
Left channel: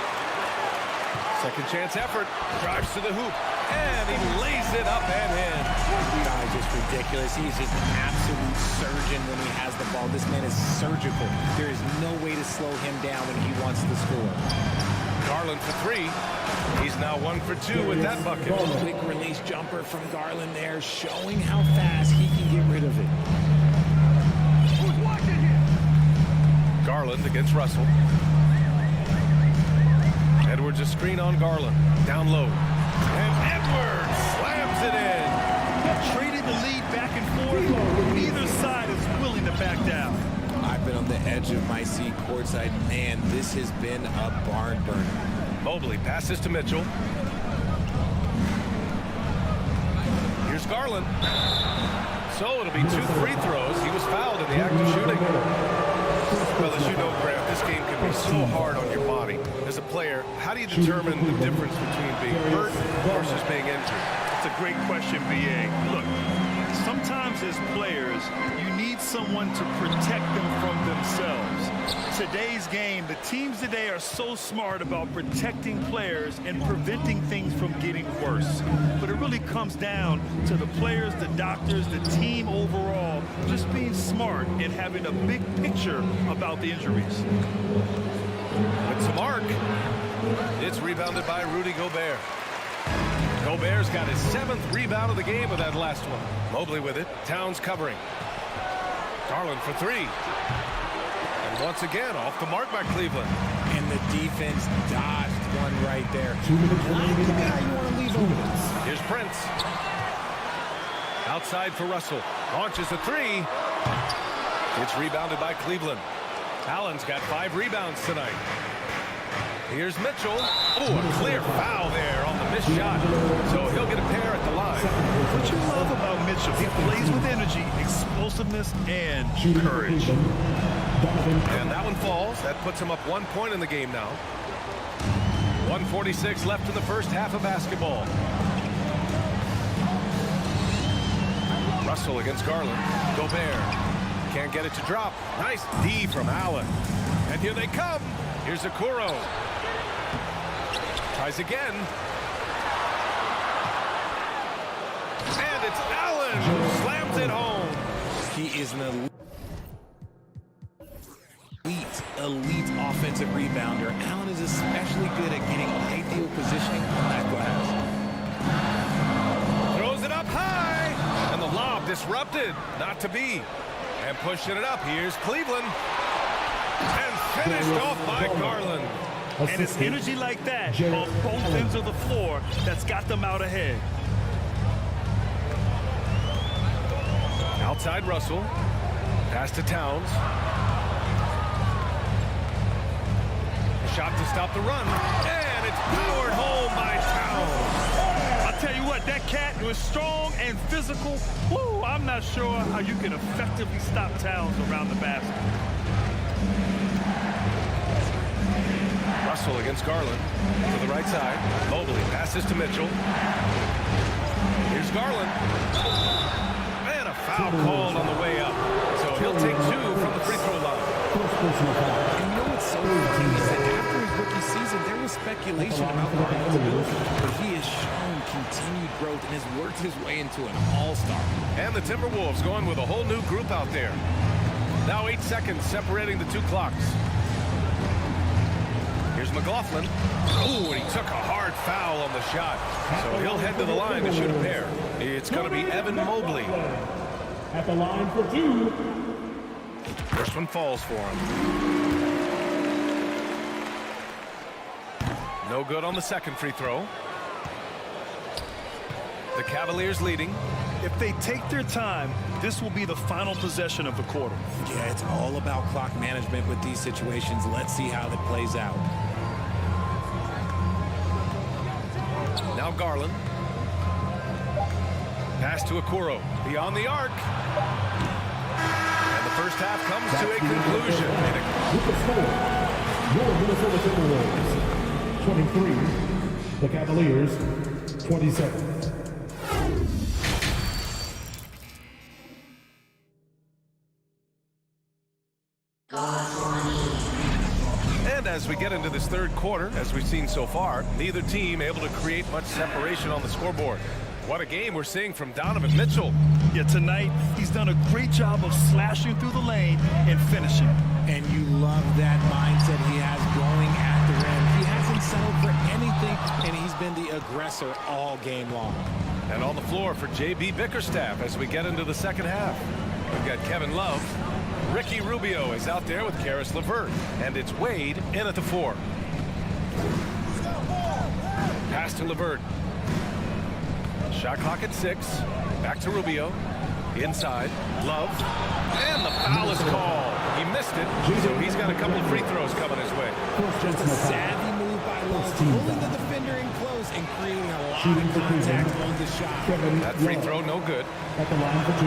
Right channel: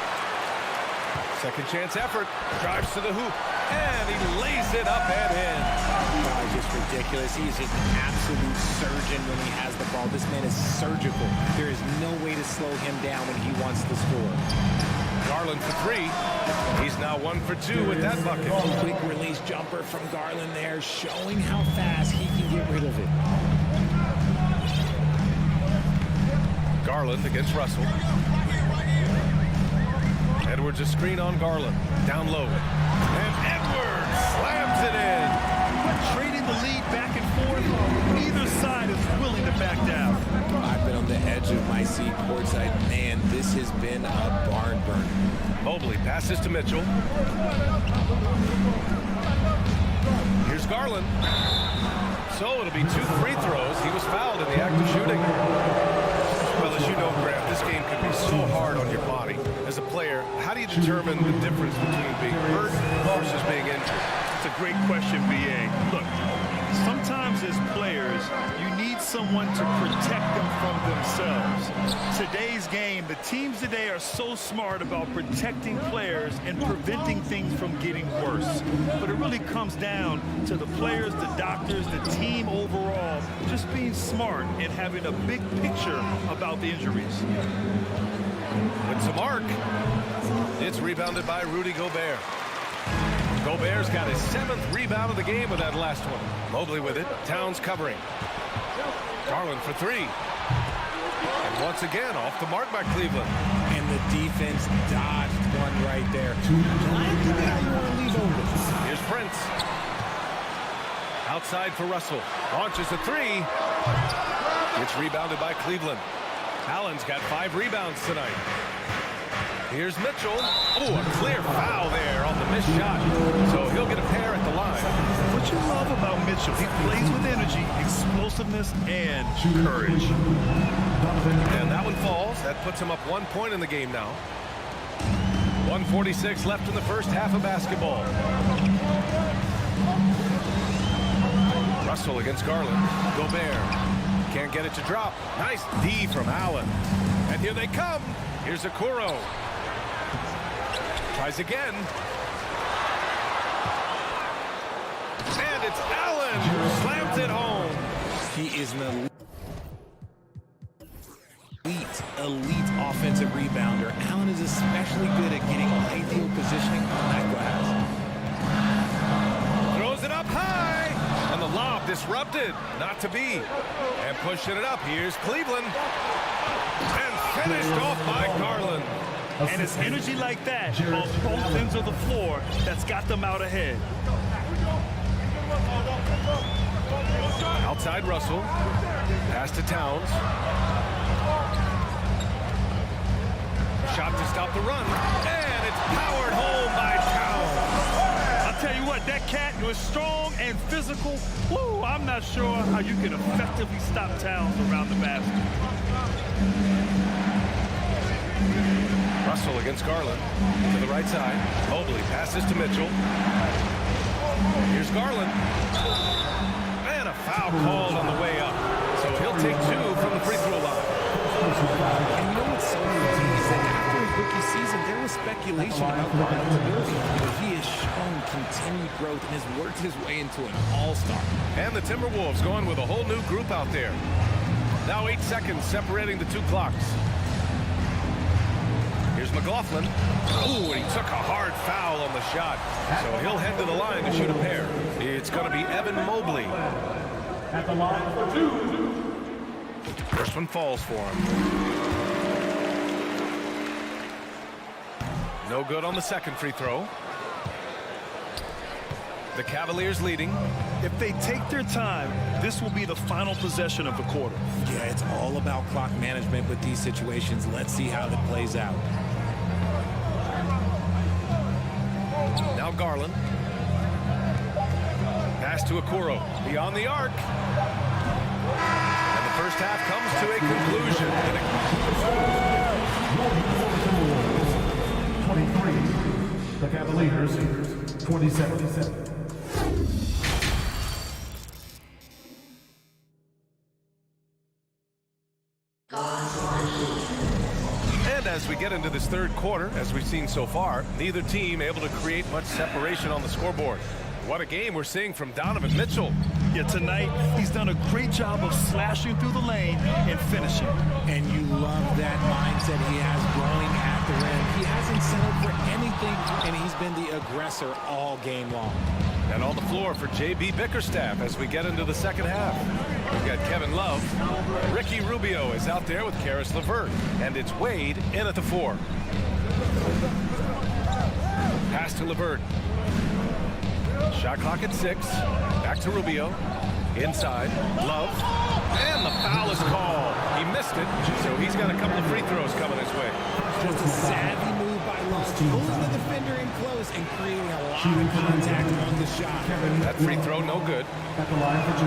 Second chance effort. Drives to the hoop. And he lays it up and in. This guy's just ridiculous. He's just an absolute surgeon when he has the ball. This man is surgical. There is no way to slow him down when he wants to score. Garland for 3. He's now 1 for 2 with that bucket. Quick release jumper from Garland there, showing how fast he can get rid of it. Garland against Russell. Edwards a screen on Garland. Down low. And Edwards slams it in. Trading the lead back and forth. Neither side is willing to back down. I've been on the edge of my seat courtside. Man, this has been a barn burner. Mobley passes to Mitchell. Here's Garland. So it'll be 2 free throws. He was fouled in the act of shooting. Well, as you know, Grant, this game can be so hard on your body. As a player, how do you determine the difference between being hurt versus being injured? That's a great question, B.A. Look, sometimes as players, you need someone to protect them from themselves. Today's game, the teams today are so smart about protecting players and preventing things from getting worse. But it really comes down to the players, the doctors, the team overall, just being smart and having a big picture about the injuries. With some arc, it's rebounded by Rudy Gobert. Gobert's got his 7th rebound of the game with that last one. Mobley with it. Towns covering. Garland for 3. And once again, off the mark by Cleveland. And the defense dodged one right there. Not the guy you want to leave over this. Here's Prince. Outside for Russell. Launches a 3. It's rebounded by Cleveland. Allen's got 5 rebounds tonight. Here's Mitchell. Oh, a clear foul there on the missed shot. So he'll get a pair at the line. What you love about Mitchell, he plays with energy, explosiveness, and courage. And that one falls. That puts him up 1 point in the game now. 1:46 left in the first half of basketball. Russell against Garland. Gobert. Can't get it to drop. Nice D from Allen. And here they come. Here's Okoro. Tries again. And it's Allen who slams it home. He is in the elite offensive rebounder. Allen is especially good at getting ideal positioning on that glass. Throws it up high, and the lob disrupted. Not to be. And pushing it up, here's Cleveland. And finished off by Garland. And it's energy like that on both ends of the floor that's got them out ahead. Outside Russell. Pass to Towns. Shot to stop the run. And it's powered home by Towns. I'll tell you what, that cat was strong and physical. Woo, I'm not sure how you can effectively stop Towns around the basket. Russell against Garland. To the right side. Mobley passes to Mitchell. Here's Garland. And a foul called on the way up. So he'll take 2 from the free throw line. And you know what's so funny is that after his rookie season, there was speculation about Garland's ability. But he has shown continued growth and has worked his way into an all-star. And the Timberwolves going with a whole new group out there. Now 8 seconds separating the 2 clocks. Here's McLaughlin. Ooh, and he took a hard foul on the shot. So he'll head to the line to shoot a pair. It's going to be Evan Mobley. At the line for 2. First one falls for him. No good on the second free throw. The Cavaliers leading. If they take their time, this will be the final possession of the quarter. Yeah, it's all about clock management with these situations. Let's see how that plays out. Now Garland. Pass to Okoro. Beyond the arc. And the first half comes to a conclusion. Minnesota Timberwolves 23. The Cavaliers 27. And as we get into this third quarter, as we've seen so far, neither team able to create much separation on the scoreboard. What a game we're seeing from Donovan Mitchell. Yeah, tonight he's done a great job of slashing through the lane and finishing. And you love that mindset he has going at the rim. He hasn't settled for anything, and he's been the aggressor all game long. And on the floor for J.B. Bickerstaff as we get into the second half. We've got Kevin Love. Ricky Rubio is out there with Karis LeVert. And it's Wade in at the 4. Pass to LeVert. Shot clock at 6. Back to Rubio. Inside. Love. And the foul is called. He missed it, so he's got a couple of free throws coming his way. Just a savvy move by Love, pulling the defender in close and creating a lot of contact on the shot. That free throw, no good. At the line for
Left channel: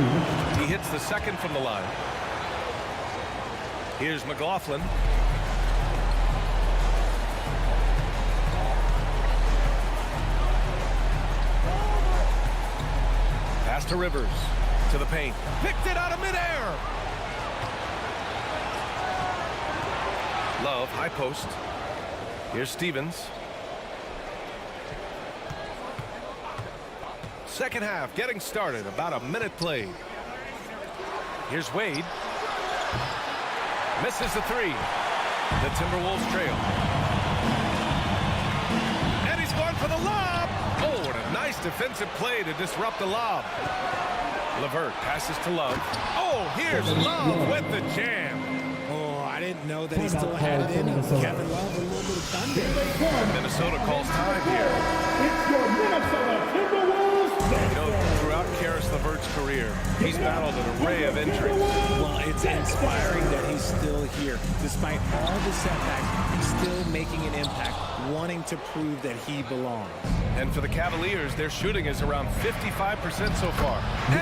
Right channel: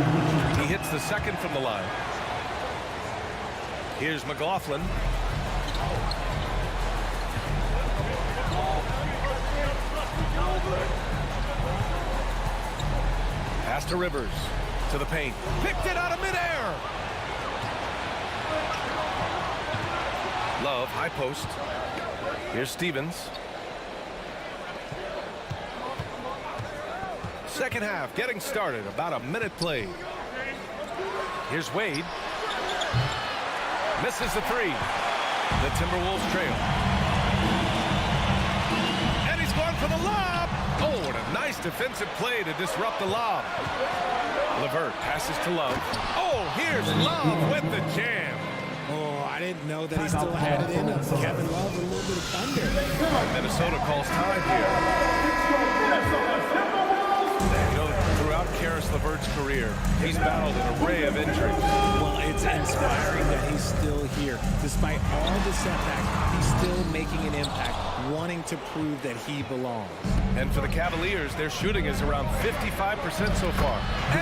2. He hits the second from the line. Here's McLaughlin. Pass to Rivers. To the paint. Picked it out of midair. Love, high post. Here's Stevens. Second half getting started. About a minute played. Here's Wade. Misses the 3. The Timberwolves trail. And he's going for the lob. Oh, and a nice defensive play to disrupt the lob. LeVert passes to Love. Oh, here's Love with the jam. Oh, I didn't know that he still had it in him. Kevin Love with a little bit of thunder. And Minnesota calls time here. It's your Minnesota Timberwolves. You know, throughout Karis LeVert's career, he's battled an array of injuries. Well, it's inspiring that he's still here. Despite all the setbacks, he's still making an impact, wanting to prove that he belongs. And for the Cavaliers, their shooting is around 55% so far.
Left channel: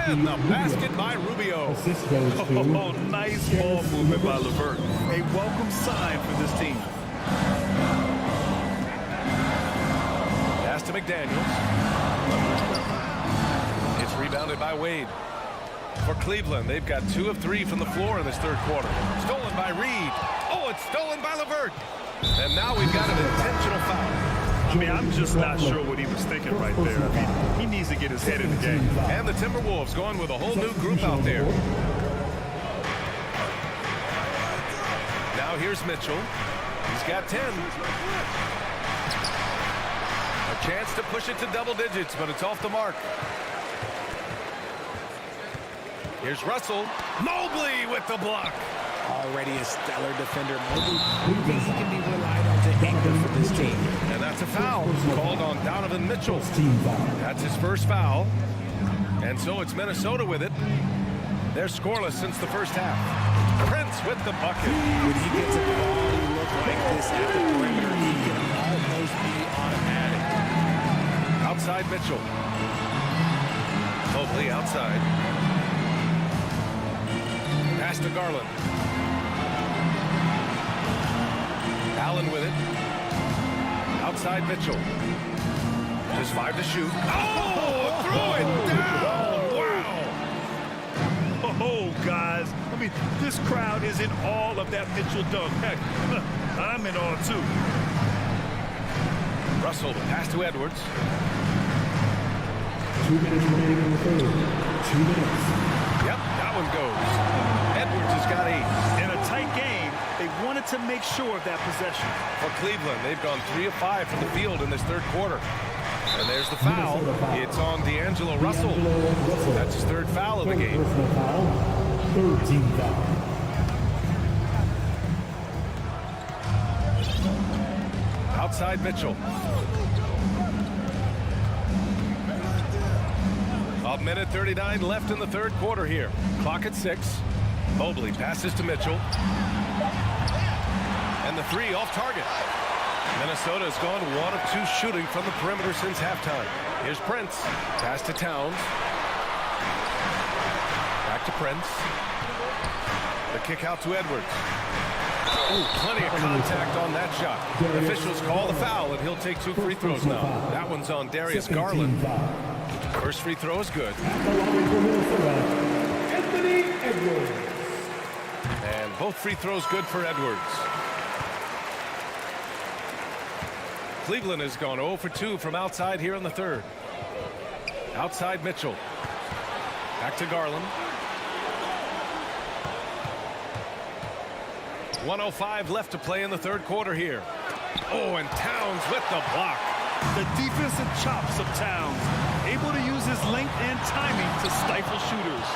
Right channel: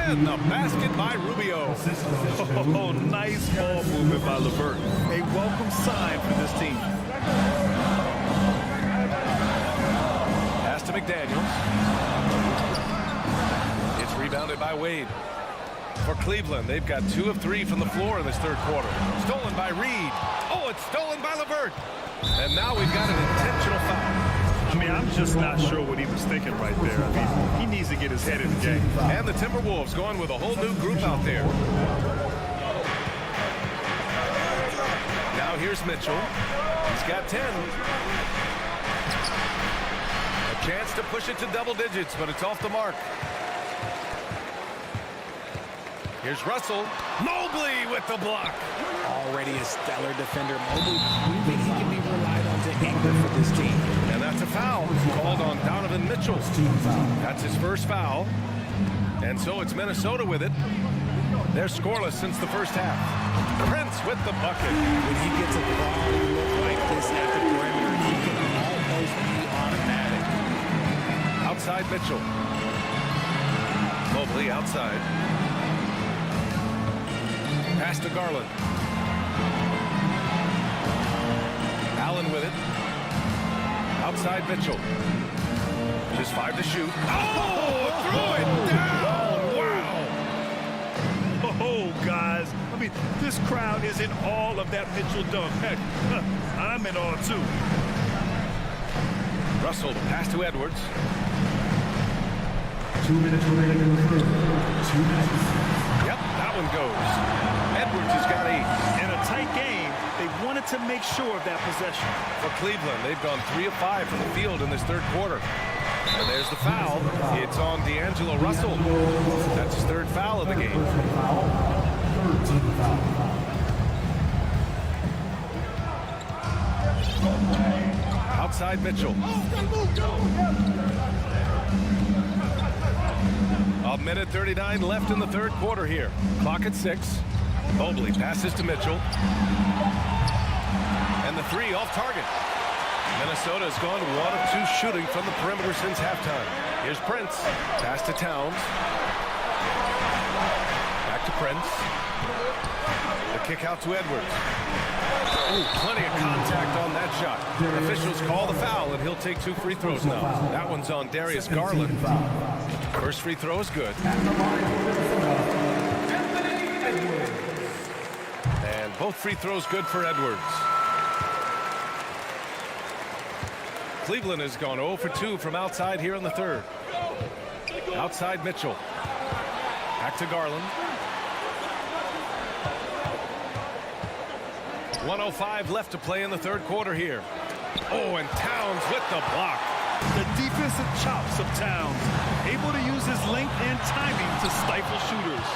And the basket by Rubio. Oh, nice ball movement by LeVert. A welcome sign for this team. Pass to McDaniels. It's rebounded by Wade. For Cleveland, they've got 2 of 3 from the floor in this third quarter. Stolen by Reed. Oh, it's stolen by LeVert. And now we've got an intentional foul. I mean, I'm just not sure what he was thinking right there. I mean, he needs to get his head in the game. And the Timberwolves going with a whole new group out there. Now Now here's Mitchell. He's got 10. A chance to push it to double digits, but it's off the mark. Here's Russell. Mobley with the block. Already a stellar defender. Mobley proving he can be relied on to anchor for this team. And that's a foul called on Donovan Mitchell. That's his first foul. And so it's Minnesota with it. They're scoreless since the first half. Prince with the bucket. When he gets a quality look like this at the perimeter, he can almost be automatic. Outside Mitchell. Mobley outside. Pass to Garland. Allen with it. Outside Mitchell. Just 5 to shoot. Oh, threw it down. Wow. Oh, guys. I mean, this crowd is in awe of that Mitchell dunk. Heck, I'm in awe, too. Russell, the pass to Edwards. 2 minutes remaining in the third. 2 minutes. Yep, that one goes. Edwards has got 8. In a tight game, they wanted to make sure of that possession. For Cleveland, they've gone 3 of 5 from the field in this third quarter. And there's the foul. It's on D'Angelo Russell. That's his third foul of the game. Third team foul. Outside Mitchell. A minute 39 left in the third quarter here. Clock at 6. Mobley passes to Mitchell. And the 3 off target. Minnesota has gone 1 of 2 shooting from the perimeter since halftime. Here's Prince. Pass to Towns. Back to Prince. The kick out to Edwards. Ooh, plenty of contact on that shot. Officials call the foul, and he'll take 2 free throws now. That one's on Darius Garland. First free throw is good. And both free throws good for Edwards. Cleveland has gone 0 for 2 from outside here in the third. Outside Mitchell. Back to Garland. 1:05 left to play in the third quarter here. Oh, and Towns with the block. The defensive chops of Towns, able to use his length and timing to stifle shooters.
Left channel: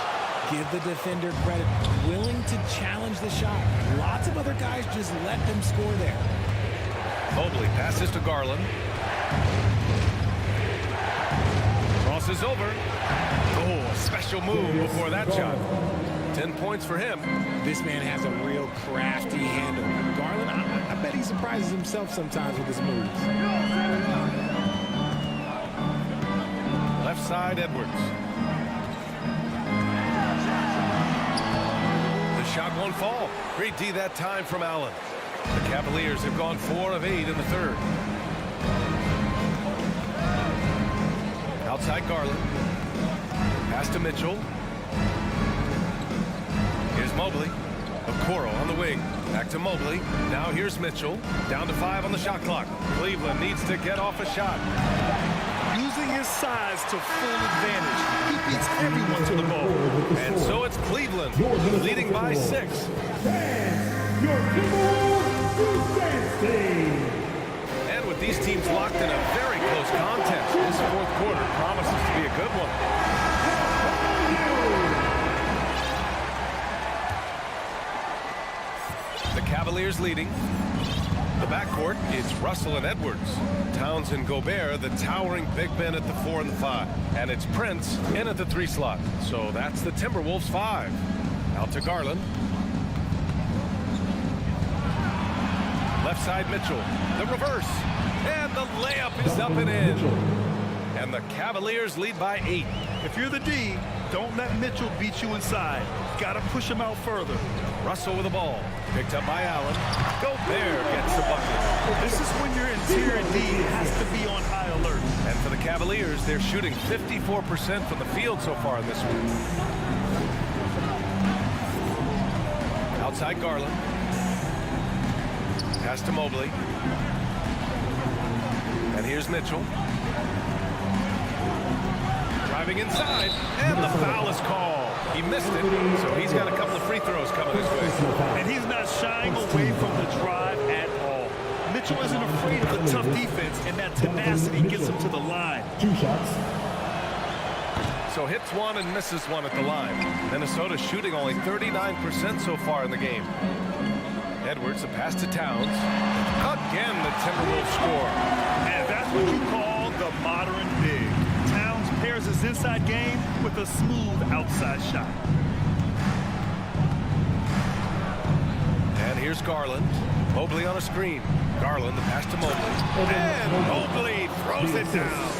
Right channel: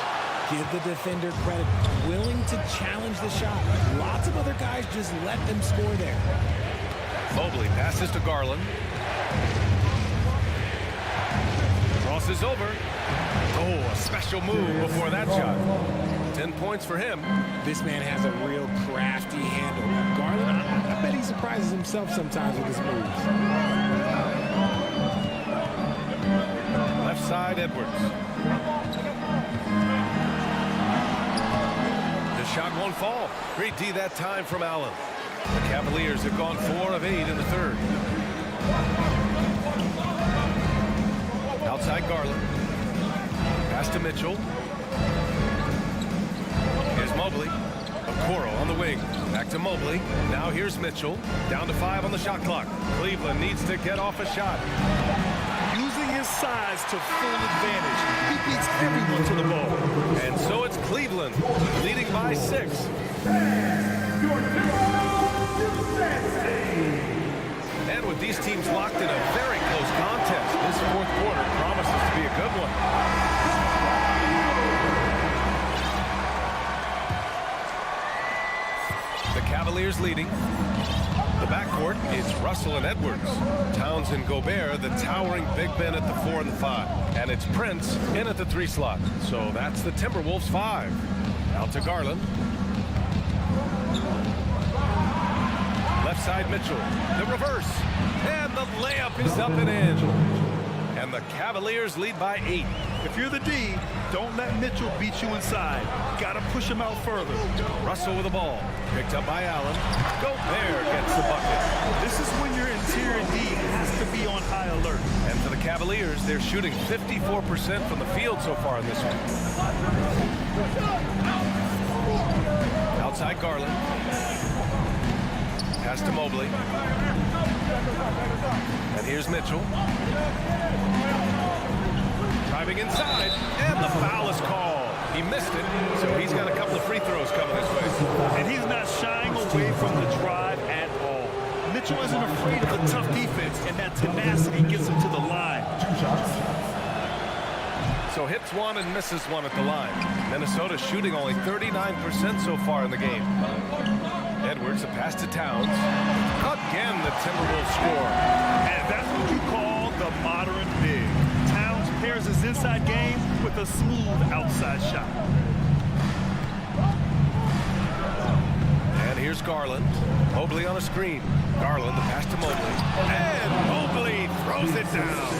Give the defender credit, willing to challenge the shot. Lots of other guys just let them score there. Mobley passes to Garland. Crosses over. Oh, a special move before that shot. 10 points for him. This man has a real crafty handle. Garland, I bet he surprises himself sometimes with his moves. Left side, Edwards. The shot won't fall. Great D that time from Allen. The Cavaliers have gone 4 of 8 in the third. Outside Garland. Pass to Mitchell. Here's Mobley. Okoro on the wing. Back to Mobley. Now here's Mitchell. Down to 5 on the shot clock. Cleveland needs to get off a shot. Using his size to full advantage. He beats everyone to the ball. And so it's Cleveland leading by 6. And with these teams locked in a very close contest, this fourth quarter promises to be a good one. The Cavaliers leading. The backcourt, it's Russell and Edwards. Towns and Gobert, the towering big men at the 4 and the 5. And it's Prince in at the 3 slot. So that's the Timberwolves 5. Out to Garland. Left side Mitchell. The reverse. And the layup is up and in. And the Cavaliers lead by 8. If you're the D, don't let Mitchell beat you inside. Gotta push him out further. Russell with the ball. Picked up by Allen. Gobert gets the bucket. This is when your interior D has to be on high alert. And for the Cavaliers, they're shooting 54% from the field so far in this one. Outside Garland. Pass to Mobley. And here's Mitchell. Driving inside, and the foul is called. He missed it, so he's got a couple of free throws coming his way. And he's not shying away from the drive at all. Mitchell isn't afraid of the tough defense, and that tenacity gets him to the line. 2 shots. So hits one and misses one at the line. Minnesota shooting only 39% so far in the game. Edwards, the pass to Towns. Again, the Timberwolves score. And that's what you call the modern big. Towns pairs his inside game with a smooth outside shot. And here's Garland. Mobley on a screen. Garland, the pass to Mobley. And Mobley throws it down.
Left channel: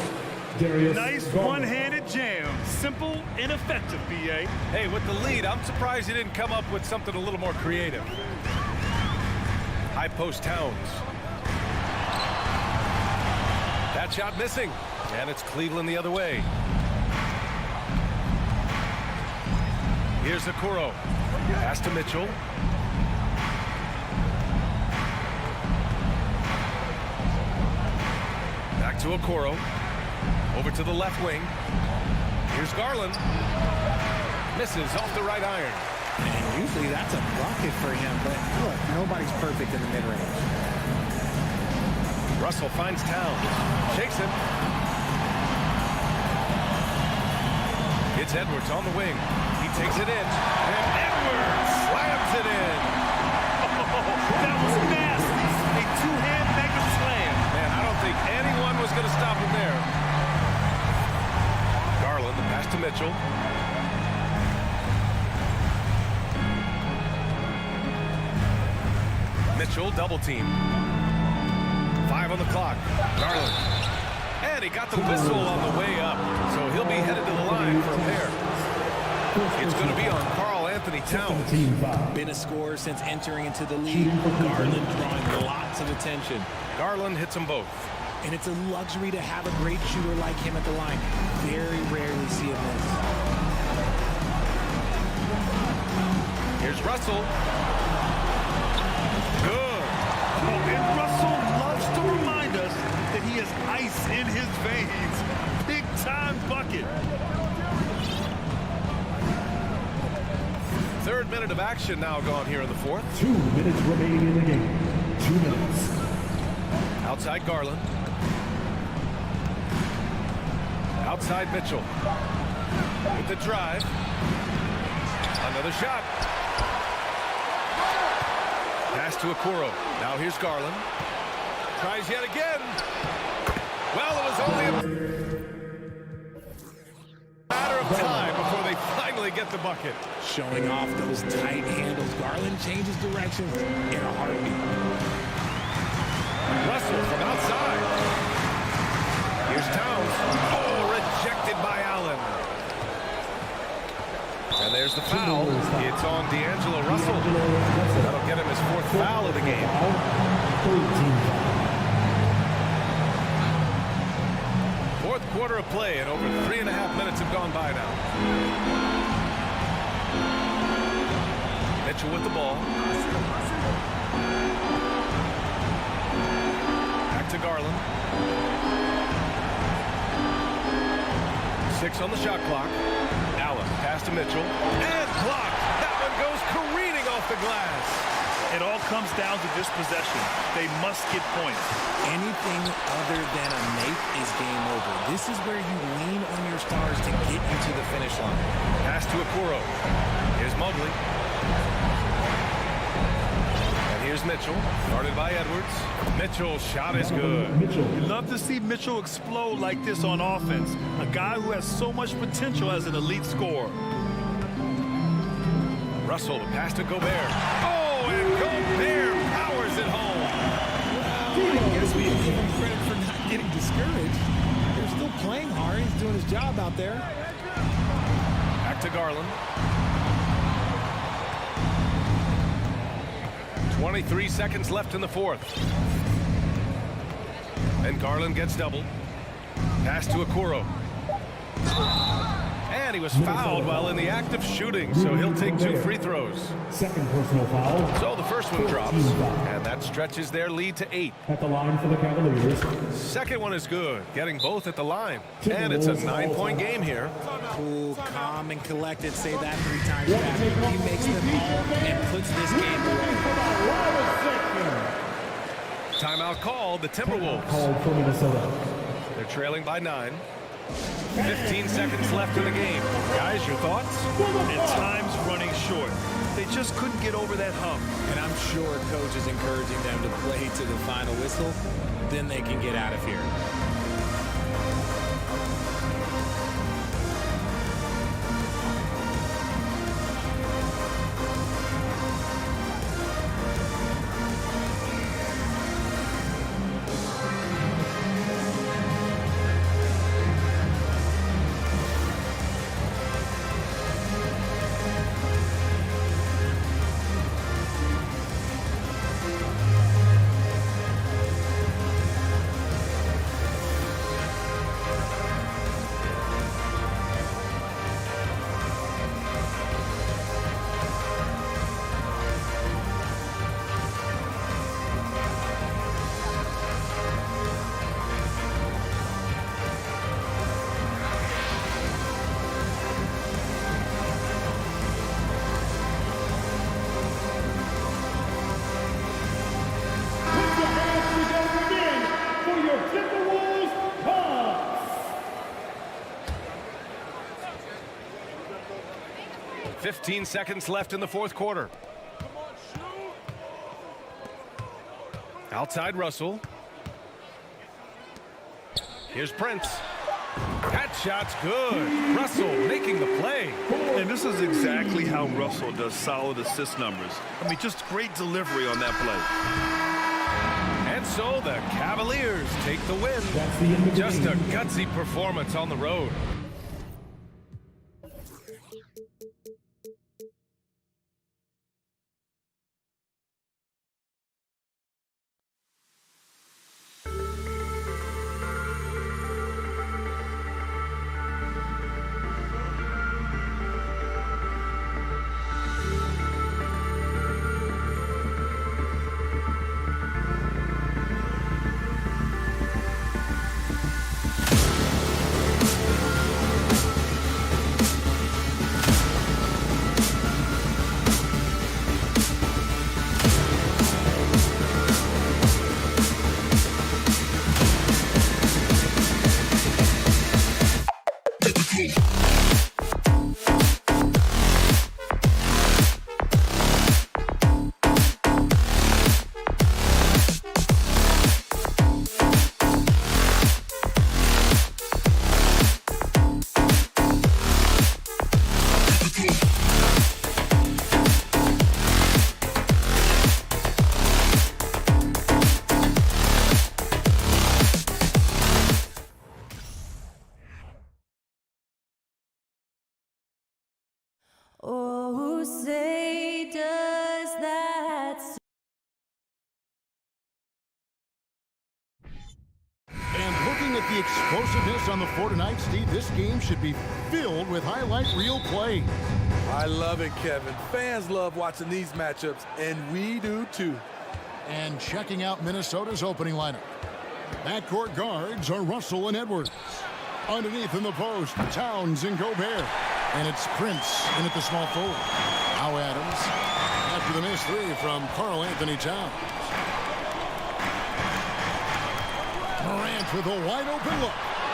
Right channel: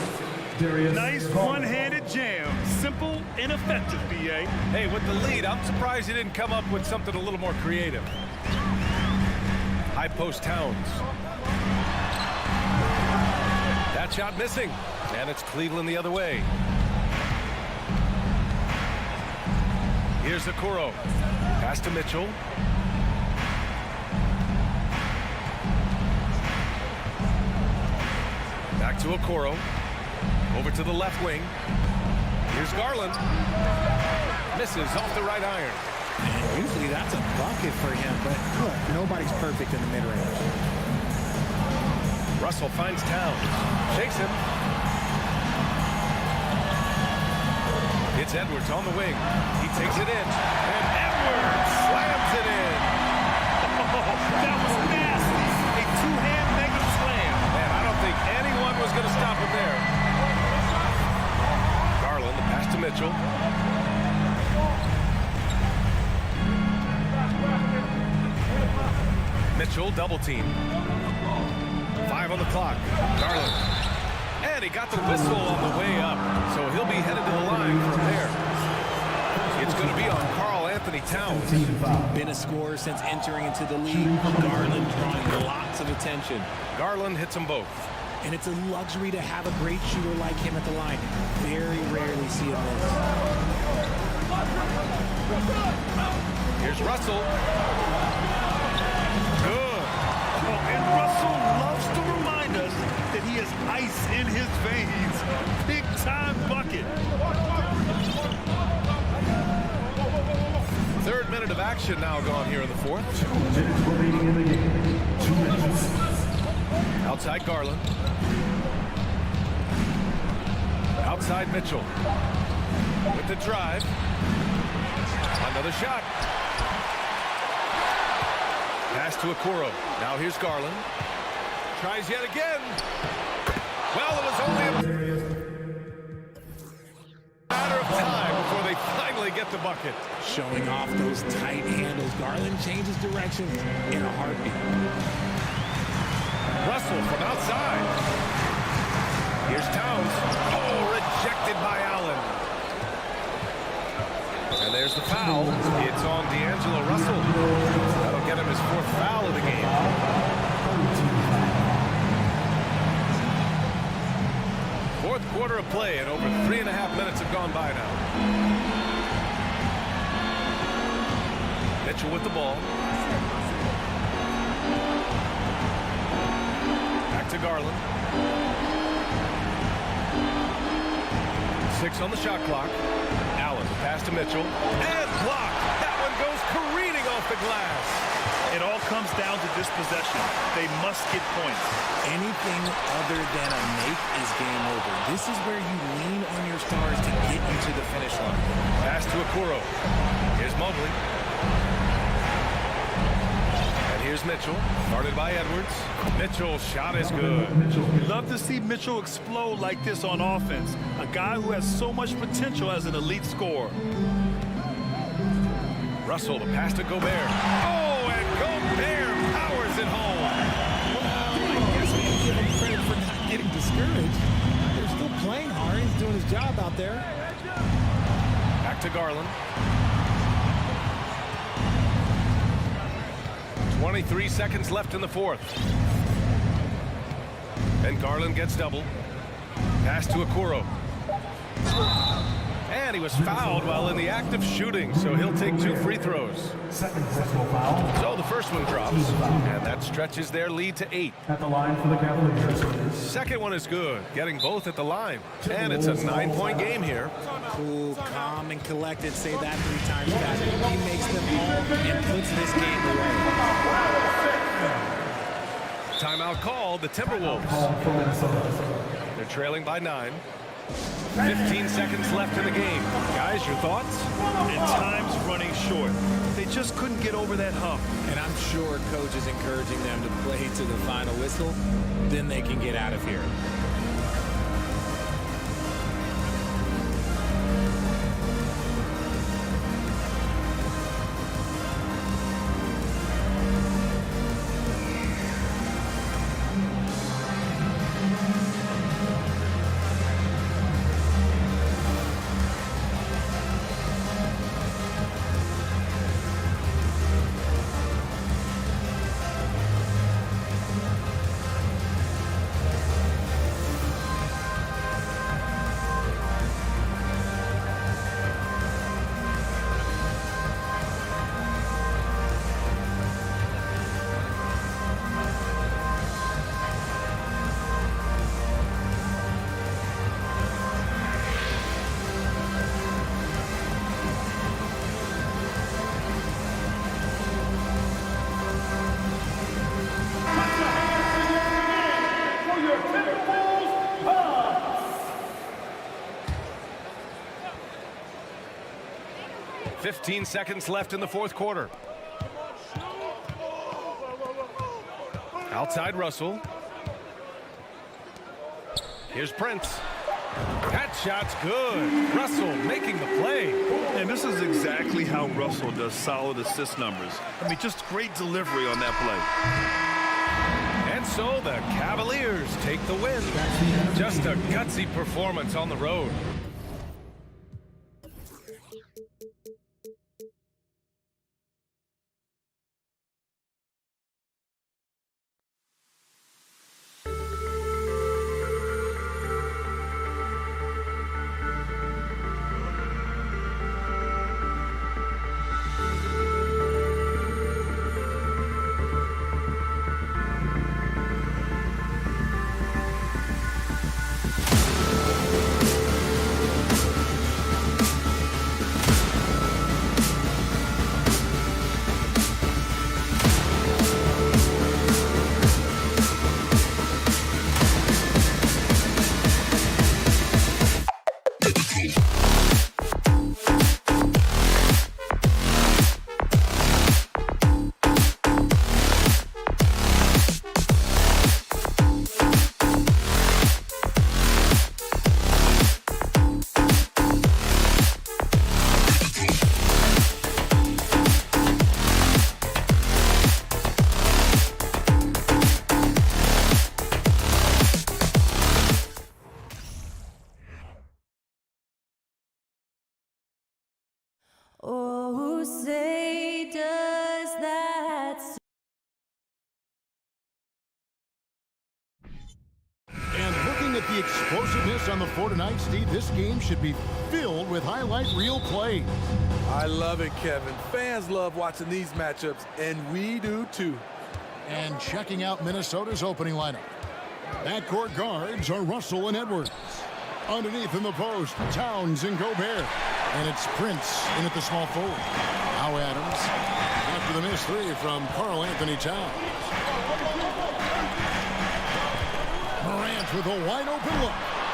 Nice one-handed jam. Simple and effective, B.A. Hey, with the lead, I'm surprised he didn't come up with something a little more creative. High post Towns. That shot missing. And it's Cleveland the other way. Here's Okoro. Pass to Mitchell. Back to Okoro. Over to the left wing. Here's Garland. Misses off the right iron. And usually that's a bucket for him, but look, nobody's perfect in the mid-range. Russell finds Towns. Shakes him. It's Edwards on the wing. He takes it in. And Edwards slams it in. Oh, that was nasty. A two-hand mega slam. Man, I don't think anyone was going to stop him there. Garland, the pass to Mitchell. Mitchell, double team. 5 on the clock. Garland. And he got the whistle on the way up. So he'll be headed to the line for a pair. It's going to be on Karl Anthony Towns. Been a scorer since entering into the league. Garland drawing lots of attention. Garland hits them both. And it's a luxury to have a great shooter like him at the line. Very rarely see him miss. Here's Russell. Good. Oh, and Russell loves to remind us that he has ice in his veins. Big time bucket. Third minute of action now gone here in the fourth. 2 minutes remaining in the game. 2 minutes. Outside Garland. Outside Mitchell. With the drive. Another shot. Pass to Okoro. Now here's Garland. Tries yet again. Well, it was only a matter of time before they finally get the bucket. Showing off those tight handles. Garland changes direction in a heartbeat. Russell from outside. Here's Towns. Oh, rejected by Allen. And there's the foul. It's on D'Angelo Russell. That'll get him his 4th foul of the game. Fourth quarter of play, and over 3.5 minutes have gone by now. Mitchell with the ball. Back to Garland. 6 on the shot clock. Allen, pass to Mitchell. And blocked. That one goes careening off the glass. It all comes down to this possession. They must get points. Anything other than a make is game over. This is where you lean on your stars to get you to the finish line. Pass to Okoro. Here's Mobley. And here's Mitchell, guarded by Edwards. Mitchell's shot is good. You love to see Mitchell explode like this on offense. A guy who has so much potential as an elite scorer. Russell, the pass to Gobert. Oh, and Gobert powers it home. Well, I guess we can give him credit for not getting discouraged. They're still playing hard. He's doing his job out there. Back to Garland. 23 seconds left in the fourth. And Garland gets doubled. Pass to Okoro. And he was fouled while in the act of shooting, so he'll take 2 free throws. Second personal foul. So the first one drops, and that stretches their lead to 8. At the line for the Cavaliers. Second one is good, getting both at the line. And it's a 9-point game here. Cool, calm, and collected. Say that 3 times fast. He makes them all and puts this game away. Timeout called, the Timberwolves. Called for Minnesota. They're trailing by 9. 15 seconds left in the game. Guys, your thoughts? And time's running short. They just couldn't get over that hump. And I'm sure coach is encouraging them to play to the final whistle. Then they can get out of here. For your Timberwolves, Bucks. 15 seconds left in the fourth quarter. Outside Russell. Here's Prince. That shot's good. Russell making the play. And this is exactly how Russell does solid assist numbers. I mean, just great delivery on that play. And so the Cavaliers take the win. Just a gutsy performance on the road. Oh, say does that. And looking at the explosiveness on the floor tonight, Steve, this game should be filled with highlight reel plays. I love it, Kevin. Fans love watching these matchups, and we do too. And checking out Minnesota's opening lineup. Backcourt guards are Russell and Edwards. Underneath in the post, Towns and Gobert. And it's Prince in at the small forward. Now Adams after the missed 3 from Karl Anthony Towns. Morant with a wide open look.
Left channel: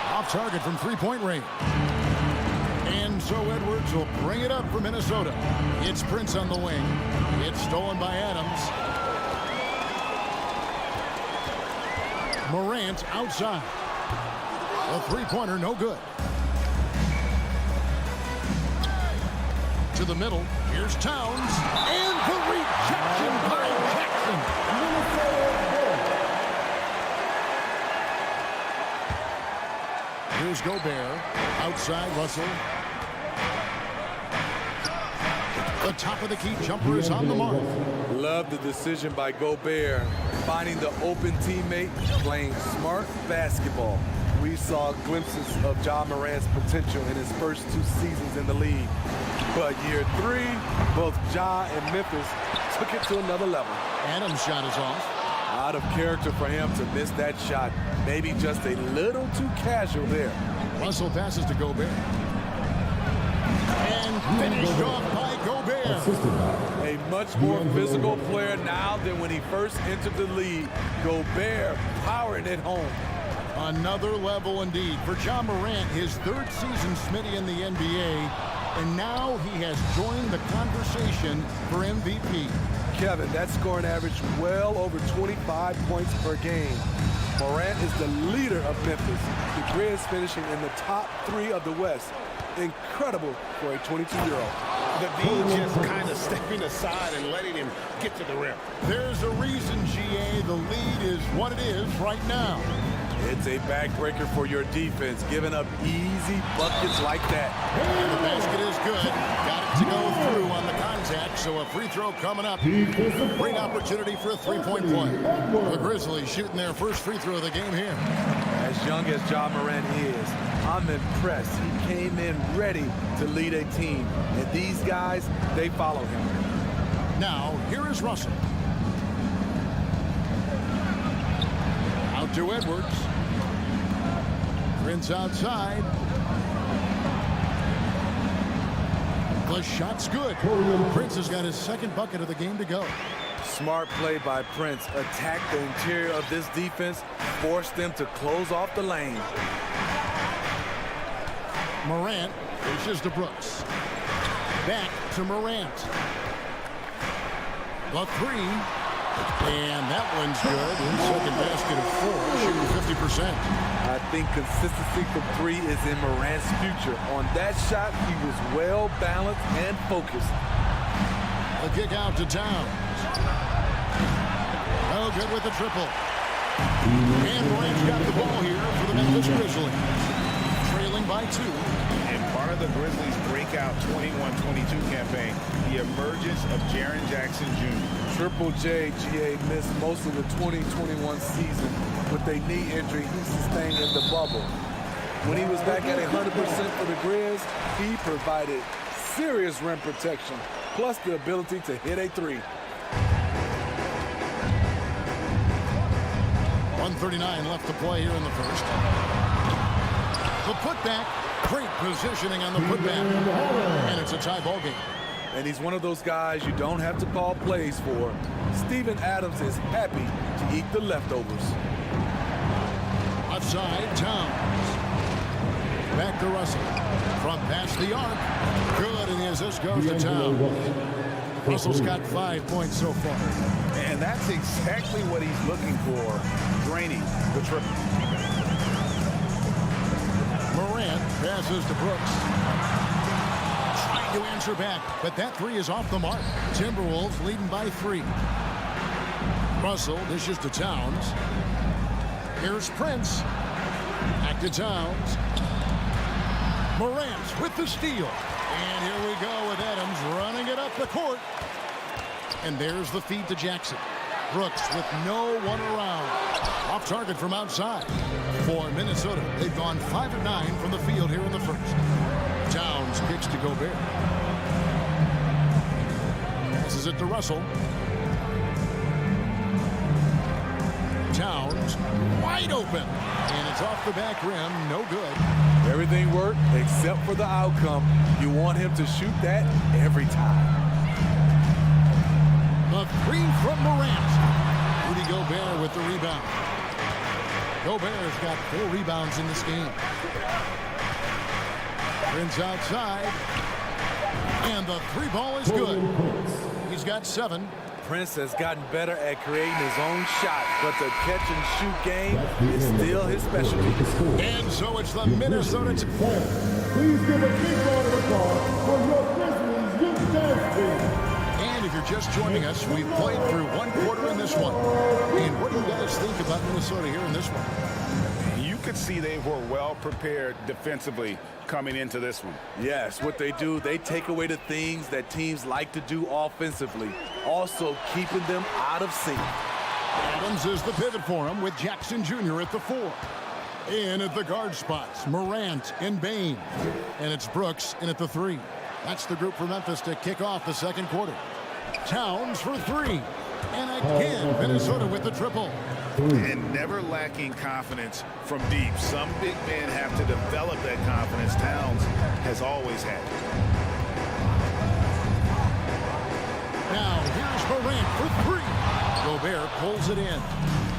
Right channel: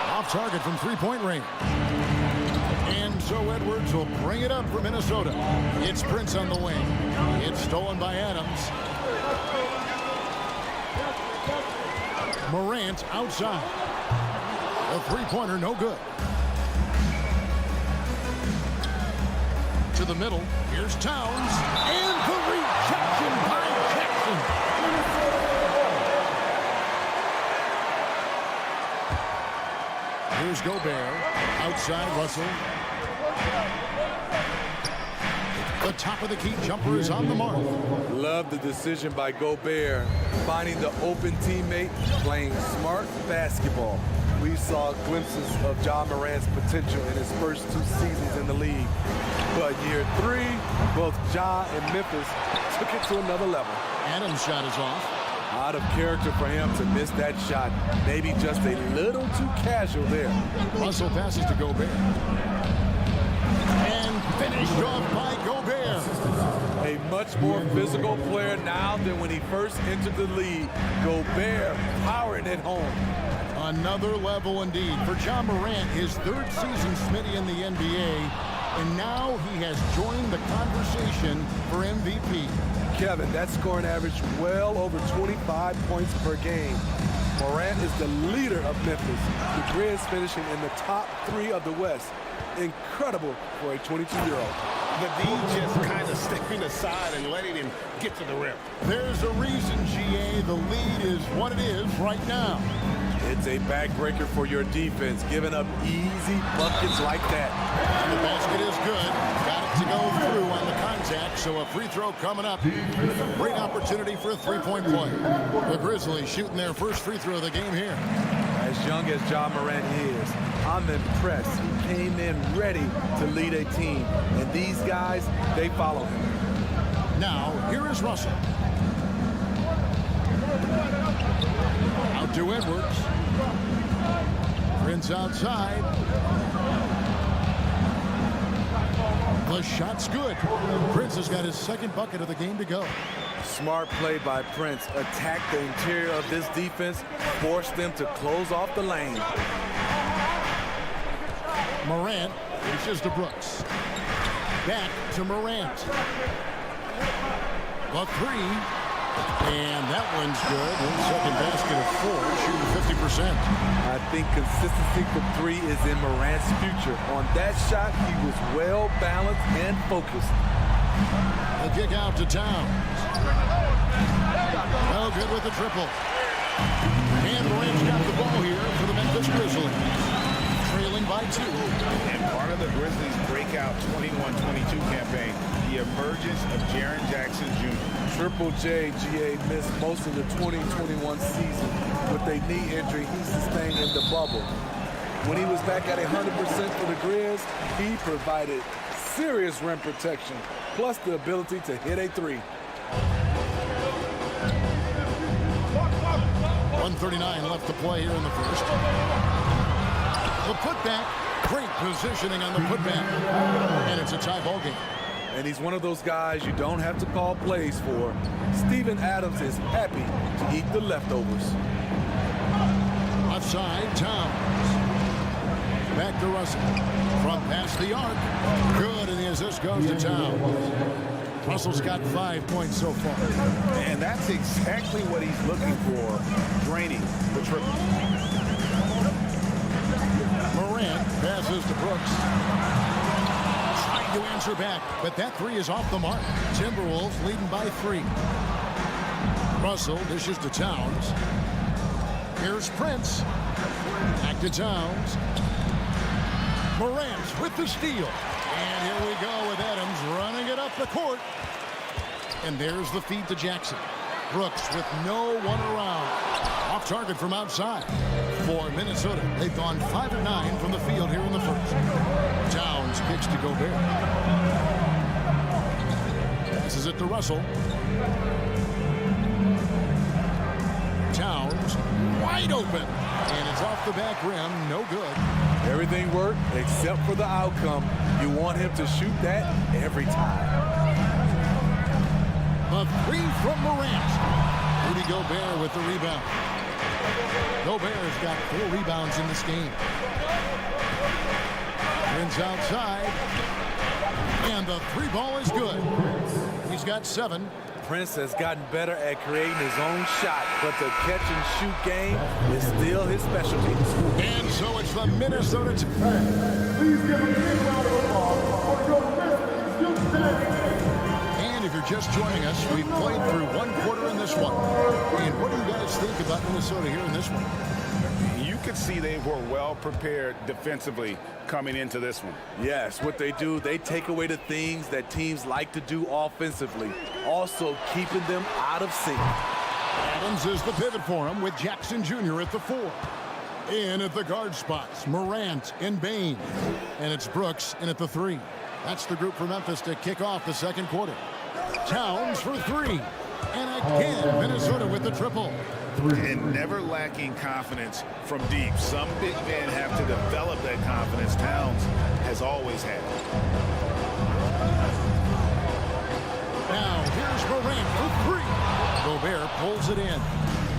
Off target from 3-point range. And so Edwards will bring it up for Minnesota. It's Prince on the wing. It's stolen by Adams. Morant outside. The three-pointer no good. To the middle. Here's Towns. And the rejection by Jackson. Here's Gobert. Outside Russell. The top of the key jumper is on the mark. Love the decision by Gobert, finding the open teammate, playing smart basketball. We saw glimpses of Ja Morant's potential in his first 2 seasons in the league. But year 3, both Ja and Memphis took it to another level. Adams' shot is off. Out of character for him to miss that shot. Maybe just a little too casual there. Russell passes to Gobert. And finished off by Gobert. A much more physical player now than when he first entered the league. Gobert powering it home. Another level indeed for Ja Morant, his 3rd season, Smitty, in the NBA. And now he has joined the conversation for MVP. Kevin, that scoring average well over 25 points per game. Morant is the leader of Memphis. The Grizz finishing in the top 3 of the West. Incredible for a 22-year-old. The D just kind of stepping aside and letting him get to the rim. There's a reason, GA, the lead is what it is right now. It's a backbreaker for your defense, giving up easy buckets like that. And the basket is good. Got it to go through on the contact, so a free throw coming up. Great opportunity for a 3-point play. The Grizzlies shooting their first free throw of the game here. As young as Ja Morant is, I'm impressed. He came in ready to lead a team, and these guys, they follow him. Now, here is Russell. Out to Edwards. Prince outside. The shot's good. Prince has got his 2nd bucket of the game to go. Smart play by Prince. Attack the interior of this defense. Force them to close off the lane. Morant dishes to Brooks. Back to Morant. The 3. And that one's good. 2nd basket of 4, shooting 50%. I think consistency from 3 is in Morant's future. On that shot, he was well balanced and focused. The kick out to Towns. No good with the triple. And Morant's got the ball here for the Memphis Grizzlies. Trailing by 2. And part of the Grizzlies' breakout 21-22 campaign, the emergence of Jaren Jackson Jr. Triple J, GA, missed most of the 2021 season with a knee injury he sustained in the bubble. When he was back at 100% for the Grizz, he provided serious rim protection, plus the ability to hit a 3. 1:39 left to play here in the first. The putback, great positioning on the putback. And it's a tie ball game. And he's one of those guys you don't have to call plays for. Steven Adams is happy to eat the leftovers. Outside, Towns. Back to Russell. From past the arc. Good, and the assist goes to Towns. Russell's got 5 points so far. And that's exactly what he's looking for, draining the triple. Morant passes to Brooks. Trying to answer back, but that 3 is off the mark. Timberwolves leading by 3. Russell dishes to Towns. Here's Prince. Back to Towns. Morant with the steal. And here we go with Adams running it up the court. And there's the feed to Jackson. Brooks with no one around. Off target from outside. For Minnesota, they've gone 5 of 9 from the field here in the first. Towns kicks to Gobert. Passes it to Russell. Towns wide open. And it's off the back rim. No good. Everything worked except for the outcome. You want him to shoot that every time. The 3 from Morant. Rudy Gobert with the rebound. Gobert's got 4 rebounds in this game. Prince outside. And the 3 ball is good. He's got 7. Prince has gotten better at creating his own shot, but the catch and shoot game is still his specialty. And so it's the Minnesota. Please give a big round of applause for your Grizzlies youth dance team. And if you're just joining us, we've played through 1 quarter in this one. And what do you guys think about Minnesota here in this one? You could see they were well prepared defensively coming into this one. Yes, what they do, they take away the things that teams like to do offensively, also keeping them out of sync. Adams is the pivot for him with Jackson Jr. at the 4. In at the guard spots, Morant and Bain. And it's Brooks in at the 3. That's the group for Memphis to kick off the second quarter. Towns for 3. And again, Minnesota with the triple. And never lacking confidence from deep. Some big men have to develop that confidence. Towns has always had it. Now here's Morant for 3. Gobert pulls it in.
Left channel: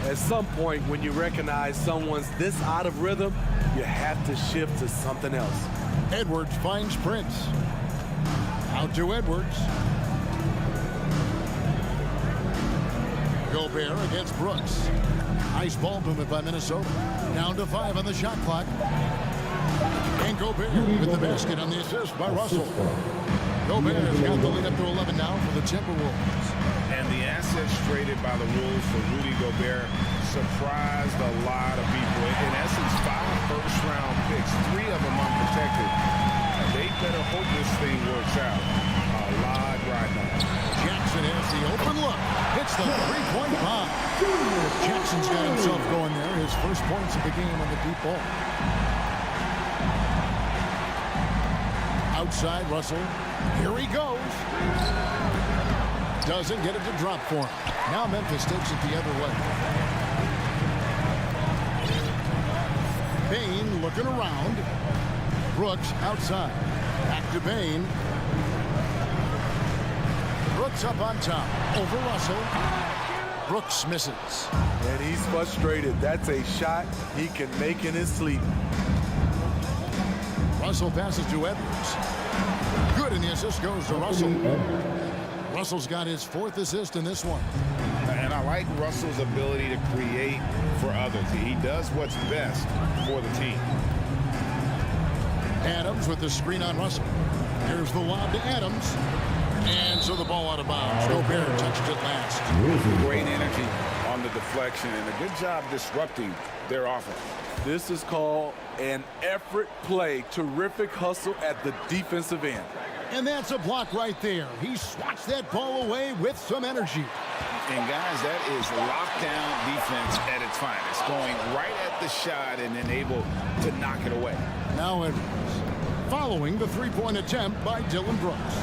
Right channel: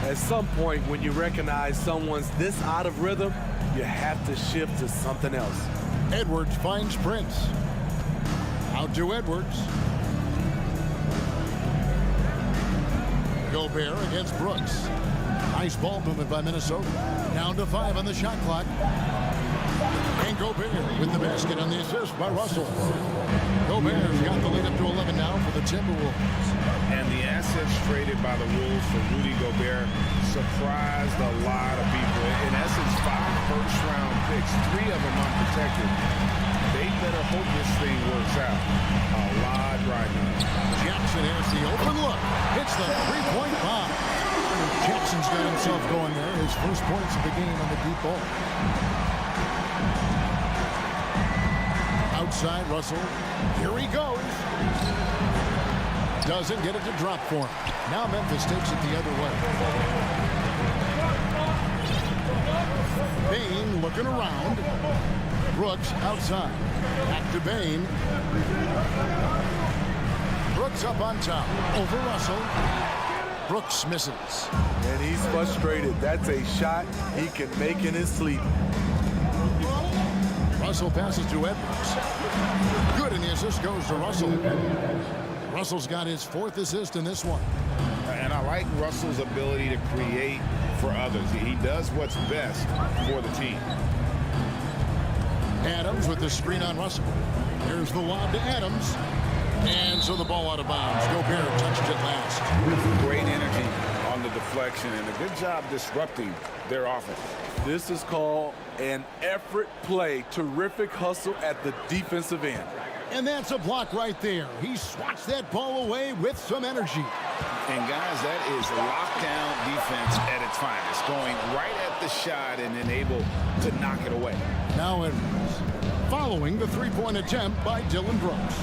At some point, when you recognize someone's this out of rhythm, you have to shift to something else. Edwards finds Prince. Out to Edwards. Gobert against Brooks. Nice ball movement by Minnesota. Down to 5 on the shot clock. And Gobert with the basket on the assist by Russell. Gobert's got the lead up to 11 now for the Timberwolves. And the assets traded by the Wolves for Rudy Gobert surprised a lot of people. In essence, 5 first-round picks, 3 of them unprotected. They better hope this thing works out. A lot riding on it. Jackson has the open look. Hits the three-point bomb. Jackson's got himself going there. His first points of the game on the deep ball. Outside, Russell. Here he goes. Doesn't get it to drop for him. Now Memphis takes it the other way. Bain looking around. Brooks outside. Back to Bain. Brooks up on top. Over Russell. Brooks misses. And he's frustrated. That's a shot he can make in his sleep. Russell passes to Edwards. Good, and the assist goes to Russell. Russell's got his 4th assist in this one. And I like Russell's ability to create for others. He does what's best for the team. Adams with the screen on Russell. Here's the lob to Adams. And so the ball out of bounds. Gobert touched it last. Great energy on the deflection and a good job disrupting their offense. This is called an effort play. Terrific hustle at the defensive end. And that's a block right there. He swats that ball away with some energy. And guys, that is lockdown defense at its finest. Going right at the shot and then able to knock it away. Now Edwards. Following the three-point attempt by Dylan Brooks.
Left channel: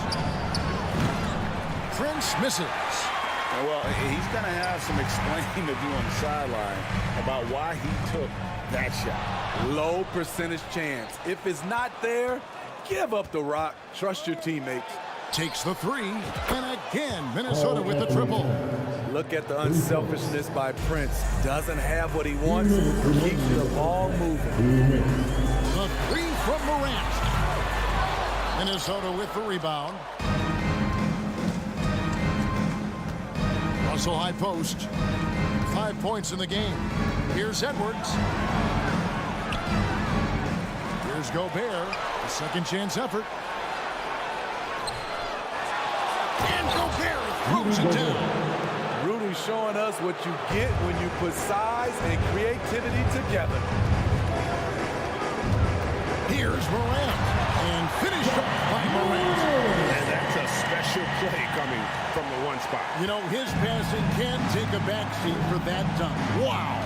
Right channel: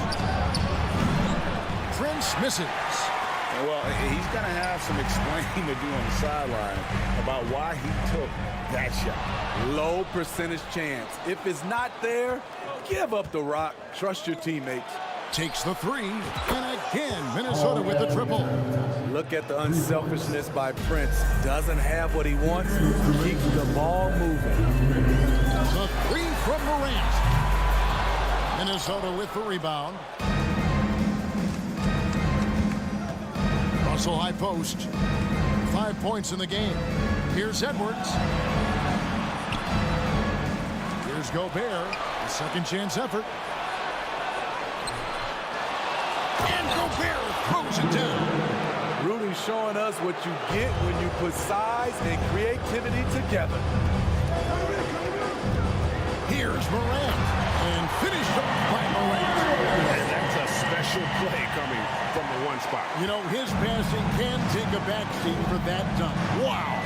Prince misses. And well, he's going to have some explaining to do on the sideline about why he took that shot. Low percentage chance. If it's not there, give up the rock. Trust your teammates. Takes the 3. And again, Minnesota with the triple. Look at the unselfishness by Prince. Doesn't have what he wants. Keeps the ball moving. The 3 from Morant. Minnesota with the rebound. Russell high post. 5 points in the game. Here's Edwards. Here's Gobert. A second chance effort. And Gobert throws it down. Rudy's showing us what you get when you put size and creativity together. Here's Morant. And finished off by Morant. And that's a special play coming from the one spot. You know, his passing can take a backseat for that dunk. Wow.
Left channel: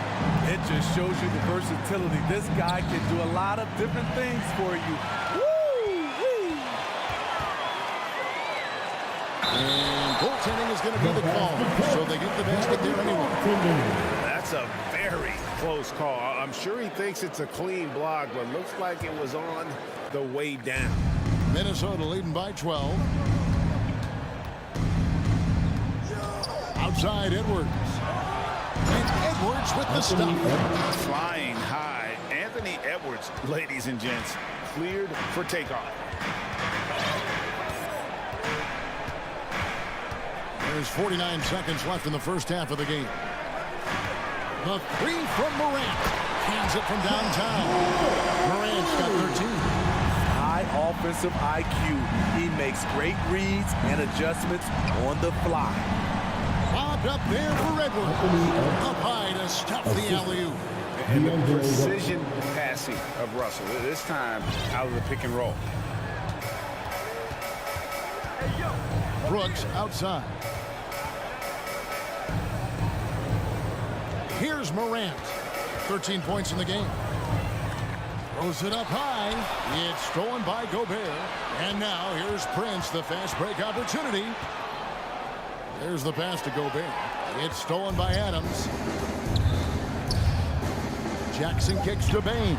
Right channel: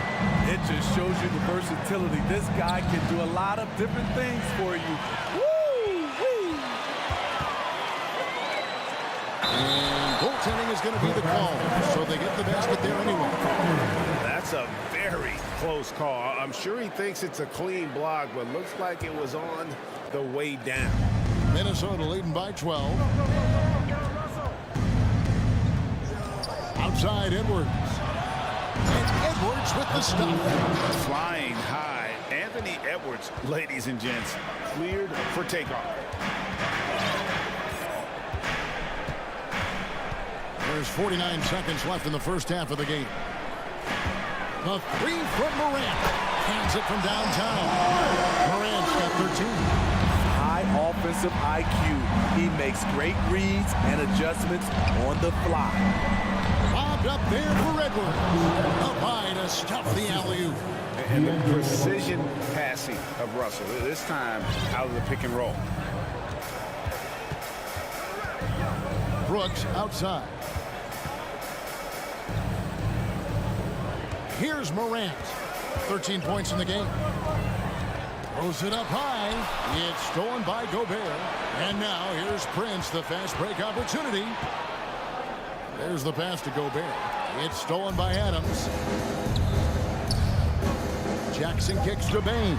It just shows you the versatility. This guy can do a lot of different things for you. Woo-wee. And goaltending is going to be the call. So they get the basket there anyway. That's a very close call. I'm sure he thinks it's a clean block, but looks like it was on the way down. Minnesota leading by 12. Outside Edwards. And Edwards with the stop. Flying high. Anthony Edwards, ladies and gents, cleared for takeoff. There's 49 seconds left in the first half of the game. The 3 from Morant. Hands it from downtown. Morant's got 13. High offensive IQ. He makes great reads and adjustments on the fly. Lobbed up there for Edwards. Up high to stuff the alley-oop. And the precision passing of Russell, this time out of the pick and roll. Brooks outside. Here's Morant. 13 points in the game. Throws it up high. It's stolen by Gobert. And now here's Prince, the fast break opportunity. There's the pass to Gobert. It's stolen by Adams. Jackson kicks to Bain.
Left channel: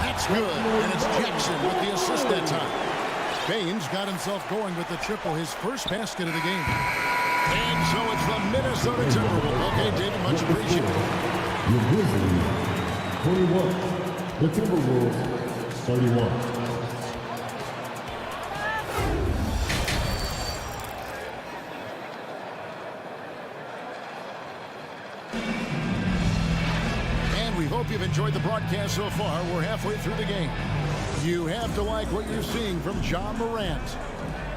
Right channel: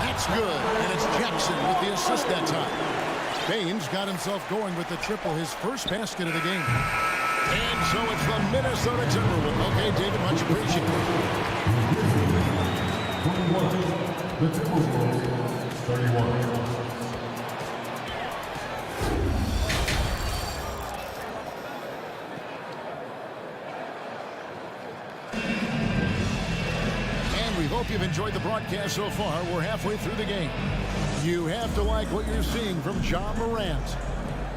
That's good. And it's Jackson with the assist that time. Bain's got himself going with the triple, his first basket of the game. And so it's the Minnesota Timberwolves. Okay, David, much appreciated. The Grizzlies, 21. The Timberwolves, 31. And we hope you've enjoyed the broadcast so far. We're halfway through the game. You have to like what you're seeing from Ja Morant.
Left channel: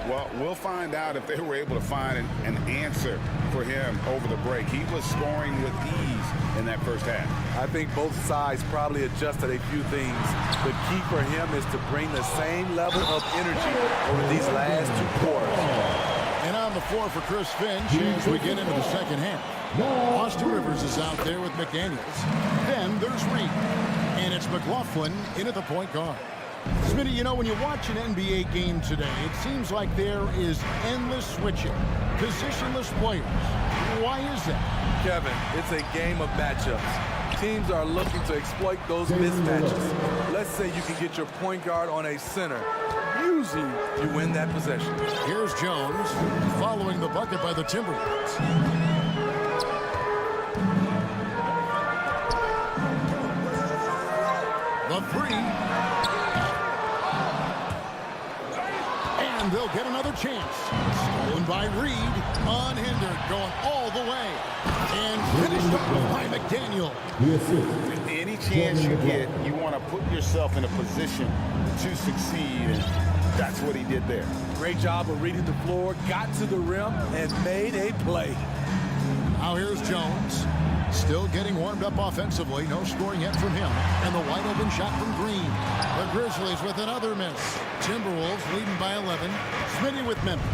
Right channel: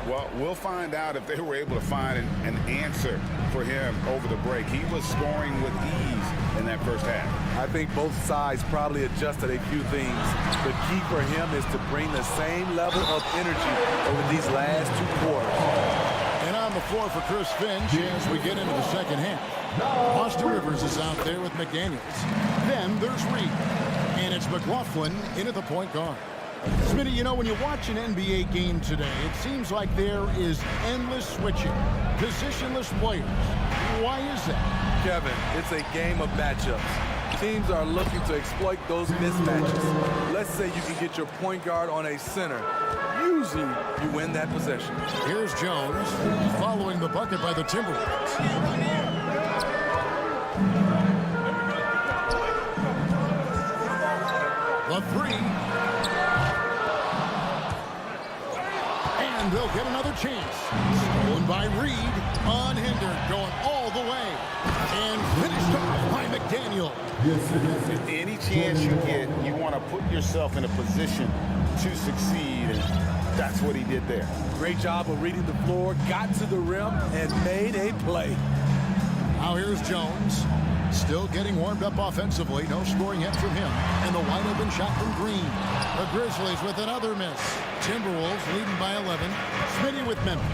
Well, we'll find out if they were able to find an answer for him over the break. He was scoring with ease in that first half. I think both sides probably adjusted a few things. The key for him is to bring the same level of energy over these last 2 quarters. And on the floor for Chris Finch as we get into the second half. Austin Rivers is out there with McDaniels. Then there's Reed. And it's McLaughlin in at the point guard. Smitty, you know, when you watch an NBA game today, it seems like there is endless switching, positionless players. Why is that? Kevin, it's a game of matchups. Teams are looking to exploit those mismatches. Let's say you can get your point guard on a center. Usually, you win that possession. Here's Jones following the bucket by the Timberwolves. The three. And they'll get another chance. Stolen by Reed. Unhindered. Going all the way. And finished off by McDaniel. Any chance you get, you want to put yourself in a position to succeed. And that's what he did there. Great job of reading the floor. Got to the rim and made a play. Now here's Jones. Still getting warmed up offensively. No scoring yet from him. And the wide open shot from Green. The Grizzlies with another miss. Timberwolves leading by 11. Smitty with Memphis.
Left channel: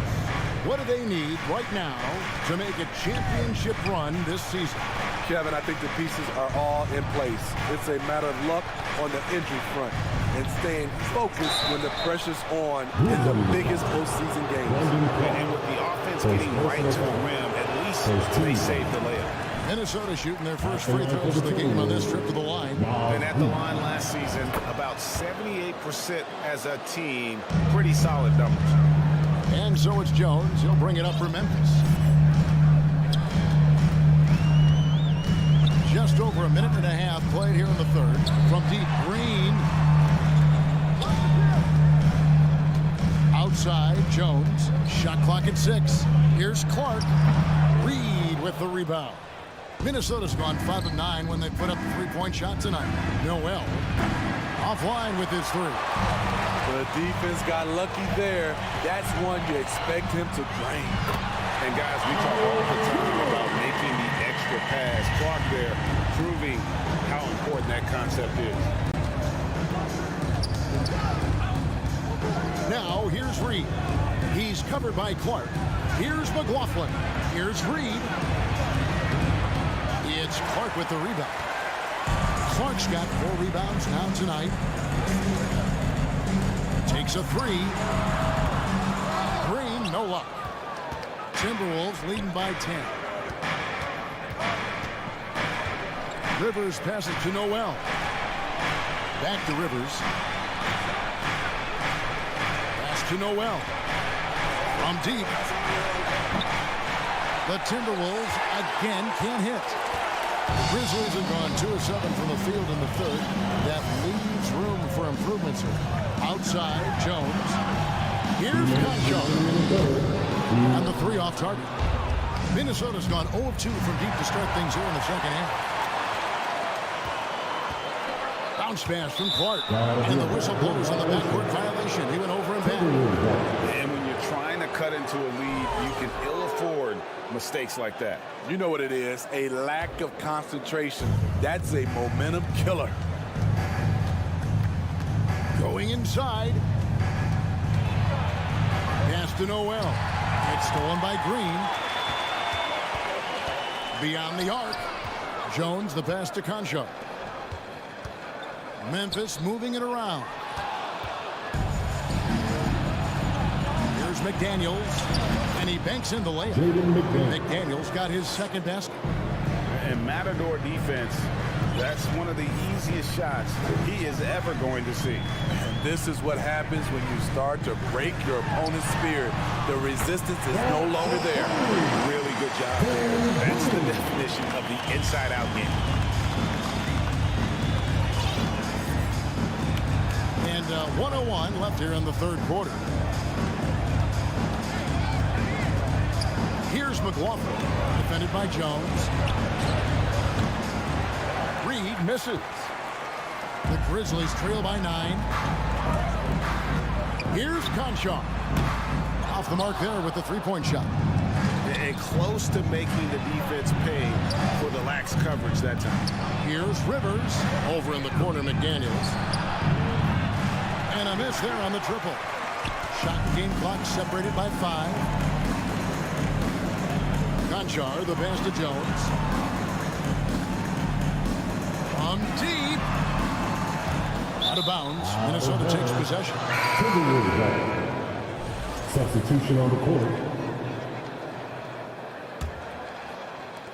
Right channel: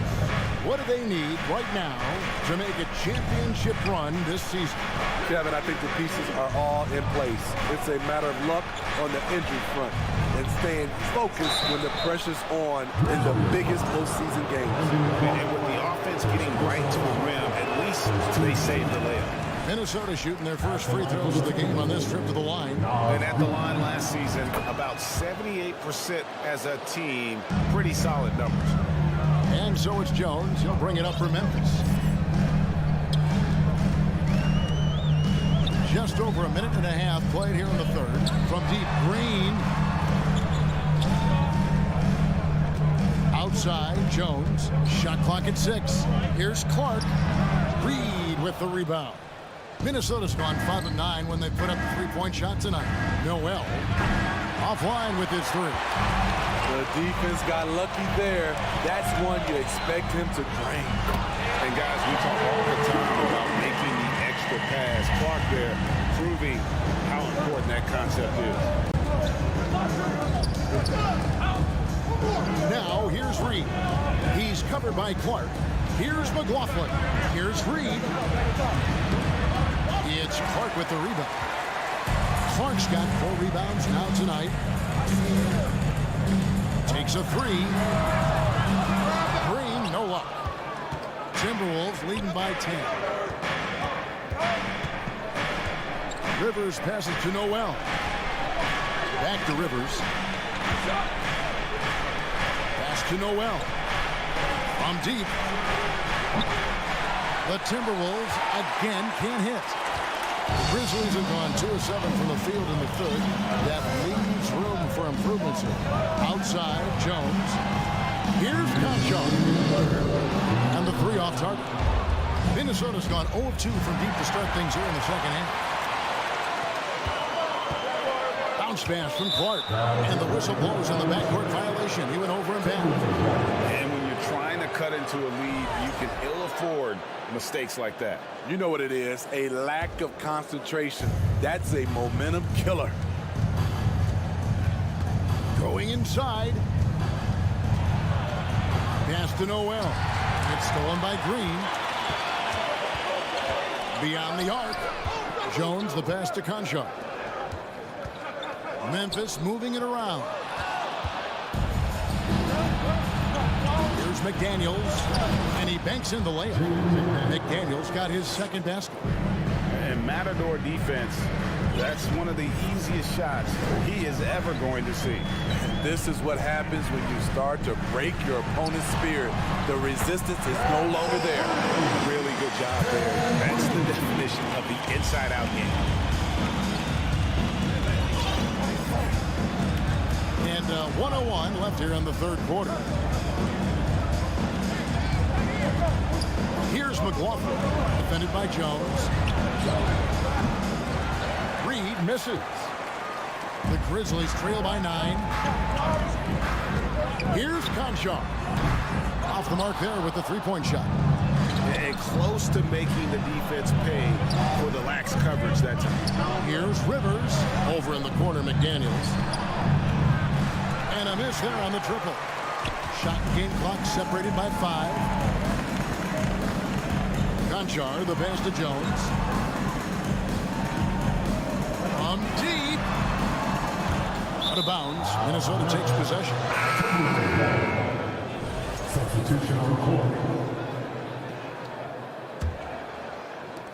What do they need right now to make a championship run this season? Kevin, I think the pieces are all in place. It's a matter of luck on the injury front and staying focused when the pressure's on in the biggest postseason games. And with the offense getting right to the rim, at least they saved the layup. Minnesota shooting their first free throws of the game on this trip to the line. And at the line last season, about 78% as a team. Pretty solid numbers. And so it's Jones. He'll bring it up for Memphis. Just over a minute and a half played here in the third. From deep, Green. Outside, Jones. Shot clock at 6. Here's Clark. Reed with the rebound. Minnesota's gone 5 of 9 when they put up the three-point shot tonight. Noel offline with his three. The defense got lucky there. That's one you expect him to drain. And guys, we talk all the time about making the extra pass. Clark there proving how important that concept is. Now here's Reed. He's covered by Clark. Here's McLaughlin. Here's Reed. It's Clark with the rebound. Clark's got 4 rebounds now tonight. Takes a 3. Green, no luck. Timberwolves leading by 10. Rivers passes to Noel. Back to Rivers. Pass to Noel. From deep. The Timberwolves again can't hit. The Grizzlies have gone 2 of 7 from the field in the third. That leaves room for improvements here. Outside, Jones. Here's Concho. And the 3 off target. Minnesota's gone 0 of 2 from deep to start things here in the second half. Bounce pass from Clark. And the whistle blows on the backcourt violation. He went over and back. And when you're trying to cut into a lead, you can ill afford mistakes like that. You know what it is, a lack of concentration. That's a momentum killer. Going inside. Pass to Noel. It's stolen by Green. Beyond the arc. Jones, the pass to Conchar. Memphis moving it around. Here's McDaniels, and he banks in the layup. McDaniels got his second basket. And Matador defense, that's one of the easiest shots he is ever going to see. And this is what happens when you start to break your opponent's spirit. The resistance is no longer there. Really good job there. That's the definition of the inside-out game. And 1:01 left here in the third quarter. Here's McLaughlin, defended by Jones. Reed misses. The Grizzlies trail by 9. Here's Conchar. Off the mark there with the three-point shot. And close to making the defense pay for the lax coverage that time. Here's Rivers. Over in the corner, McDaniels. And a miss there on the triple. Shot and game clock separated by 5. Conchar, the pass to Jones. From deep. Out of bounds. Minnesota takes possession. Substitution on the court.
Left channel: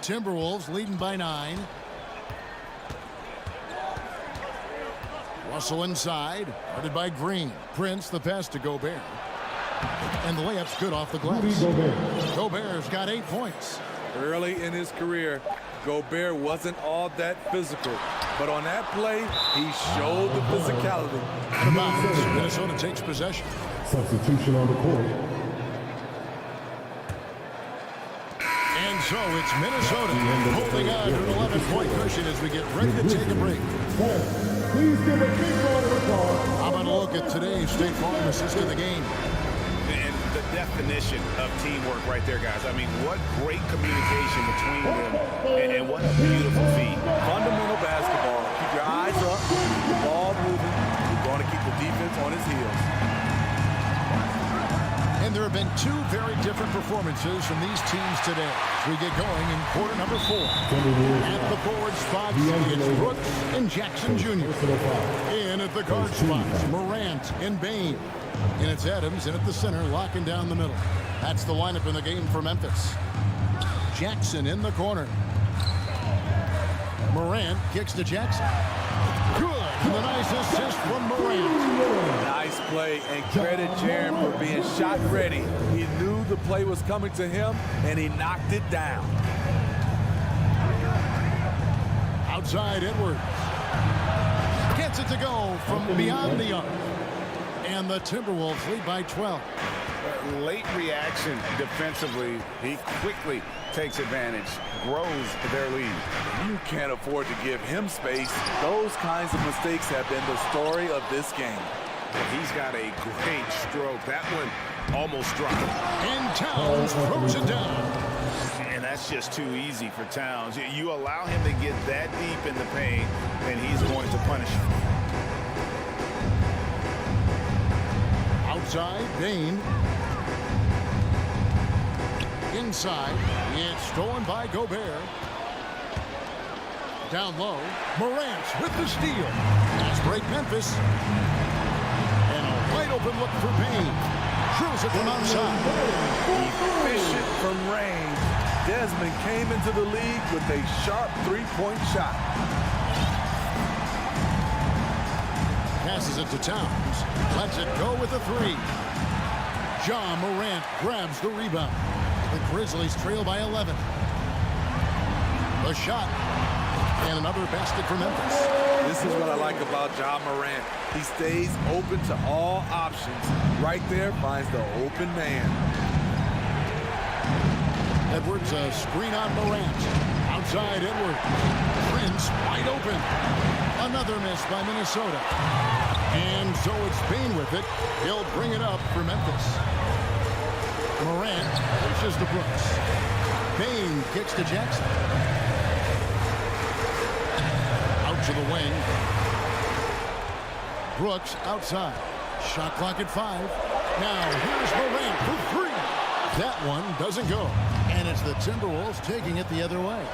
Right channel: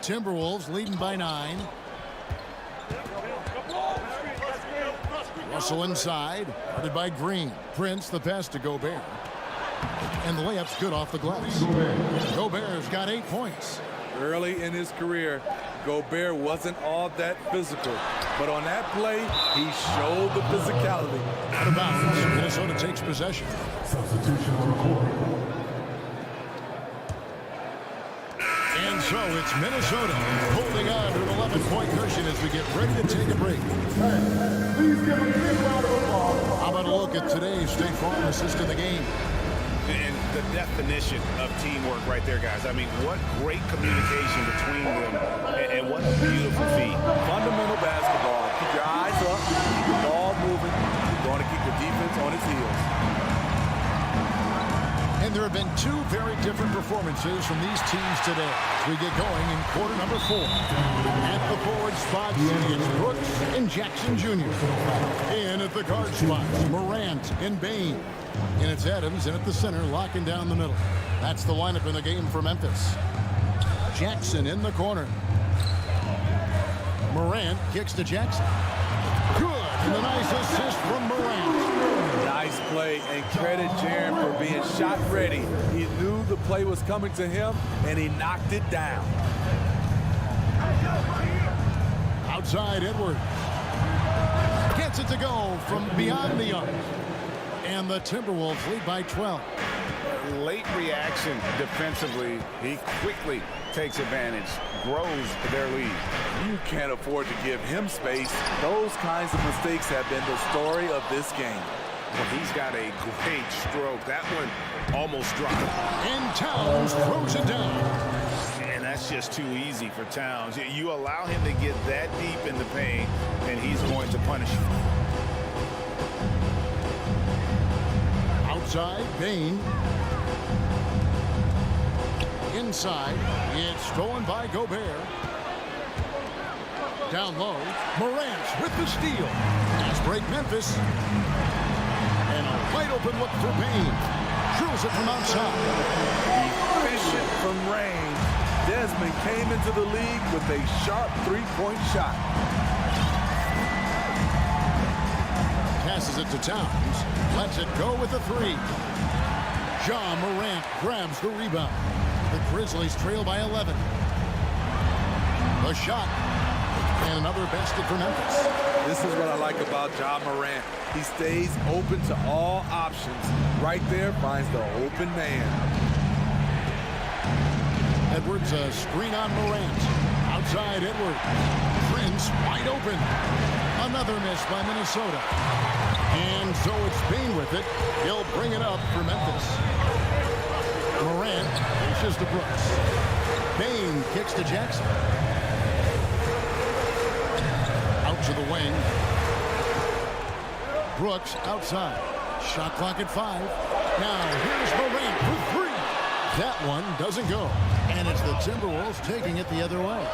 Timberwolves leading by 9. Russell inside, guarded by Green. Prince, the pass to Gobert. And the layup's good off the glass. Gobert's got 8 points. Early in his career, Gobert wasn't all that physical. But on that play, he showed the physicality. Out of bounds, Minnesota takes possession. Substitution on the court. And so it's Minnesota holding on to an 11-point cushion as we get ready to take a break. Please give a big round of applause. How about a look at today's State Farm assist of the game? And the definition of teamwork right there, guys. I mean, what great communication between them, and what a beautiful feat. Fundamental basketball. Keep your eyes up, keep the ball moving. You're going to keep the defense on its heels. And there have been 2 very different performances from these teams today. As we get going in quarter number 4. At the forward spots, it's Brooks and Jackson Jr. In at the guard spots, Morant and Bain. And it's Adams in at the center, locking down the middle. That's the lineup in the game for Memphis. Jackson in the corner. Morant kicks to Jackson. Good, and a nice assist from Morant. Nice play, and credit Jaren for being shot ready. He knew the play was coming to him, and he knocked it down. Outside Edwards. Gets it to go from beyond the arc. And the Timberwolves lead by 12. Late reaction defensively. He quickly takes advantage, grows their lead. You can't afford to give him space. Those kinds of mistakes have been the story of this game. Well, he's got a great stroke. That one almost dropped. And Towns throws it down. And that's just too easy for Towns. You allow him to get that deep in the paint, and he's going to punish you. Outside, Bain. Inside, it's stolen by Gobert. Down low, Morant with the steal. Pass break Memphis. And a wide open look for Bain. Drills it from outside. Efficient from range. Desmond came into the league with a sharp three-point shot. Passes it to Towns. Lets it go with a 3. Ja Morant grabs the rebound. The Grizzlies trail by 11. The shot. And another basket for Memphis. This is what I like about Ja Morant. He stays open to all options. Right there finds the open man. Edwards, a screen on Morant. Outside Edwards. Prince wide open. Another miss by Minnesota. And so it's Payne with it. He'll bring it up for Memphis. Morant pushes to Brooks. Payne kicks to Jackson. Out to the wing. Brooks outside. Shot clock at 5. Now here's Morant for 3. That one doesn't go. And it's the Timberwolves taking it the other way.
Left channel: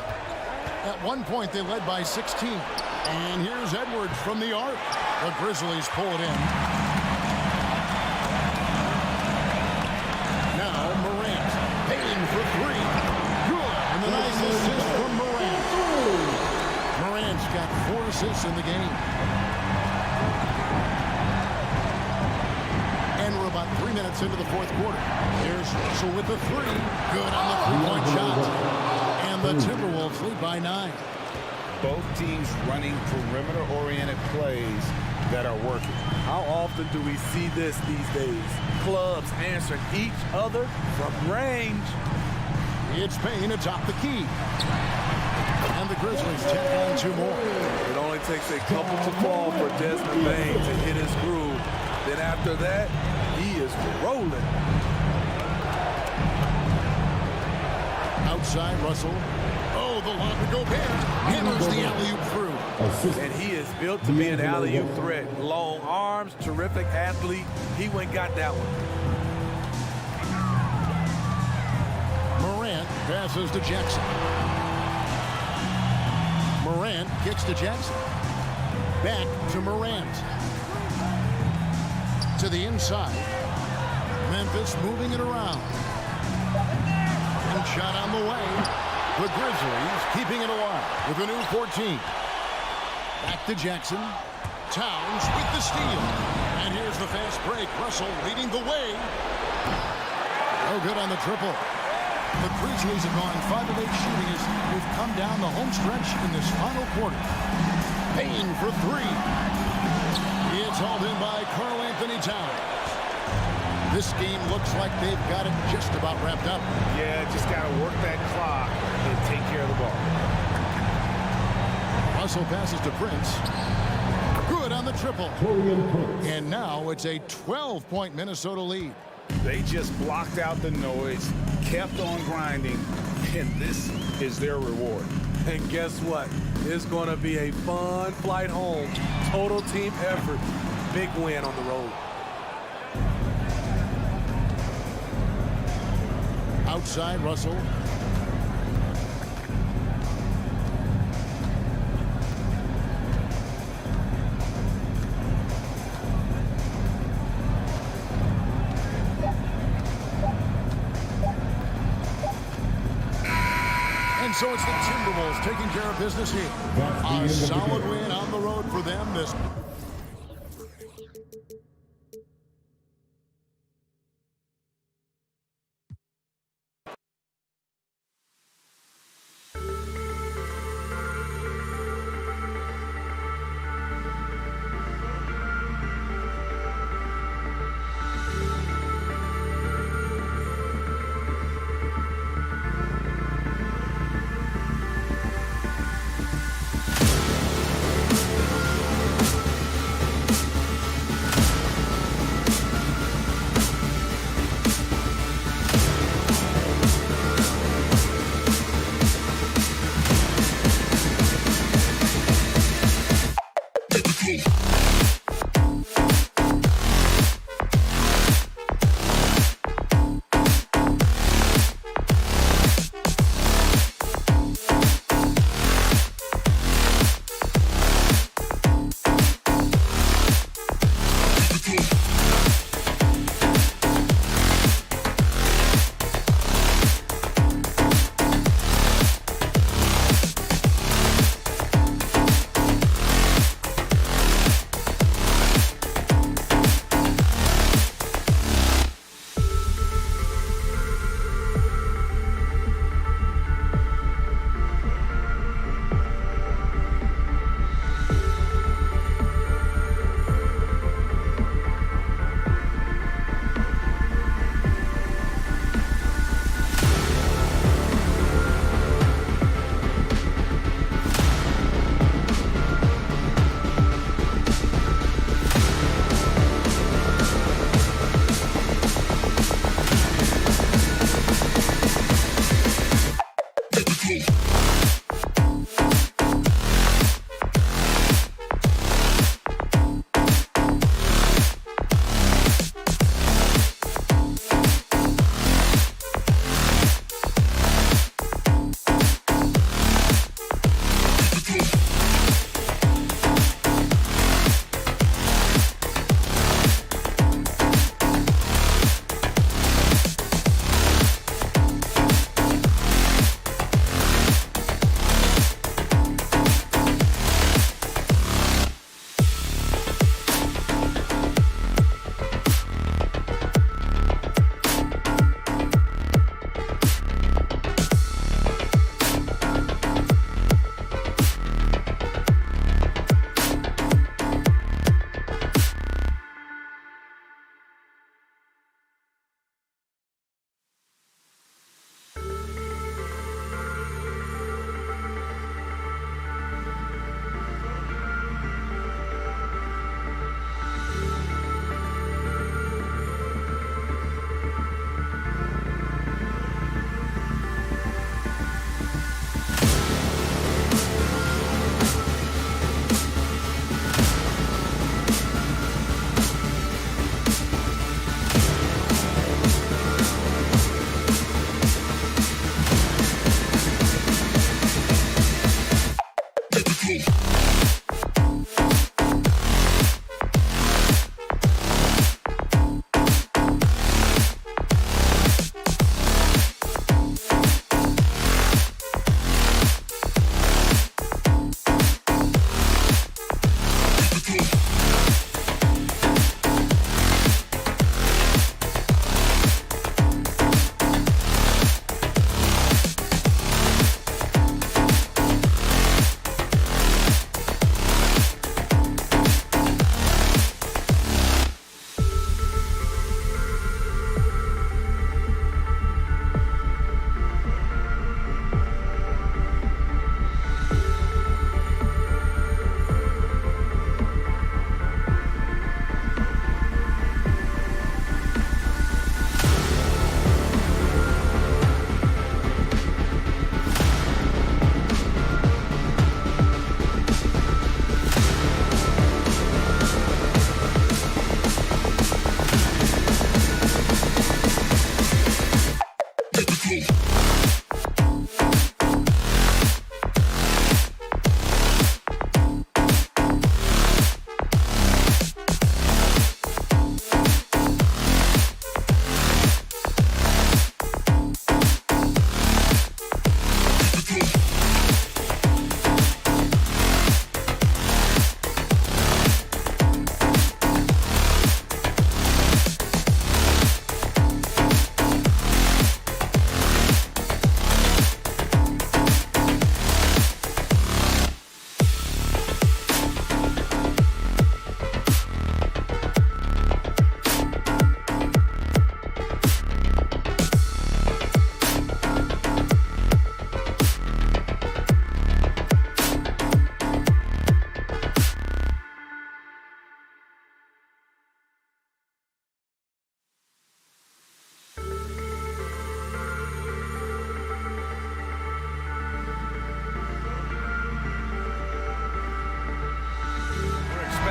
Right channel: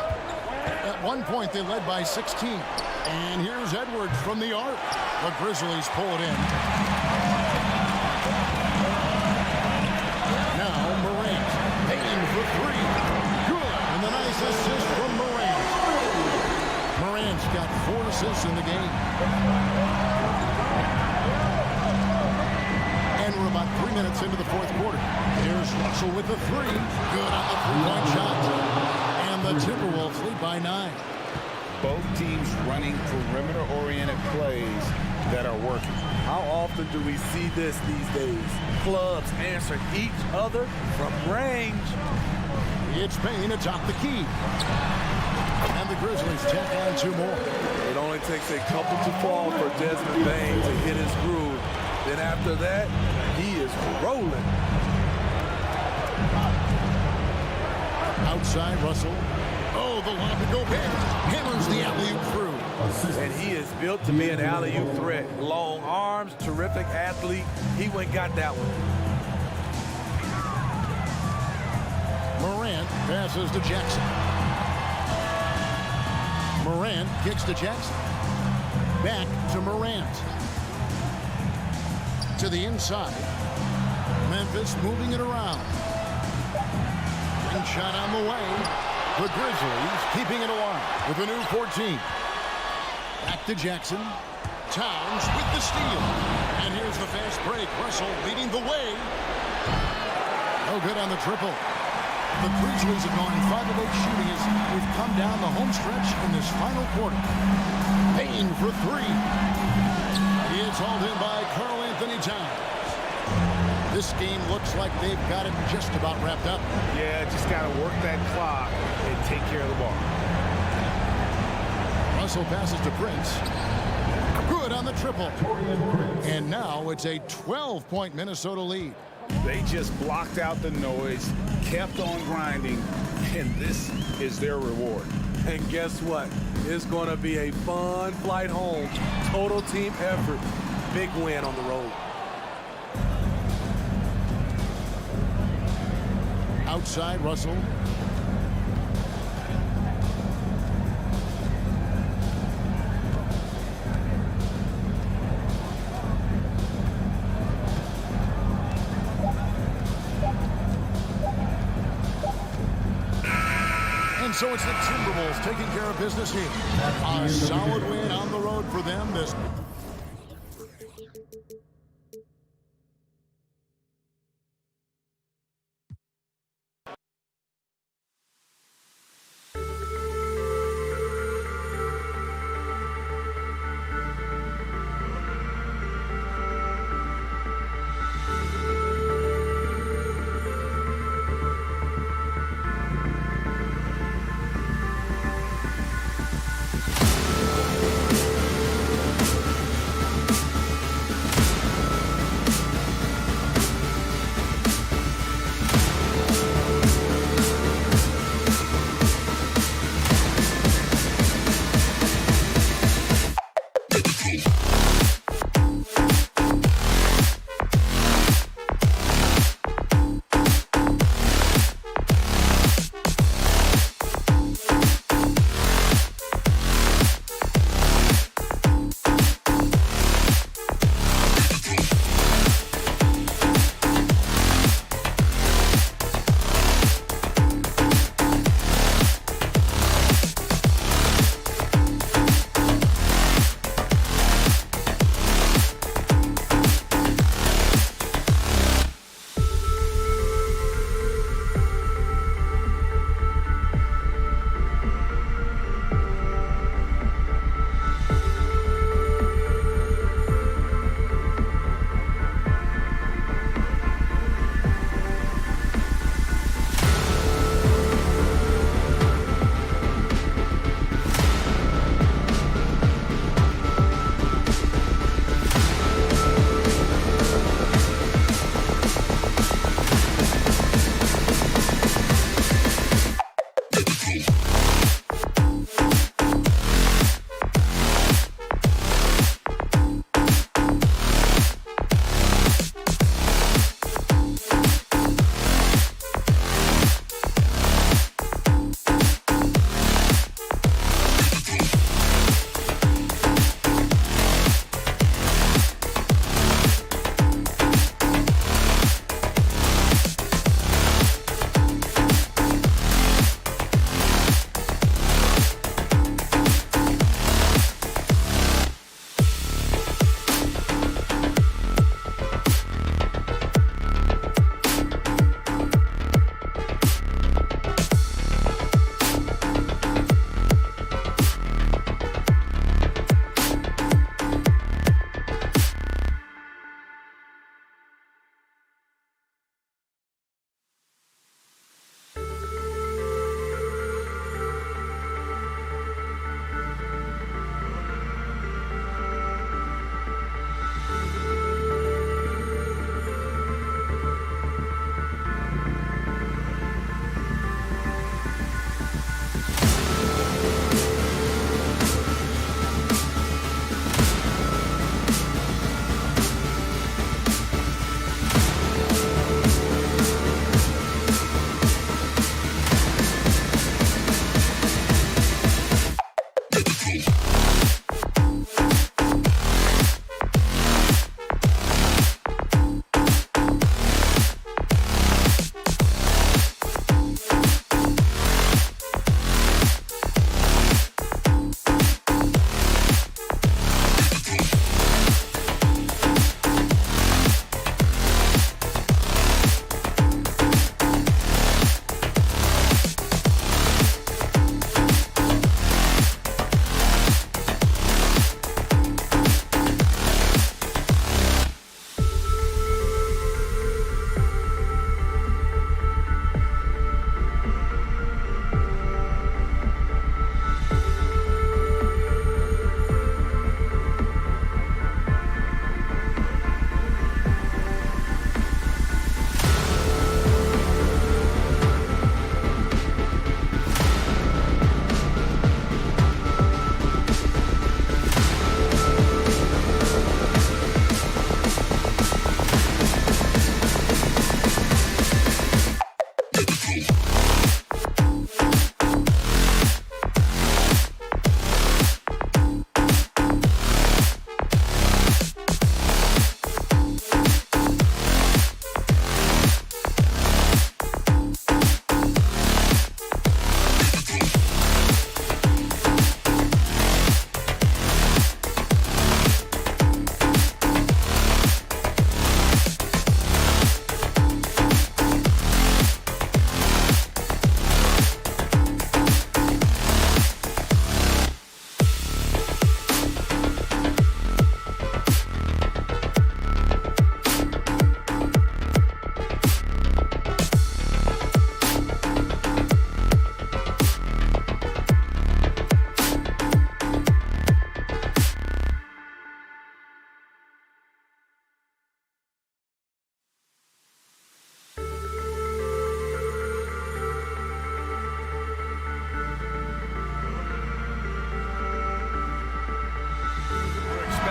At one point, they led by 16. And here's Edwards from the arc. The Grizzlies pull it in. Now Morant. Payne for 3. Good. And the nice assist from Morant. Morant's got 4 assists in the game. And we're about 3 minutes into the fourth quarter. Here's Russell with the 3. Good on the three-point shot. And the Timberwolves lead by 9. Both teams running perimeter-oriented plays that are working. How often do we see this these days? Clubs answering each other from range. It's Payne atop the key. And the Grizzlies tack on 2 more. It only takes a couple to fall for Desmond Bane to hit his groove. Then after that, he is rolling. Outside, Russell. Oh, the lob to Gobert. Hammers the alley-oop through. And he is built to be an alley-oop threat. Long arms, terrific athlete. He went and got that one. Morant passes to Jackson. Morant kicks to Jackson. Back to Morant. To the inside. Memphis moving it around. Ring shot on the way. The Grizzlies keeping it alive with a new 14. Back to Jackson. Towns with the steal. And here's the fast break. Russell leading the way. No good on the triple. The Grizzlies have gone 5 of 8 shooting as we've come down the home stretch in this final quarter. Payne for 3. It's hauled in by Karl Anthony Towns. This game looks like they've got it just about wrapped up. Yeah, just got to work that clock and take care of the ball. Russell passes to Prince. Good on the triple. And now it's a 12-point Minnesota lead. They just blocked out the noise, kept on grinding, and this is their reward. And guess what? It's going to be a fun flight home. Total team effort. Big win on the road. Outside, Russell. And so it's the Timberwolves taking care of business here. A solid win on the road for them this.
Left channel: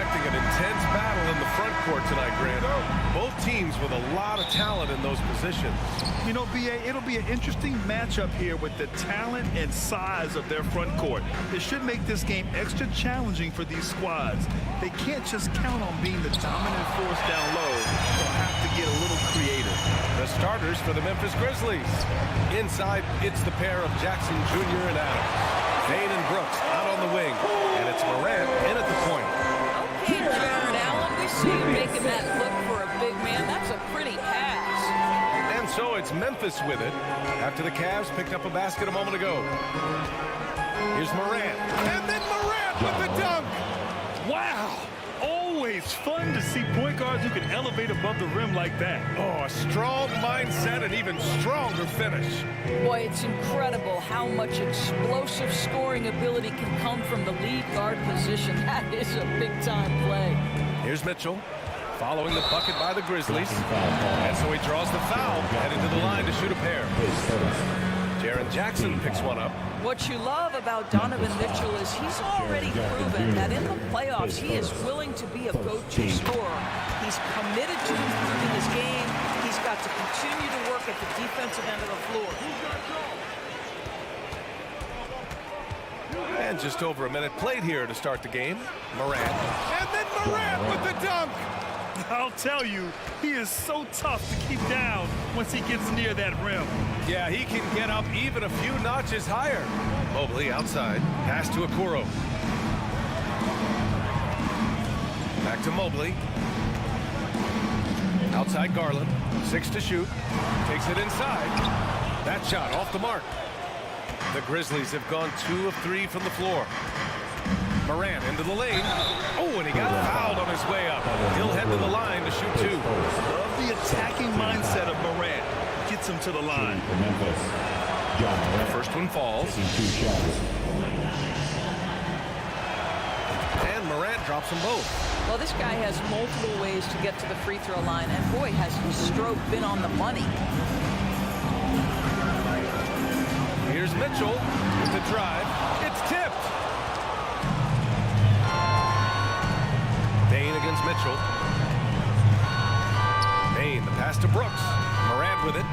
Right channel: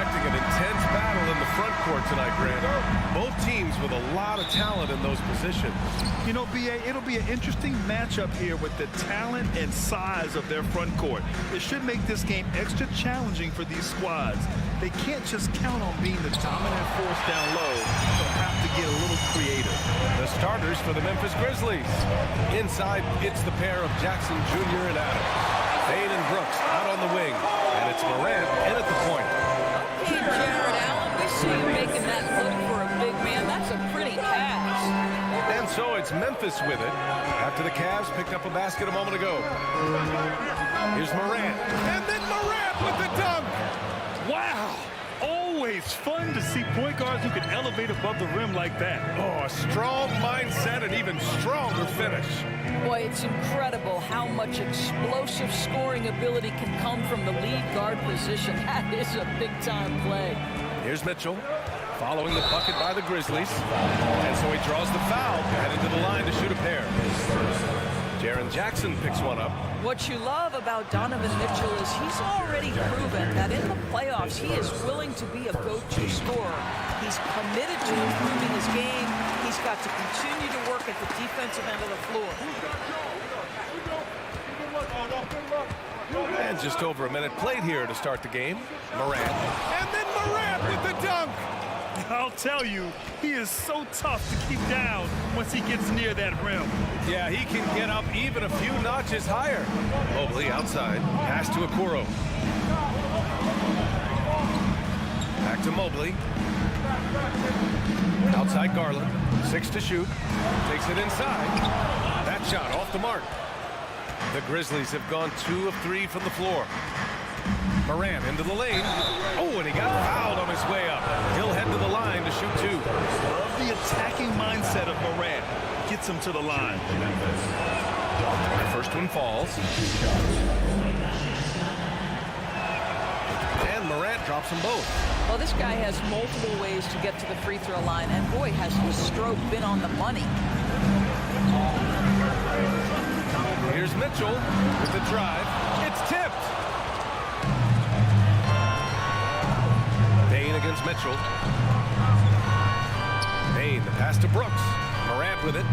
expecting an intense battle in the front court tonight, Grant. Both teams with a lot of talent in those positions. You know, B.A., it'll be an interesting matchup here with the talent and size of their front court. It should make this game extra challenging for these squads. They can't just count on being the dominant force down low. They'll have to get a little creative. The starters for the Memphis Grizzlies. Inside, it's the pair of Jackson Jr. and Adams. Payne and Brooks out on the wing. And it's Morant in at the point. Okay, Jared Allen, we see you making that look for a big man. That's a pretty pass. And so it's Memphis with it after the Cavs picked up a basket a moment ago. Here's Morant. And then Morant with the dunk. Wow! Always fun to see point guards who can elevate above the rim like that. Oh, a strong mindset and even stronger finish. Boy, it's incredible how much explosive scoring ability can come from the lead guard position. That is a big-time play. Here's Mitchell following the bucket by the Grizzlies. And so he draws the foul, heading to the line to shoot a pair. Jaren Jackson picks one up. What you love about Donovan Mitchell is he's already proven that in the playoffs he is willing to be a go-to scorer. He's committed to improving his game. He's got to continue to work at the defensive end of the floor. And just over a minute played here to start the game. Morant. And then Morant with the dunk. I'll tell you, he is so tough to keep down once he gets near that rim. Yeah, he can get up even a few notches higher. Mobley outside. Pass to Okoro. Back to Mobley. Outside Garland. 6 to shoot. Takes it inside. That shot off the mark. The Grizzlies have gone 2 of 3 from the floor. Morant into the lane. Oh, and he got fouled on his way up. He'll head to the line to shoot 2. Love the attacking mindset of Morant. Gets him to the line. The first one falls. And Morant drops them both. Well, this guy has multiple ways to get to the free throw line, and boy, has his stroke been on the money. Here's Mitchell with the drive. It's tipped. Payne against Mitchell. Payne, the pass to Brooks. Morant with it.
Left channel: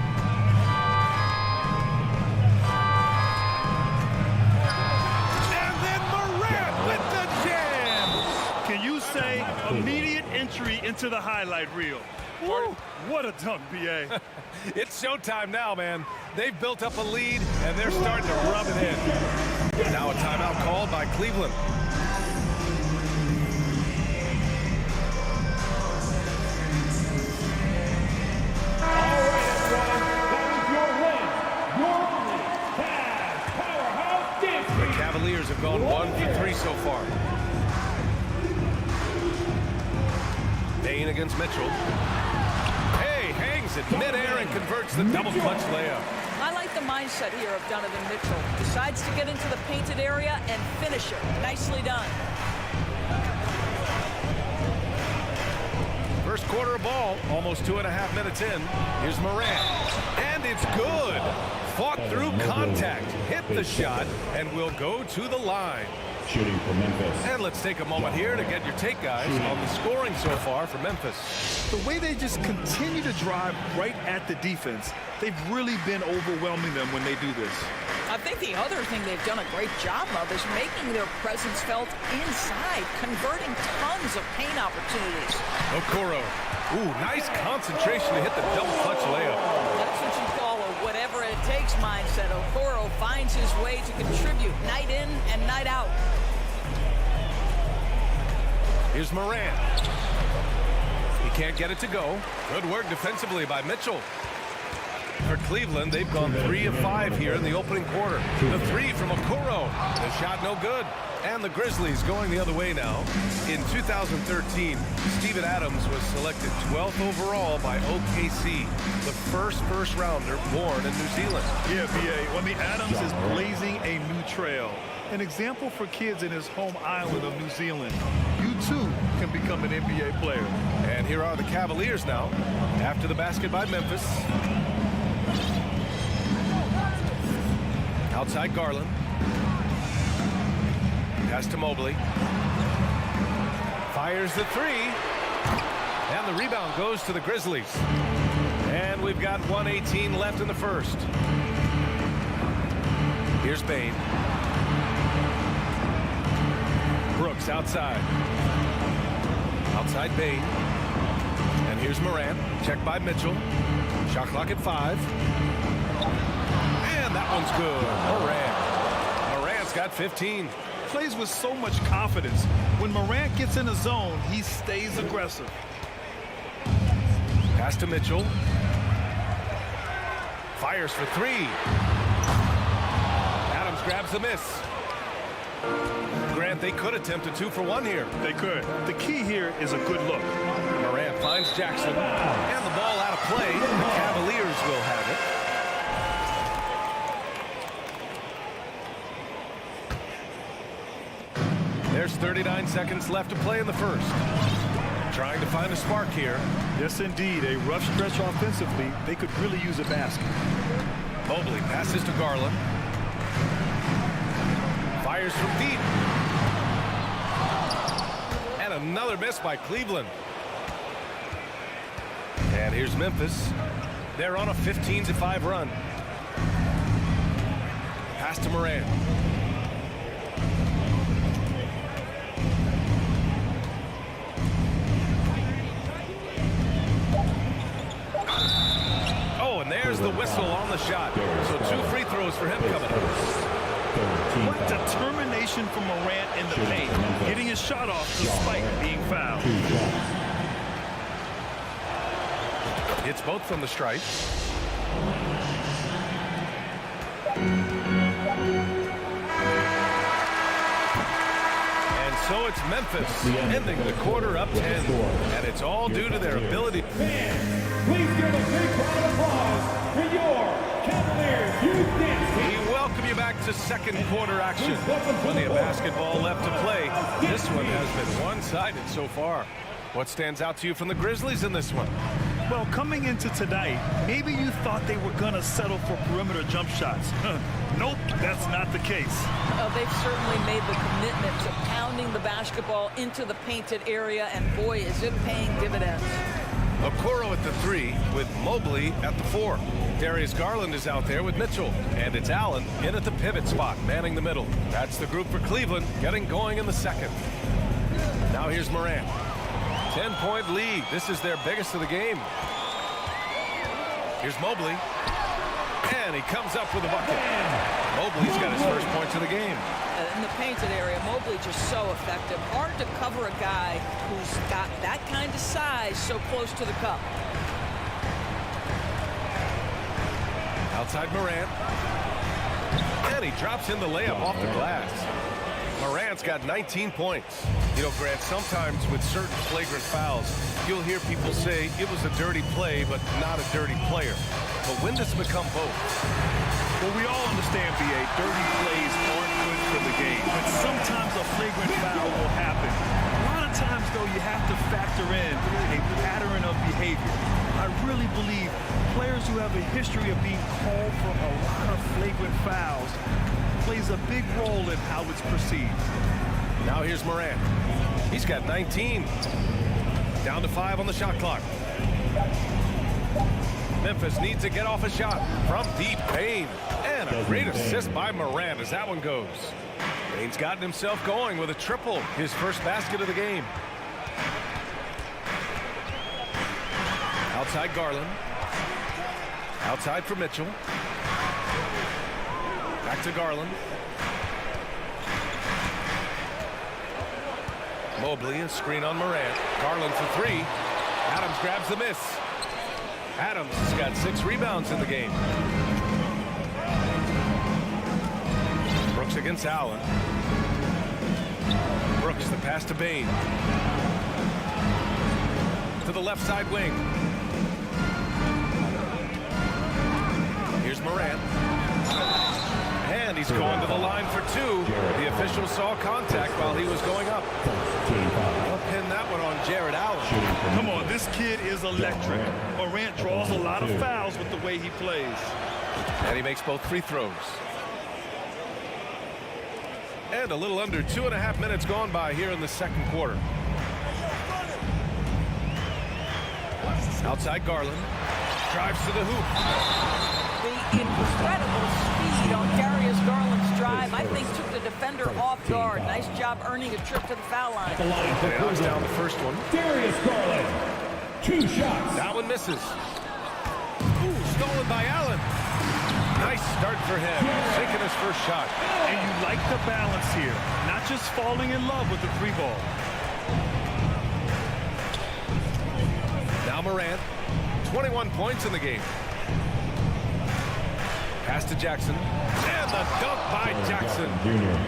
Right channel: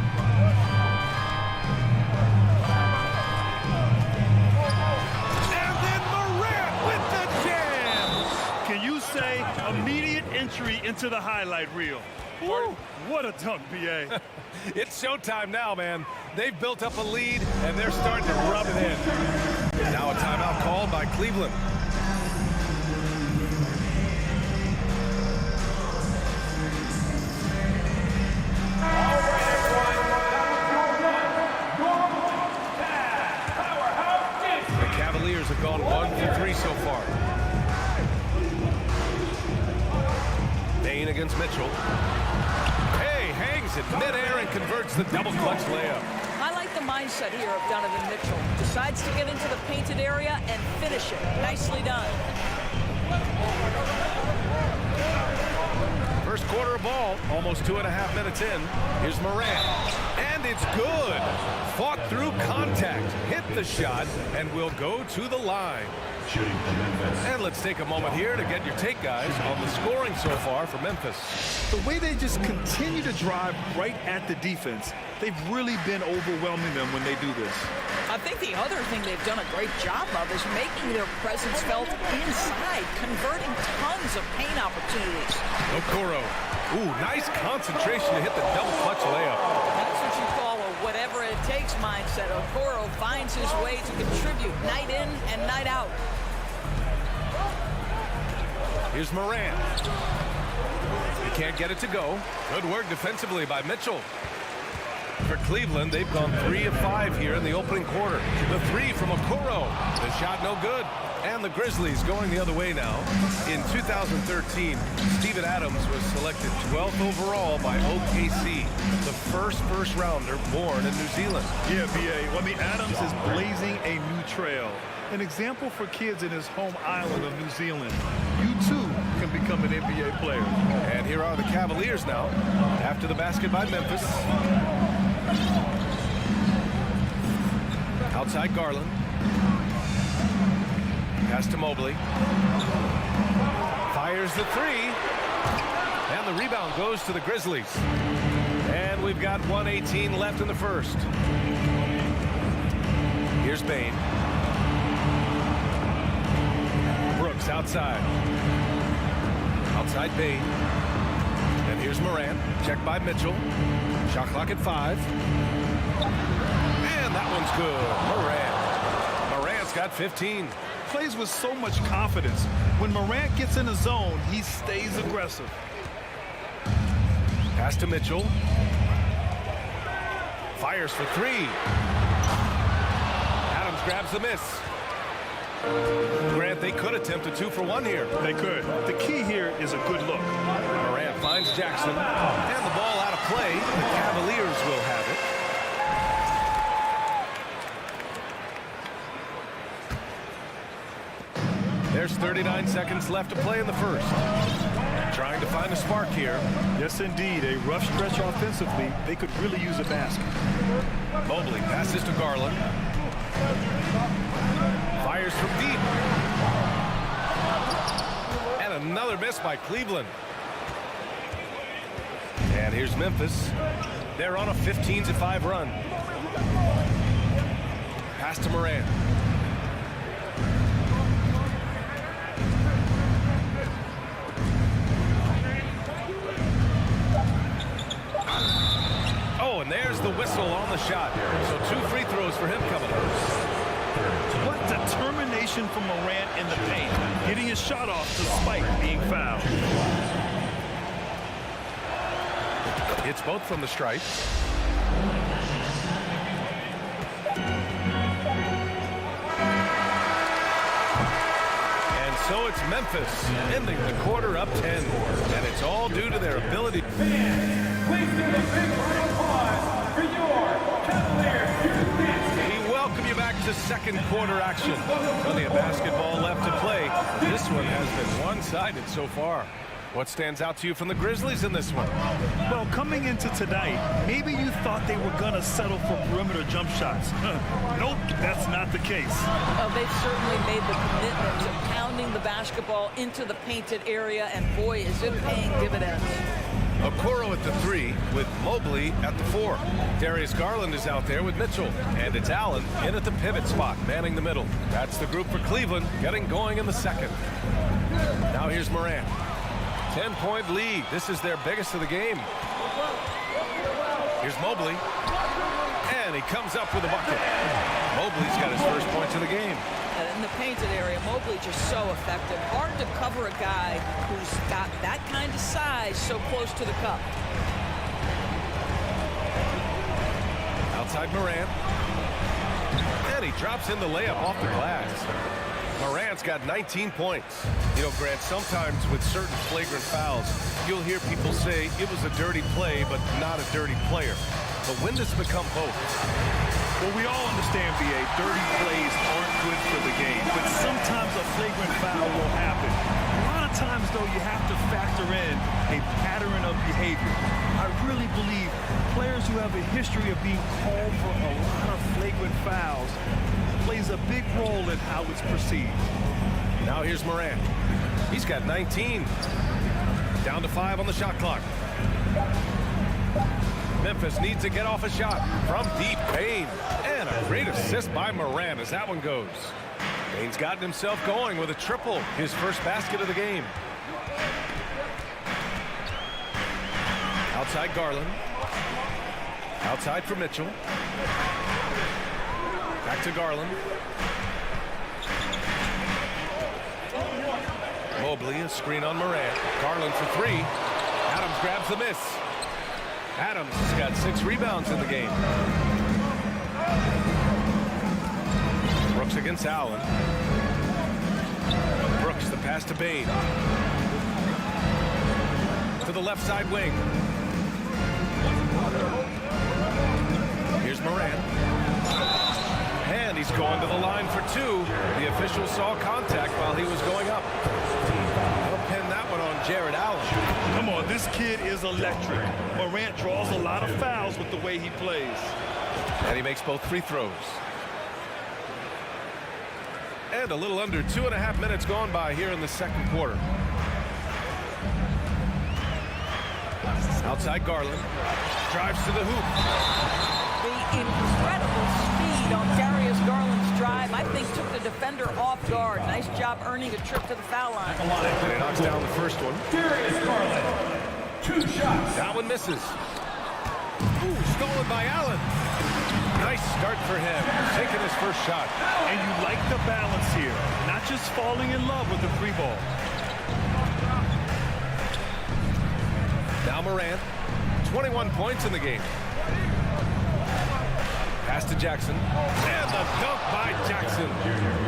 And then Morant with the jam. Can you say immediate entry into the highlight reel? Woo, what a dunk, B.A. It's showtime now, man. They've built up a lead, and they're starting to rub it in. Now a timeout called by Cleveland. The Cavaliers have gone 1 for 3 so far. Payne against Mitchell. Hey, hangs it midair and converts the double clutch layup. I like the mindset here of Donovan Mitchell. Decides to get into the painted area and finish it. Nicely done. First quarter of ball, almost 2.5 minutes in. Here's Morant. And it's good. Fought through contact, hit the shot, and will go to the line. Shooting for Memphis. And let's take a moment here to get your take, guys, on the scoring so far for Memphis. The way they just continue to drive right at the defense, they've really been overwhelming them when they do this. I think the other thing they've done a great job of is making their presence felt inside, converting tons of paint opportunities. Okoro. Ooh, nice concentration to hit the double clutch layup. That's what you call a whatever it takes mindset. Okoro finds his way to contribute night in and night out. Here's Morant. He can't get it to go. Good work defensively by Mitchell. For Cleveland, they've gone 3 of 5 here in the opening quarter. The 3 from Okoro. The shot no good. And the Grizzlies going the other way now. In 2013, Steven Adams was selected 12th overall by OKC, the first rounder born in New Zealand. Yeah, B.A. Well, I mean, Adams is blazing a new trail. An example for kids in his home island of New Zealand. You, too, can become an NBA player. And here are the Cavaliers now, after the basket by Memphis. Outside Garland. Pass to Mobley. Fires the three. And the rebound goes to the Grizzlies. And we've got 1:18 left in the first. Here's Bain. Brooks outside. Outside Bain. And here's Morant. Checked by Mitchell. Shot clock at 5. And that one's good. Morant's got 15. Plays with so much confidence. When Morant gets in the zone, he stays aggressive. Pass to Mitchell. Fires for 3. Adams grabs the miss. Grant, they could attempt a 2 for 1 here. They could. The key here is a good look. Morant finds Jackson. And the ball out of play. The Cavaliers will have it. There's 39 seconds left to play in the first. Trying to find a spark here. Yes, indeed. A rough stretch offensively. They could really use a basket. Mobley passes to Garland. Fires from deep. And another miss by Cleveland. And here's Memphis. They're on a 15-5 run. Pass to Morant. Oh, and there's the whistle on the shot. So 2 free throws for him coming up. What determination from Morant in the paint, getting his shot off despite being fouled. It's both from the stripe. And so it's Memphis ending the quarter up 10. And it's all due to their ability. Fans, please give a big round of applause for your Cavaliers youth dance. We welcome you back to second quarter action. Plenty of basketball left to play. This one has been one-sided so far. What stands out to you from the Grizzlies in this one? Well, coming into tonight, maybe you thought they were going to settle for perimeter jump shots. Nope, that's not the case. They've certainly made the commitment to pounding the basketball into the painted area, and boy, is it paying dividends. Okoro at the 3 with Mobley at the 4. Darius Garland is out there with Mitchell. And it's Allen in at the pivot spot, manning the middle. That's the group for Cleveland, getting going in the second. Now here's Morant. 10-point lead. This is their biggest of the game. Here's Mobley. And he comes up with a bucket. Mobley's got his first points of the game. In the painted area, Mobley just so effective. Hard to cover a guy who's got that kind of size so close to the cup. Outside Morant. And he drops in the layup off the glass. Morant's got 19 points. You know, Grant, sometimes with certain flagrant fouls, you'll hear people say it was a dirty play, but not a dirty player. But when does it become both? Well, we all understand, B.A., dirty plays aren't good for the game, but sometimes a flagrant foul will happen. A lot of times, though, you have to factor in a pattern of behavior. I really believe players who have a history of being called for a lot of flagrant fouls plays a big role in how it's perceived. Now here's Morant. He's got 19. Down to 5 on the shot clock. Memphis needs to get off a shot from deep. Bain. And a great assist by Morant as that one goes. Bain's gotten himself going with a triple. His first basket of the game. Outside Garland. Outside for Mitchell. Back to Garland. Mobley, a screen on Morant. Garland for 3. Adams grabs the miss. Adams has got 6 rebounds in the game. Brooks against Allen. Brooks, the pass to Bain. To the left side wing. Here's Morant. And he's going to the line for 2. The official saw contact while he was going up. They'll pin that one on Jared Allen. Come on, this kid is electric. Morant draws a lot of fouls with the way he plays. And he makes both free throws. And a little under 2.5 minutes gone by here in the second quarter. Outside Garland. Drives to the hoop. The incredible speed on Darius Garland's drive, I think, took the defender off guard. Nice job earning a trip to the foul line. And he knocks down the first one. Darius Garland. 2 shots. That one misses. Ooh, stolen by Allen. Nice start for him. Taking his first shot. And you like the balance here. Not just falling in love with the 3 ball. Now Morant. 21 points in the game. Pass to Jackson. And the dunk by Jackson.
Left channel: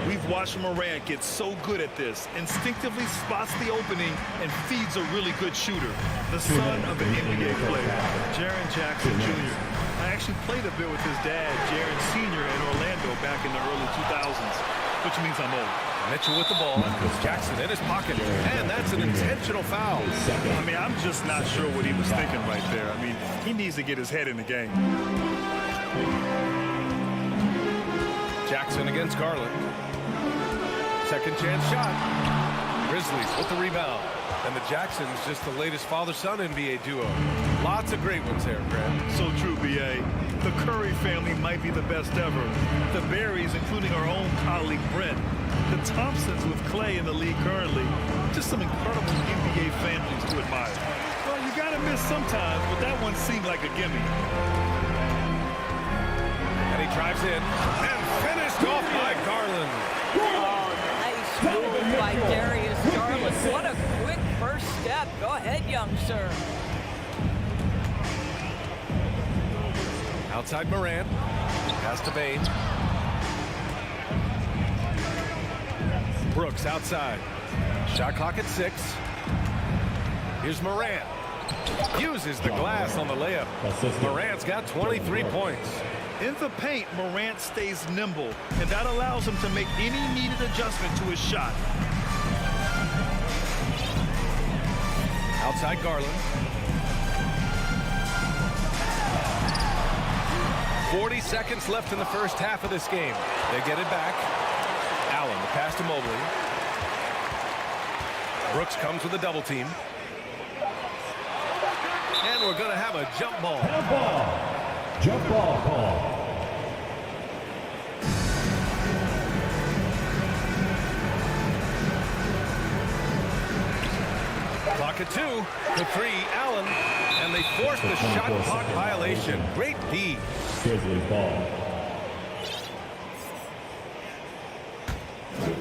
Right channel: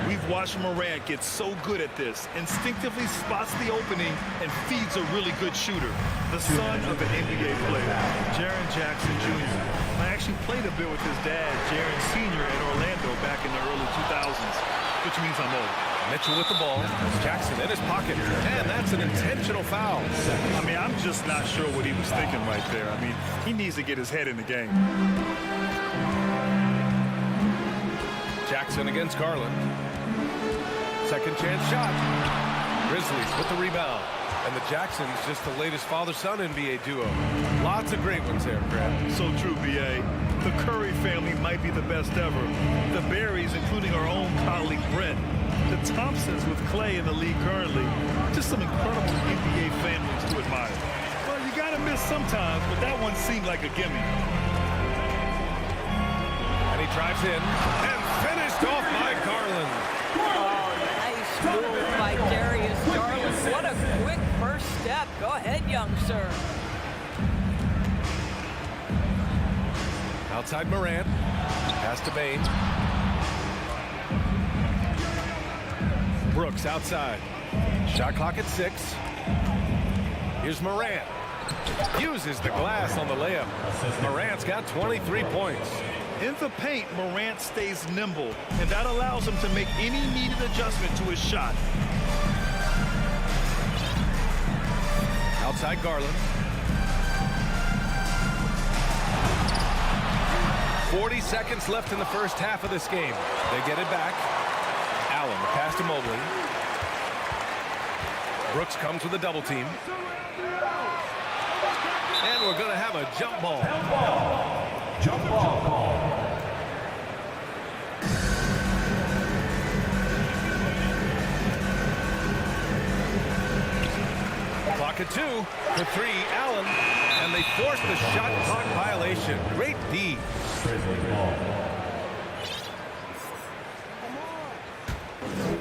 We've watched Morant get so good at this. Instinctively spots the opening and feeds a really good shooter. The son of an NBA player, Jaren Jackson Jr. I actually played a bit with his dad, Jaren Sr. in Orlando back in the early 2000s, which means I'm old. Mitchell with the ball. Jackson in his pocket. And that's an intentional foul. I mean, I'm just not sure what he was thinking right there. I mean, he needs to get his head in the game. Jackson against Garland. Second chance shot. Grizzlies with the rebound. And the Jacksons just the latest father-son NBA duo. Lots of great ones there, Brad. So true, B.A. The Curry family might be the best ever. The Berries, including our own colleague Brent. The Thompsons with Clay in the league currently. Just some incredible NBA families to admire. Well, you got to miss sometimes, but that one seemed like a gimme. And he drives in and finished off by Garland. Oh, nice move by Darius Garland. What a quick first step. Go ahead, young sir. Outside Morant. Pass to Bain. Brooks outside. Shot clock at 6. Here's Morant. Uses the glass on the layup. Morant's got 23 points. In the paint, Morant stays nimble, and that allows him to make any needed adjustment to his shot. Outside Garland. 40 seconds left in the first half of this game. They get it back. Allen, the pass to Mobley. Brooks comes with a double team. And we're going to have a jump ball. Jump ball call. Clock at 2. The 3, Allen. And they force the shot clock violation. Great D. Grizzlies ball.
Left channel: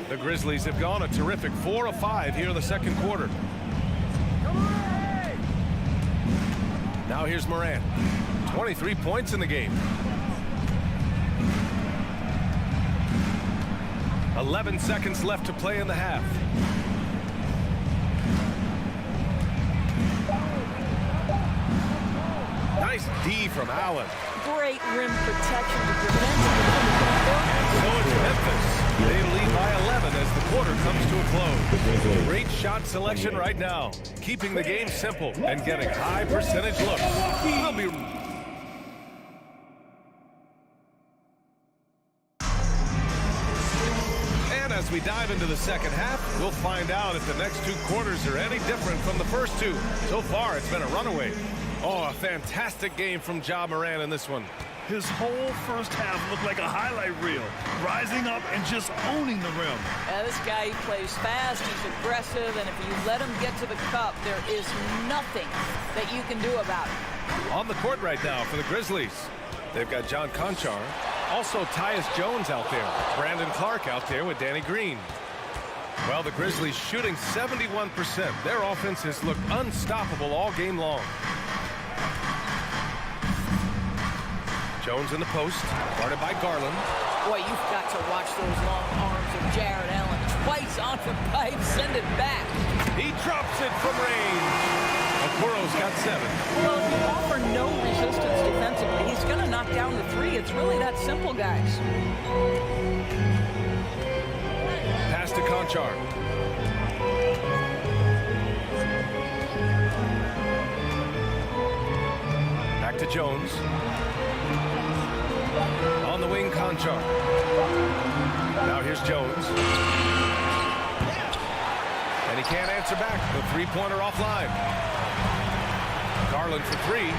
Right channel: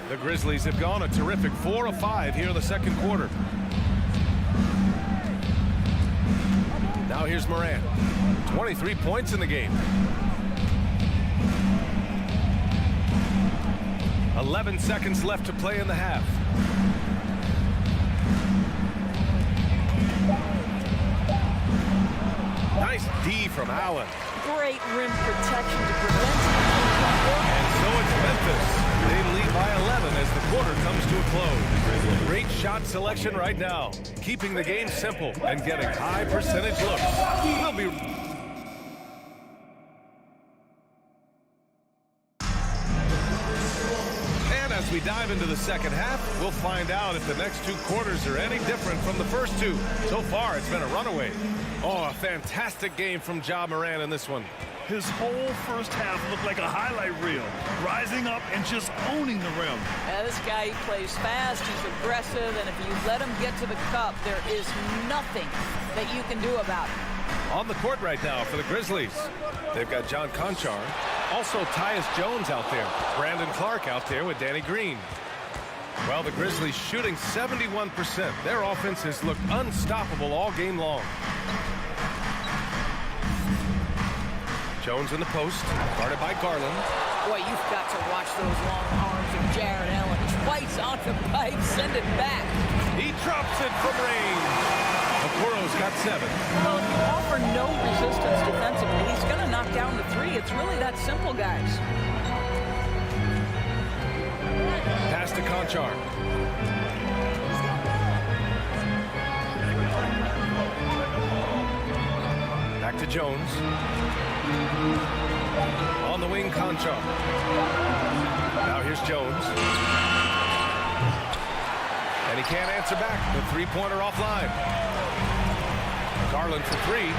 The Grizzlies have gone a terrific 4 of 5 here in the second quarter. Now here's Morant. 23 points in the game. 11 seconds left to play in the half. Nice D from Allen. Great rim protection to prevent him from converting. And so it's Memphis. They lead by 11 as the quarter comes to a close. Great shot selection right now. Keeping the game simple and getting high percentage looks. We'll be... And as we dive into the second half, we'll find out if the next 2 quarters are any different from the first 2. So far, it's been a runaway. Oh, a fantastic game from Ja Morant in this one. His whole first half looked like a highlight reel, rising up and just owning the rim. Yeah, this guy, he plays fast, he's aggressive, and if you let him get to the cup, there is nothing that you can do about it. On the court right now for the Grizzlies, they've got John Conchar, also Tyus Jones out there, Brandon Clark out there with Danny Green. Well, the Grizzlies shooting 71%. Their offense has looked unstoppable all game long. Jones in the post, guarded by Garland. Boy, you've got to watch those long arms of Jared Allen. Twice on the pipe, send it back. He drops it from range. Okoro's got 7. Well, if you offer no resistance defensively, he's going to knock down the 3. It's really that simple, guys. Pass to Conchar. Back to Jones. On the wing, Conchar. Now here's Jones. And he can't answer back. The 3-pointer offline. Garland for three.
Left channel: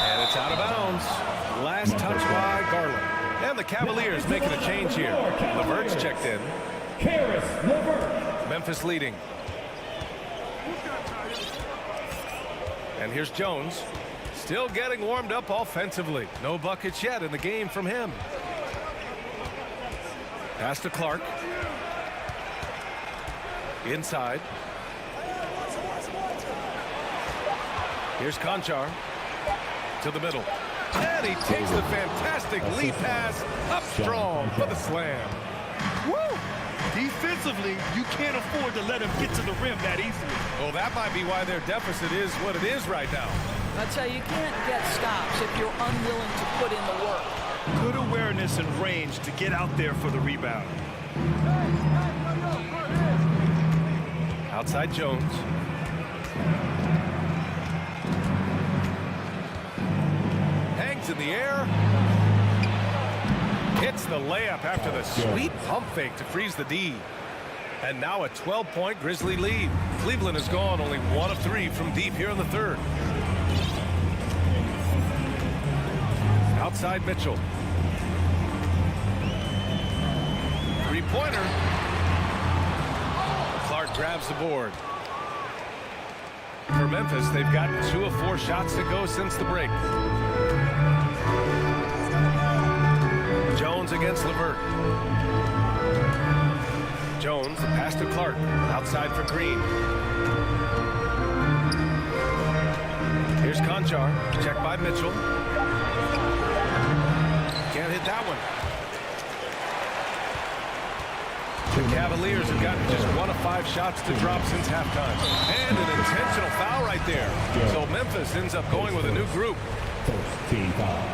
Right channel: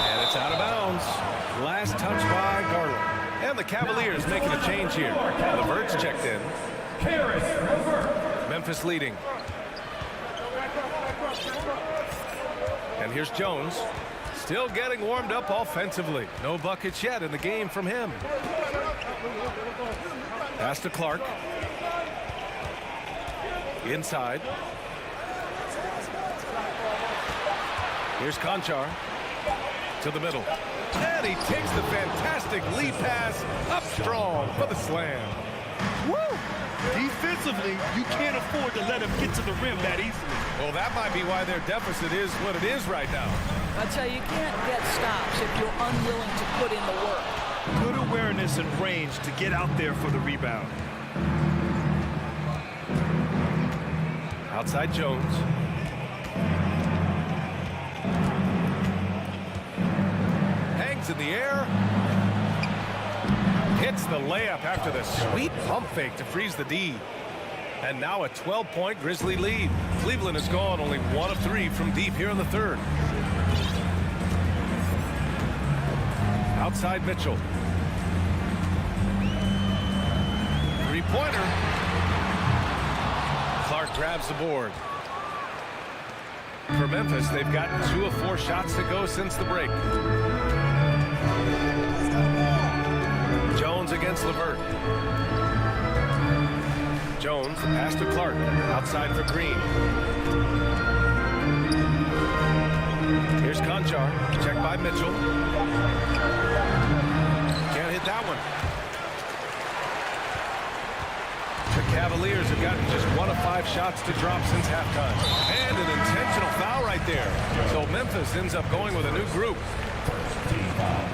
And it's out of bounds. Last touch by Garland. And the Cavaliers making a change here. LeVert's checked in. Memphis leading. And here's Jones. Still getting warmed up offensively. No buckets yet in the game from him. Pass to Clark. Inside. Here's Conchar. To the middle. And he takes the fantastic lead pass up strong for the slam. Woo! Defensively, you can't afford to let him get to the rim that easily. Well, that might be why their deficit is what it is right now. That's how you can't get stops if you're unwilling to put in the work. Good awareness and range to get out there for the rebound. Outside Jones. Hangs in the air. Hits the layup after the sweet pump fake to freeze the D. And now a 12-point Grizzly lead. Cleveland has gone only 1 of 3 from deep here in the third. Outside Mitchell. Three-pointer. Clark grabs the board. For Memphis, they've gotten 2 of 4 shots to go since the break. Jones against LeVert. Jones, the pass to Clark. Outside for Green. Here's Conchar. Checked by Mitchell. Can't hit that one. The Cavaliers have gotten just 1 of 5 shots to drop since halftime. And an intentional foul right there. So Memphis ends up going with a new group. First team foul.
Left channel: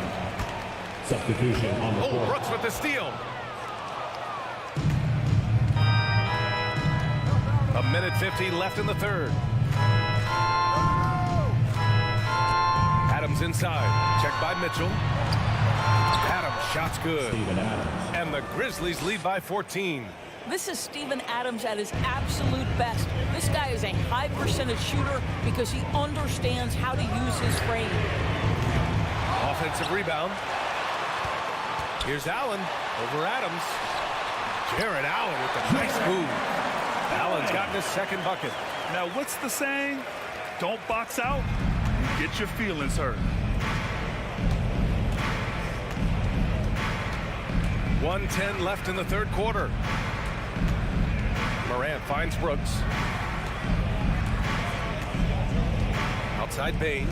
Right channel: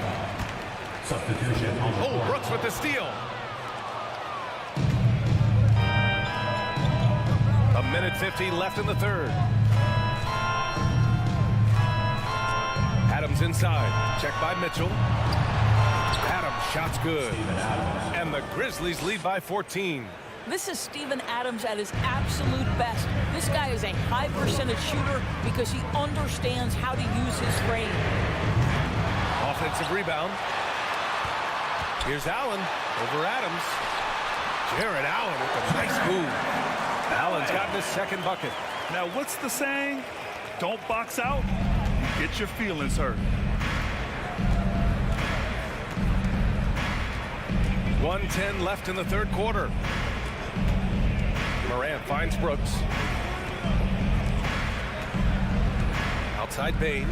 Substitution on the floor. Brooks with the steal. A minute 50 left in the third. Adams inside. Checked by Mitchell. Adams, shot's good. And the Grizzlies lead by 14. This is Steven Adams at his absolute best. This guy is a high percentage shooter because he understands how to use his frame. Offensive rebound. Here's Allen over Adams. Jared Allen with a nice move. Allen's gotten his second bucket. Now, what's the saying? Don't box out, you get your feelings hurt. 1:10 left in the third quarter. Morant finds Brooks. Outside Bain.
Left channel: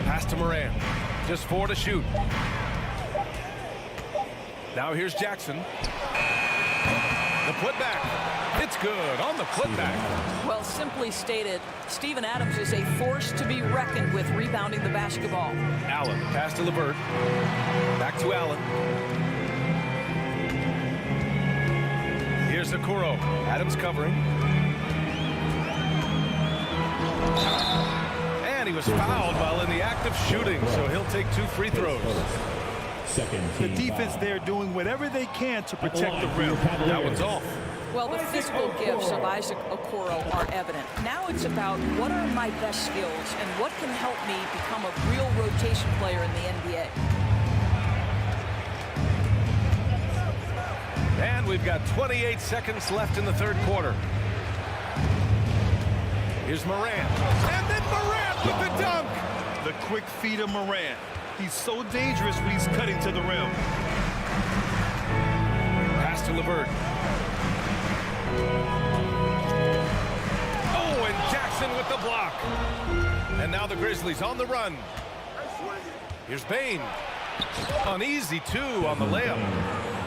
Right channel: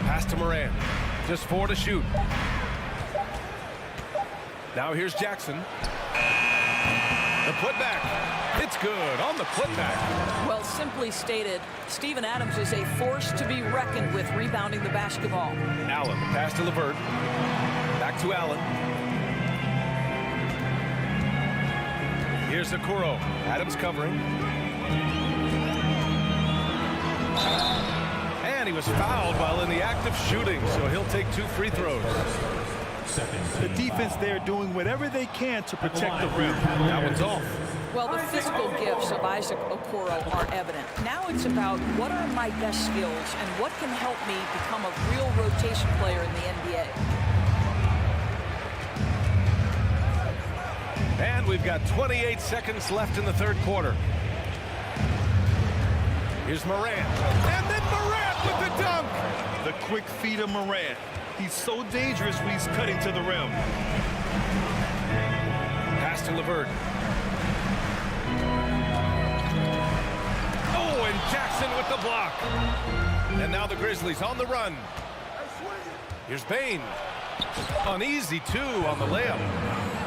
Pass to Morant. Just 4 to shoot. Now here's Jackson. The putback. It's good on the putback. Well, simply stated, Steven Adams is a force to be reckoned with rebounding the basketball. Allen, the pass to LeVert. Back to Allen. Here's Okoro. Adams covering. And he was fouled while in the act of shooting, so he'll take 2 free throws. The defense there doing whatever they can to protect the rim. That one's off. Well, the physical gifts of Isaac Okoro are evident. Now it's about what are my best skills and what can help me become a real rotation player in the NBA. And we've got 28 seconds left in the third quarter. Here's Morant. And then Morant with the dunk. The quick feet of Morant. He's so dangerous when he's cutting to the rim. Pass to LeVert. Oh, and Jackson with the block. And now the Grizzlies on the run. Here's Bain. An easy 2 on the layup.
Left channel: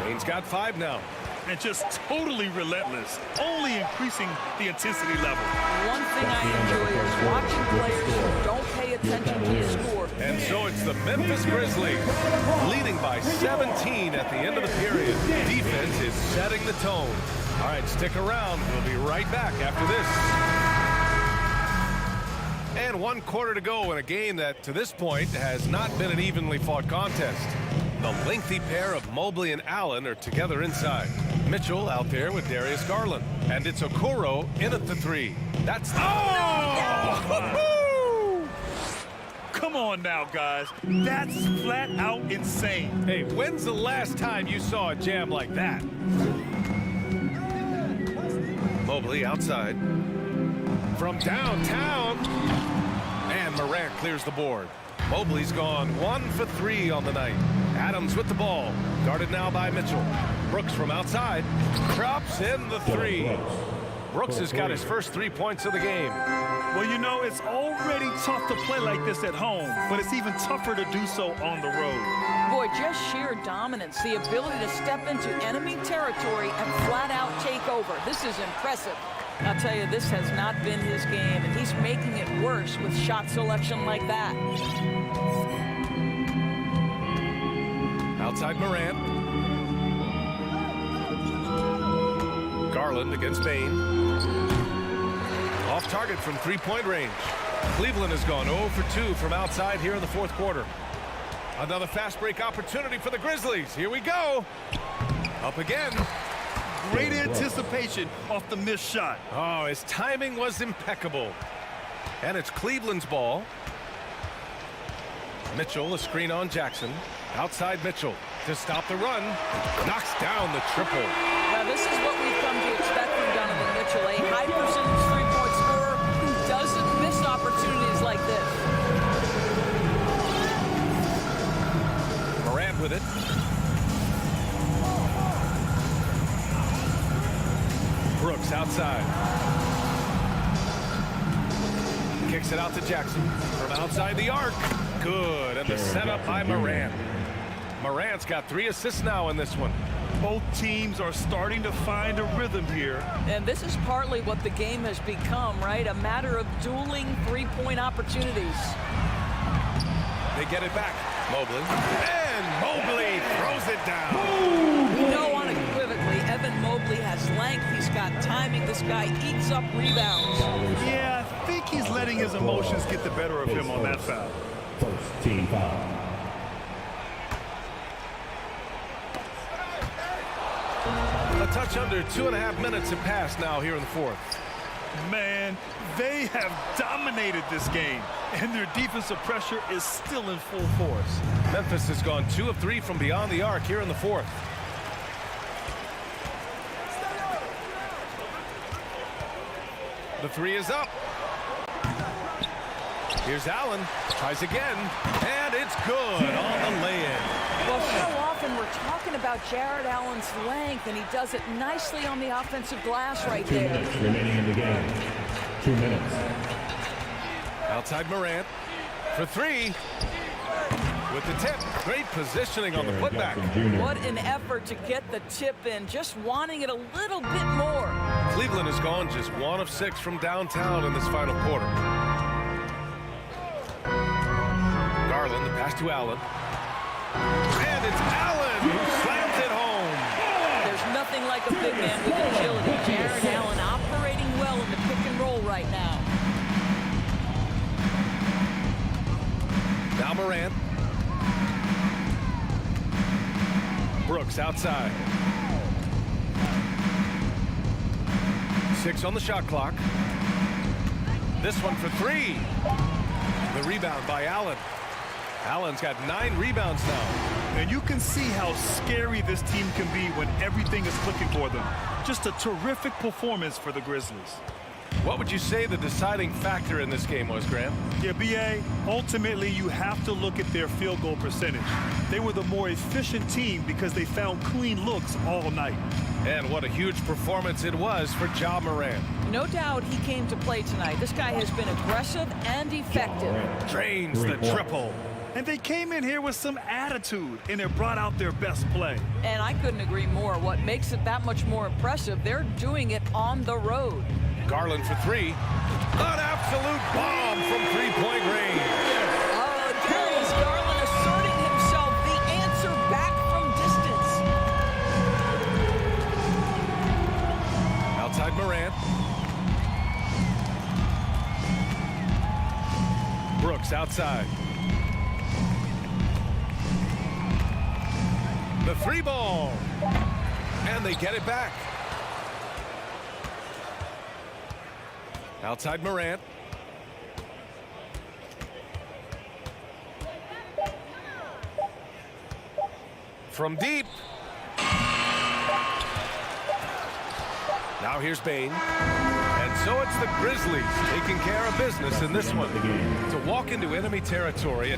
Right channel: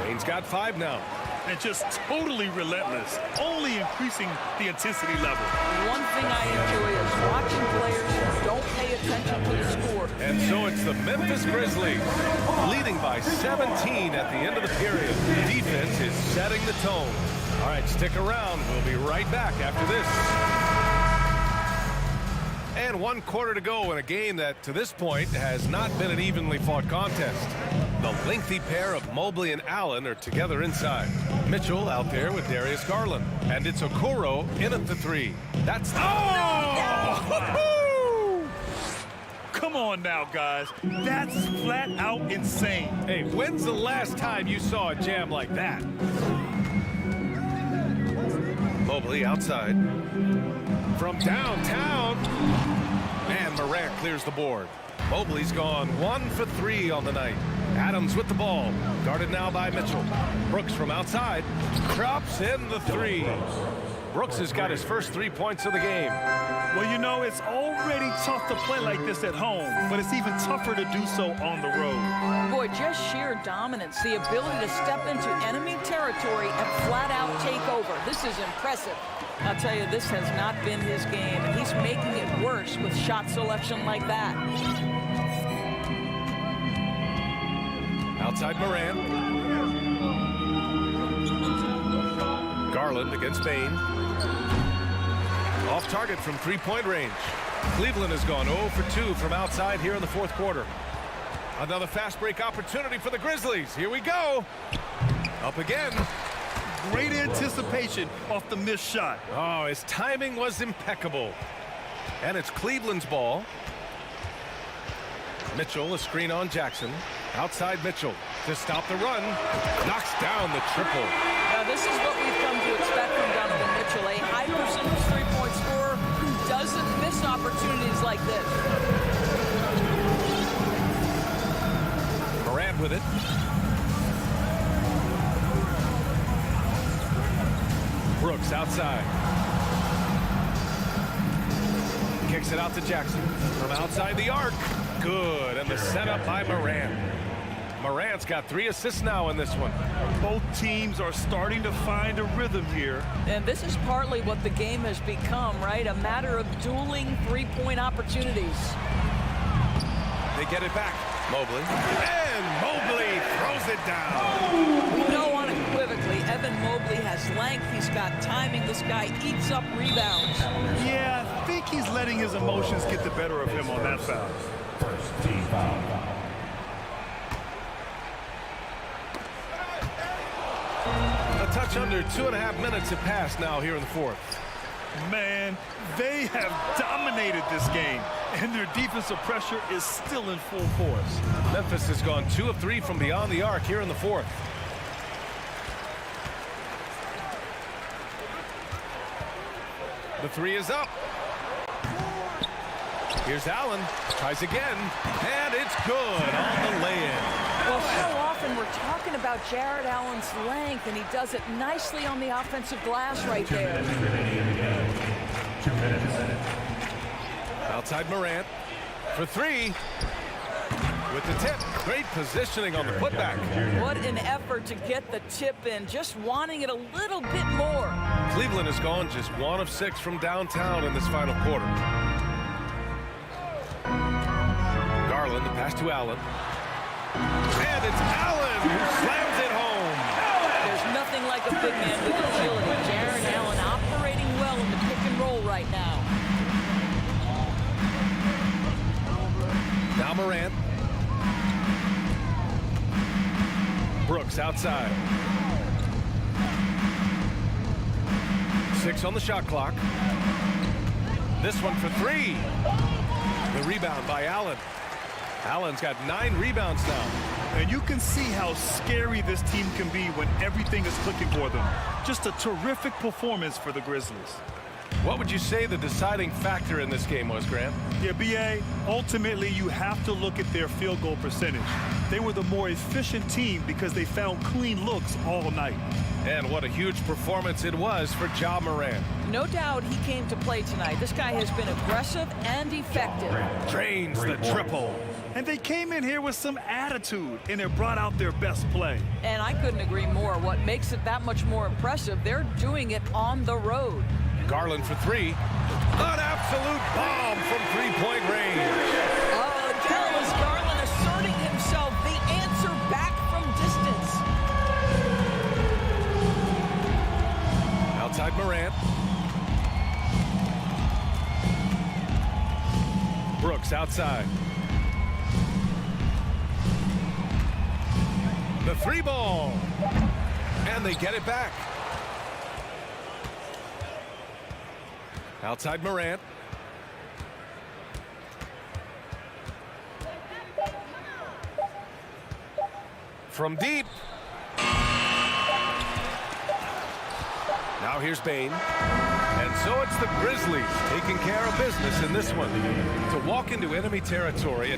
Bain's got 5 now. And just totally relentless, only increasing the intensity level. One thing I enjoy is watching players who don't pay attention to the score. And so it's the Memphis Grizzlies leading by 17 at the end of the period. Defense is setting the tone. All right, stick around. We'll be right back after this. And 1 quarter to go in a game that, to this point, has not been an evenly fought contest. The lengthy pair of Mobley and Allen are together inside. Mitchell out there with Darius Garland. And it's Okoro in at the 3. That's... Oh! Come on now, guys. That's flat out insane. Hey, when's the last time you saw a jam like that? Mobley outside. From downtown. And Morant clears the board. Mobley's gone 1 for 3 on the night. Adams with the ball. Guarded now by Mitchell. Brooks from outside. Drops in the 3. Brooks has got his first 3 points of the game. Well, you know, it's already tough to play like this at home, but it's even tougher to do so on the road. Boy, just sheer dominance, the ability to step into enemy territory and flat out take over. This is impressive. I'll tell you, this has not been his game, and he's making it worse with shot selection like that. Outside Morant. Garland against Bain. Off target from 3-point range. Cleveland has gone 0 for 2 from outside here in the 4th quarter. Another fast break opportunity for the Grizzlies. Here we go. Up again. Great anticipation off the missed shot. Oh, his timing was impeccable. And it's Cleveland's ball. Mitchell, a screen on Jackson. Outside Mitchell to stop the run. Knocks down the triple. Now, this is what we've come to expect from Donovan Mitchell, a high percentage three-point scorer who doesn't miss opportunities like this. Morant with it. Brooks outside. Kicks it out to Jackson from outside the arc. Good, and the setup by Morant. Morant's got 3 assists now in this one. Both teams are starting to find a rhythm here. And this is partly what the game has become, right? A matter of dueling three-point opportunities. They get it back. Mobley. And Mobley throws it down. You know, unequivocally, Evan Mobley has length. He's got timing. This guy eats up rebounds. Yeah, I think he's letting his emotions get the better of him on that foul. First team foul. A touch under 2.5 minutes have passed now here in the 4th. Man, they have dominated this game, and their defensive pressure is still in full force. Memphis has gone 2 of 3 from beyond the arc here in the 4th. The 3 is up. Here's Allen. Tries again. And it's good on the lay-in. Well, so often we're talking about Jared Allen's length, and he does it nicely on the offensive glass right there. 2 minutes remaining in the game. 2 minutes. Outside Morant for 3. With the tip. Great positioning on the putback. What an effort to get the tip in. Just wanting it a little bit more. Cleveland has gone just 1 of 6 from downtown in this final quarter. Garland, the pass to Allen. And it's Allen who slams it home. There's nothing like a big man with agility. Jared Allen operating well in the pick and roll right now. Now Morant. Brooks outside. 6 on the shot clock. This one for 3. The rebound by Allen. Allen's got 9 rebounds now. And you can see how scary this team can be when everything is clicking for them. Just a terrific performance for the Grizzlies. What would you say the deciding factor in this game was, Grant? Yeah, B.A., ultimately you have to look at their field goal percentage. They were the more efficient team because they found clean looks all night. And what a huge performance it was for Ja Morant. No doubt he came to play tonight. This guy has been aggressive and effective. Drains the triple. And they came in here with some attitude, and it brought out their best play. And I couldn't agree more. What makes it that much more impressive, they're doing it on the road. Garland for 3. An absolute bomb from 3-point range. Oh, Darius Garland asserting himself, the answer back from distance. Outside Morant. Brooks outside. The 3 ball. And they get it back. Outside Morant. From deep. Now here's Bane. And so it's the Grizzlies taking care of business in this one. To walk into enemy territory.